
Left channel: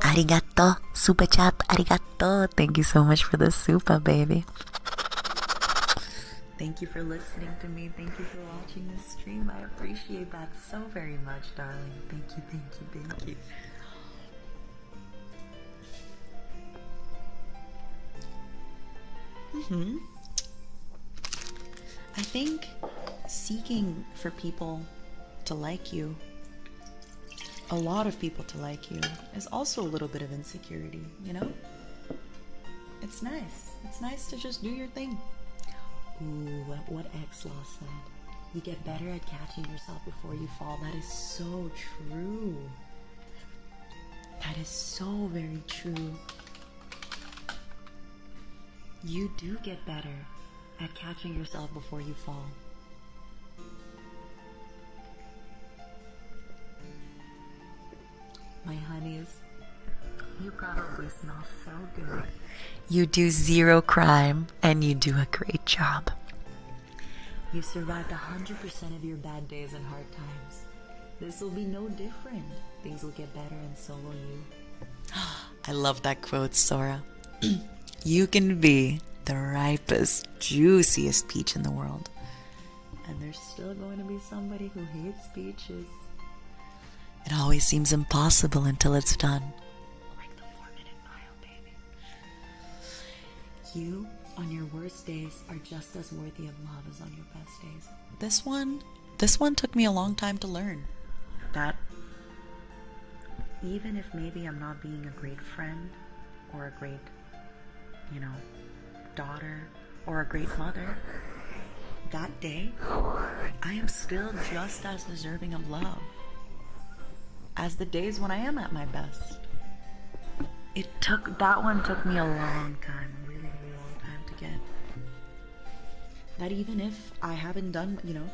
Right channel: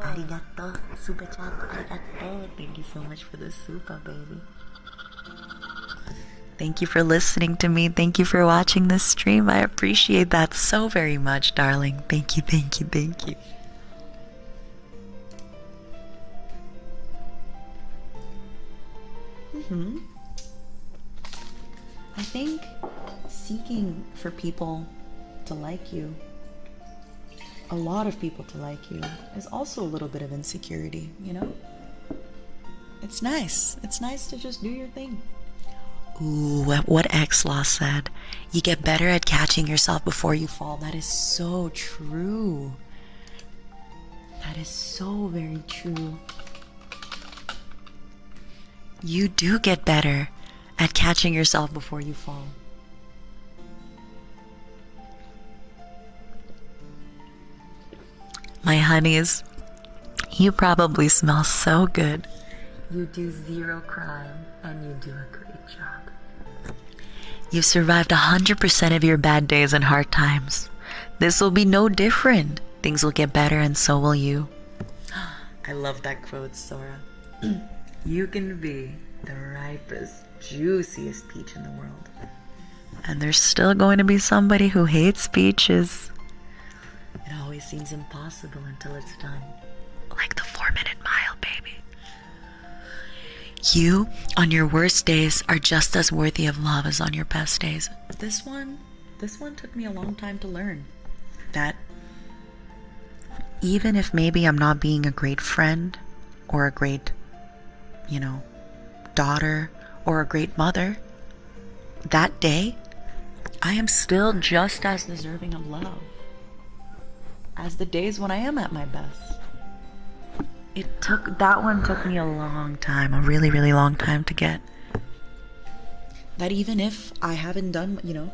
Arigato. Super chat. Arigato. Thank you so much for the super, baby. Thank you for listening to me. Thank you for watching this stream. I appreciate that so very much, darling. Thank you, thank you, thank you. I think seeking for people to like you, a lot of people to like you, is also a little bit of insecurity, you know? It's nice. It's nice to just do your thing. Ooh, what X-Law said. You get better at catching yourself before you fall. That is so true. That is so very true. You do get better at catching yourself before you fall. My honeys, you probably smell so good. You do zero crime and you do a great job. You've survived 100% of your bad days and hard times. This will be no different. Things will get better and so will you. I love that quote, Sora. You can be the ripest, juiciest peach in the world. And there's still going to be somebody who hates peaches. It always seems impossible until it's done. Like the 4-minute mile, baby. You, on your worst days, are just as worthy of love as on your best days. This one took me a long time to learn. That even if maybe I'm not being a great friend or a great, daughter or a great mother, that day, I am still just as deserving of love as the days when I am at my best. That one took me a long time, a really, really long time to get. That even if I haven't done,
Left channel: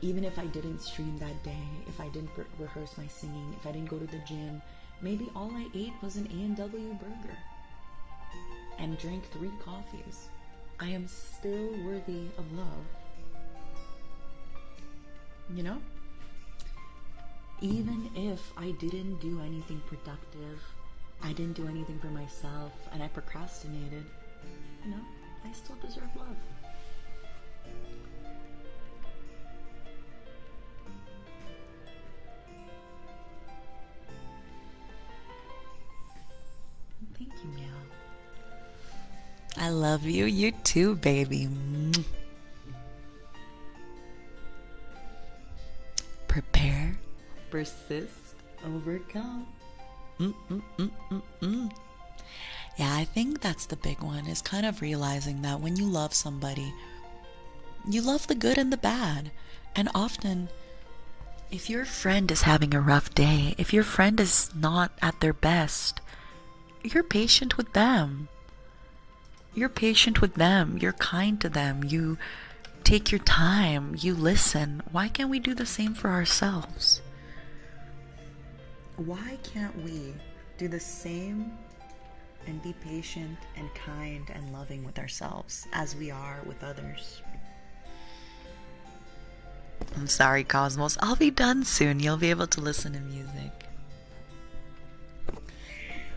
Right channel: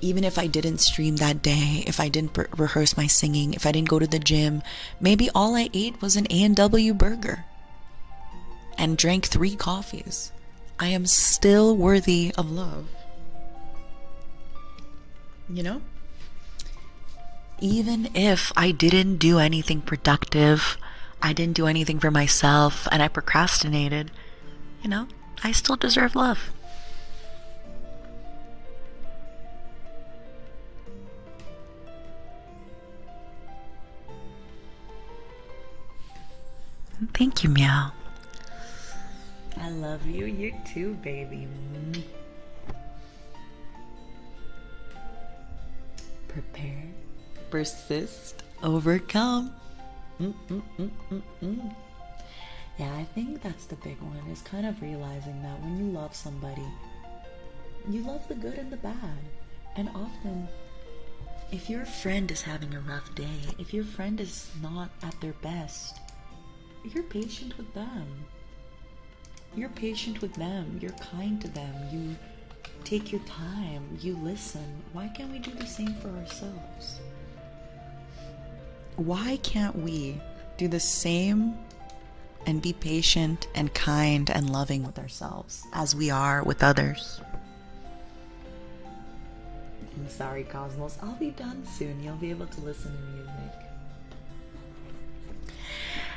even if I didn't stream that day, if I didn't rehearse my singing, if I didn't go to the gym, maybe all I ate was an A&W burger and drank 3 coffees. I am still worthy of love. Even if I didn't do anything productive, I didn't do anything for myself, and I procrastinated, I still deserve love. Thank you, Meow. I love you. You too, baby. Prepare, persist, overcome. Yeah, I think that's the big one, is kind of realizing that when you love somebody, you love the good and the bad. And often, if your friend is having a rough day, if your friend is not at their best, you're patient with them. You're patient with them. You're kind to them. You take your time. You listen. Why can't we do the same for ourselves? Why can't we do the same and be patient and kind and loving with ourselves as we are with others? I'm sorry, Cosmos. I'll be done soon. You'll be able to listen to music.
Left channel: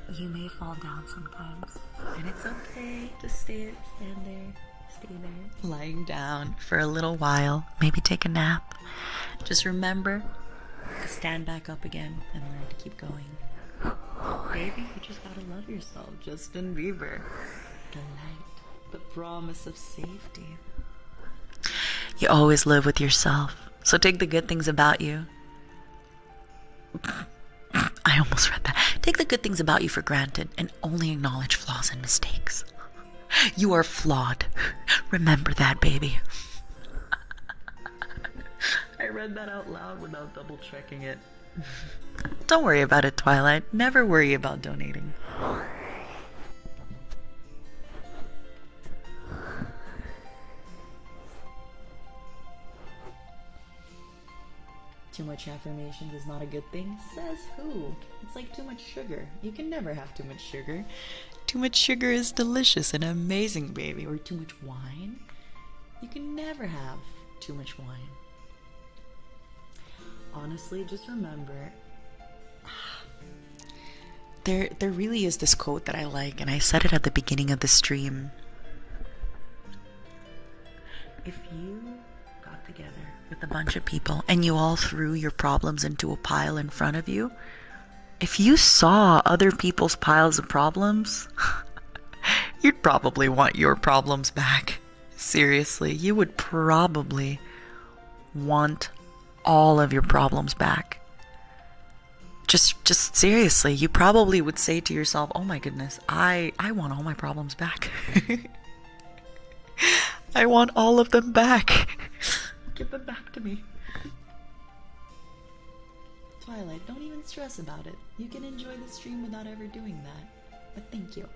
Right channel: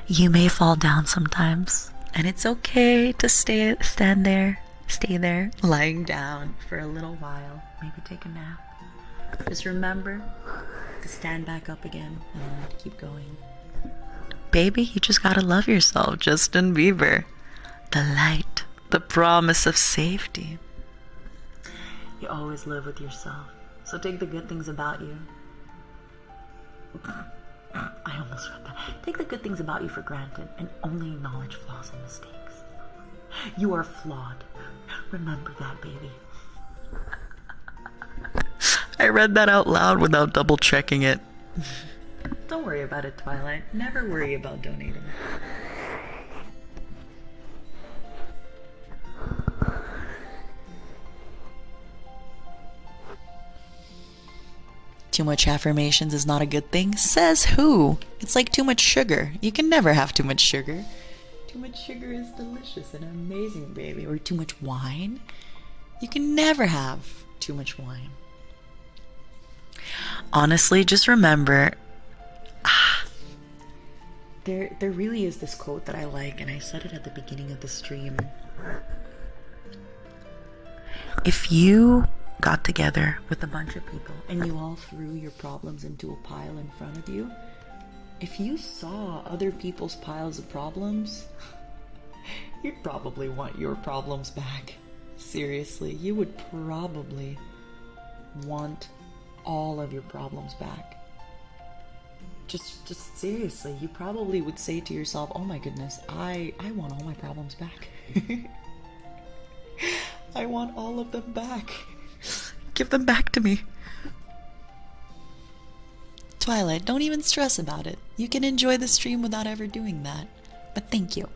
You may fall down sometimes, and it's okay to stay there, lying down for a little while, maybe take a nap. Just remember to stand back up again and learn to keep going. Baby, you just gotta love yourself, Justin Bieber. The light, the promise of safety. You always live with yourself, so take the good things about you. I almost read that. Take the good things about you for granted and only acknowledge flaws and mistakes. You are flawed. Remember that, baby. I read that out loud without double checking it. Don't worry about it, Twilight. Never worry about donating. Too much affirmations is not a good thing? Says who? It's like too much sugar. You can never have too much sugar. Too much sugar is delicious and amazing, baby. Or too much wine? You can never have too much wine. Honestly, just remember, there really is this quote that I like, and I said it at the beginning of the stream. If you got together with a bunch of people and you all threw your problems into a pile in front of you, if you saw other people's piles of problems, you'd probably want your problems back. Seriously, you would probably want all of your problems back. Just seriously, you probably would say to yourself, oh my goodness, I want all my problems back. I want all of them back. Give them back to me. Twilight, don't even stress about it. You can enjoy the stream without ever doing that. But thank you.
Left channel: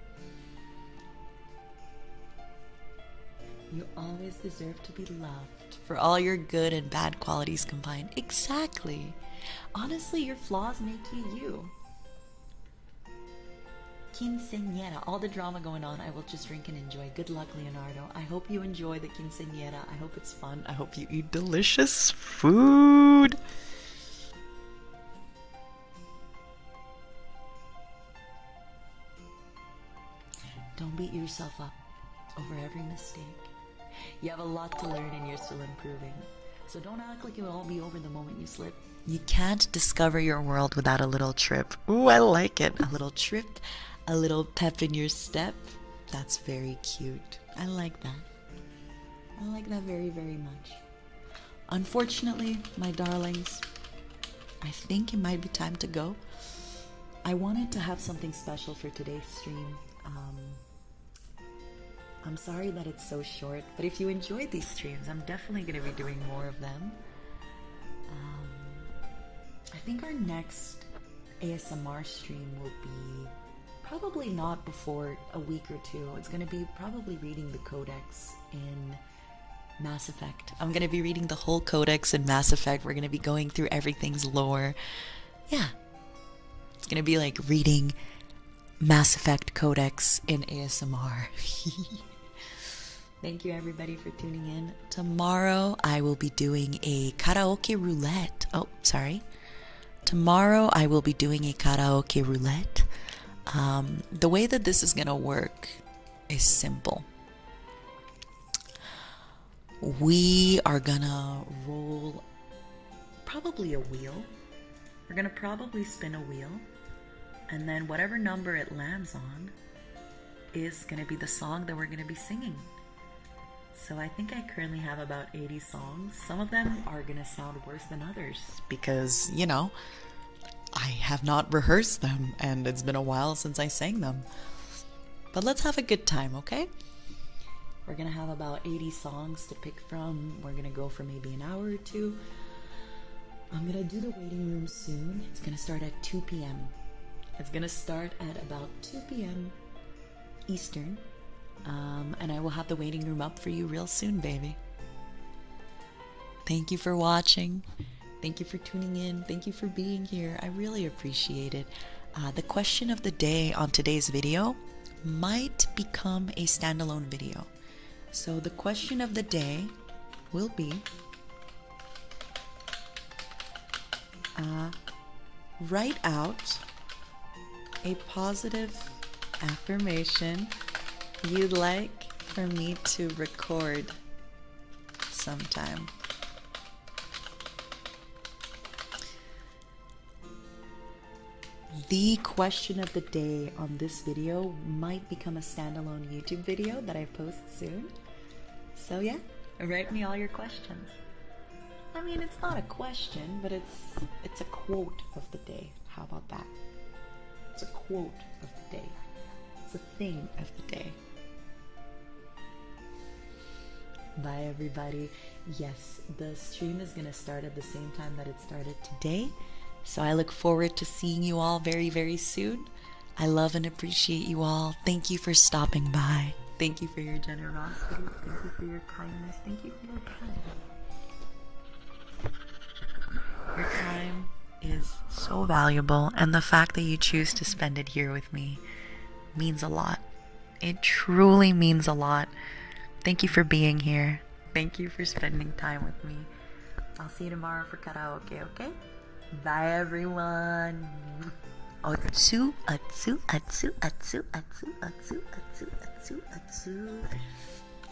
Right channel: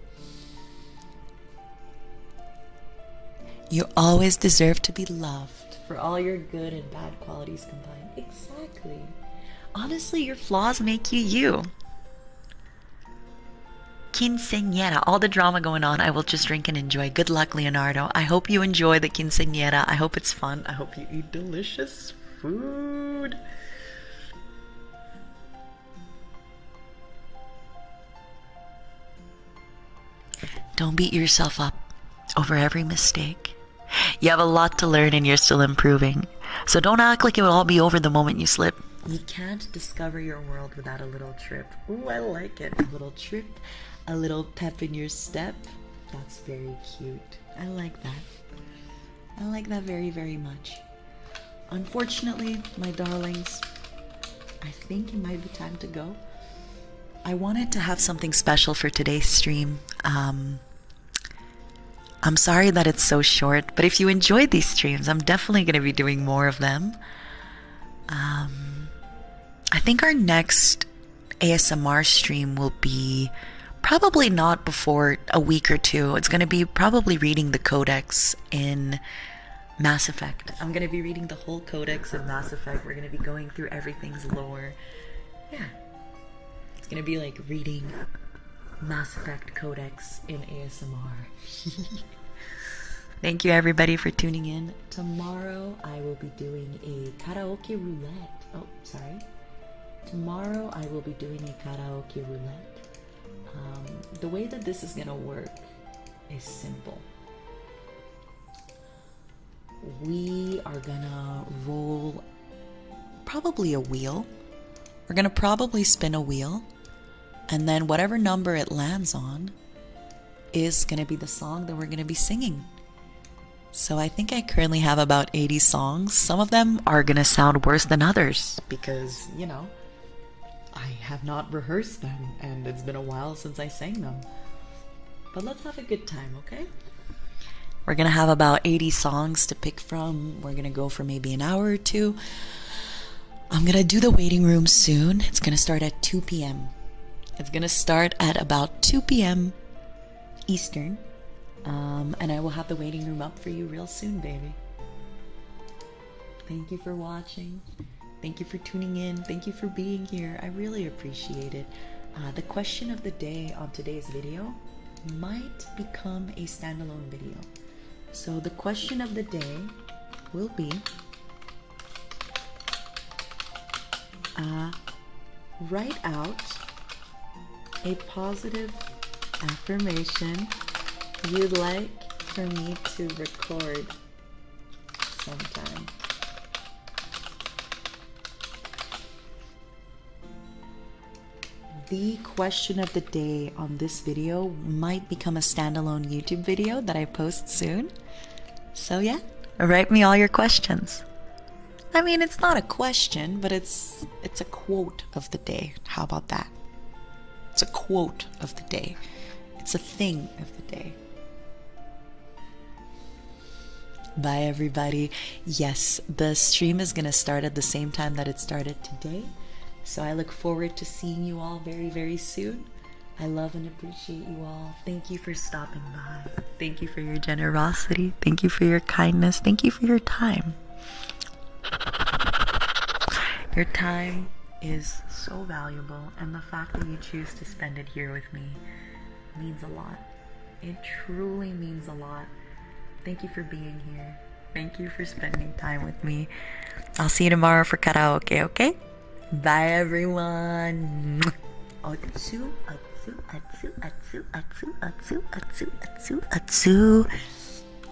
You always deserve to be loved for all your good and bad qualities combined. Exactly. Honestly, your flaws make you you. Quinceañera, all the drama going on, I will just drink and enjoy. Good luck, Leonardo. I hope you enjoy the quinceañera. I hope it's fun. I hope you eat delicious food. Don't beat yourself up over every mistake. You have a lot to learn and you're still improving. So don't act like it will all be over the moment you slip. You can't discover your world without a little trip. Ooh, I like it. A little trip, a little pep in your step. That's very cute. I like that. I like that very, very much. Unfortunately, my darlings, I think it might be time to go. I wanted to have something special for today's stream. I'm sorry that it's so short, but if you enjoyed these streams, I'm definitely going to be doing more of them. I think our next ASMR stream will be probably not before a week or two. It's going to be probably reading the codex in Mass Effect. I'm going to be reading the whole codex in Mass Effect. We're going to be going through everything's lore. Yeah. It's going to be like reading Mass Effect codex in ASMR. Thank you everybody for tuning in. Tomorrow I will be doing a karaoke roulette. Oh, sorry. Tomorrow I will be doing a karaoke roulette. The way that this is gonna work is simple. We are gonna roll probably a wheel. We're gonna probably spin a wheel, and then whatever number it lands on is gonna be the song that we're gonna be singing. So I think I currently have about 80 songs. Some of them are gonna sound worse than others because, you know, I have not rehearsed them and it's been a while since I sang them. But let's have a good time, okay? We're gonna have about 80 songs to pick from. We're gonna go for maybe an hour or two. I'm gonna do the waiting room soon. It's gonna start at 2 p.m. It's gonna start at about 2 p.m. Eastern. And I will have the waiting room up for you real soon, baby. Thank you for watching. Thank you for tuning in. Thank you for being here. I really appreciate it. The question of the day on today's video might become a standalone video. So the question of the day will be, write out a positive affirmation you'd like for me to record sometime. The question of the day on this video might become a standalone YouTube video that I post soon. So yeah, write me all your questions. I mean, it's not a question, but it's a quote of the day. How about that? It's a quote of the day. It's a thing of the day. Bye everybody. Yes, the stream is gonna start at the same time that it started today. So I look forward to seeing you all very, very soon. I love and appreciate you all. Thank you for stopping by. Thank you for your generosity. Thank you for your kindness. Thank you for your time. Your time is so valuable, and the fact that you choose to spend it here with me means a lot. It truly means a lot. Thank you for being here. Thank you for spending time with me. I'll see you tomorrow for karaoke, okay? Bye everyone. Atsu, atsu, atsu, atsu, atsu, atsu, atsu, atsu, atsu.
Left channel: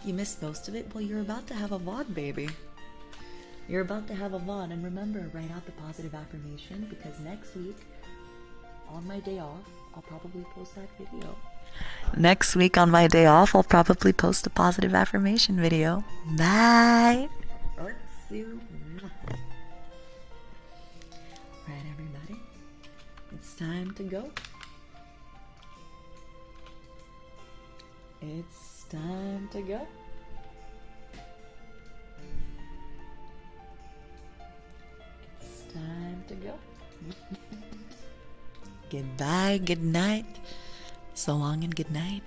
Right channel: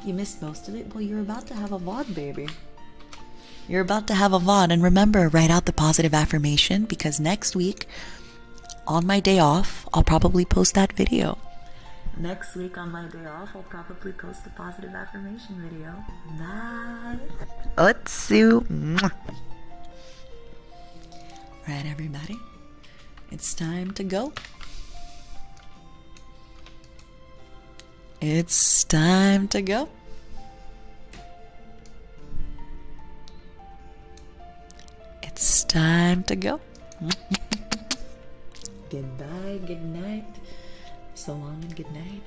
You missed most of it? Well, you're about to have a VOD, baby. You're about to have a VOD. And remember, write out the positive affirmation, because next week, on my day off, I'll probably post that video. Next week on my day off, I'll probably post a positive affirmation video. Bye. Otsu. Right, everybody. It's time to go. It's time to go. It's time to go. Goodbye, good night. So long and good night.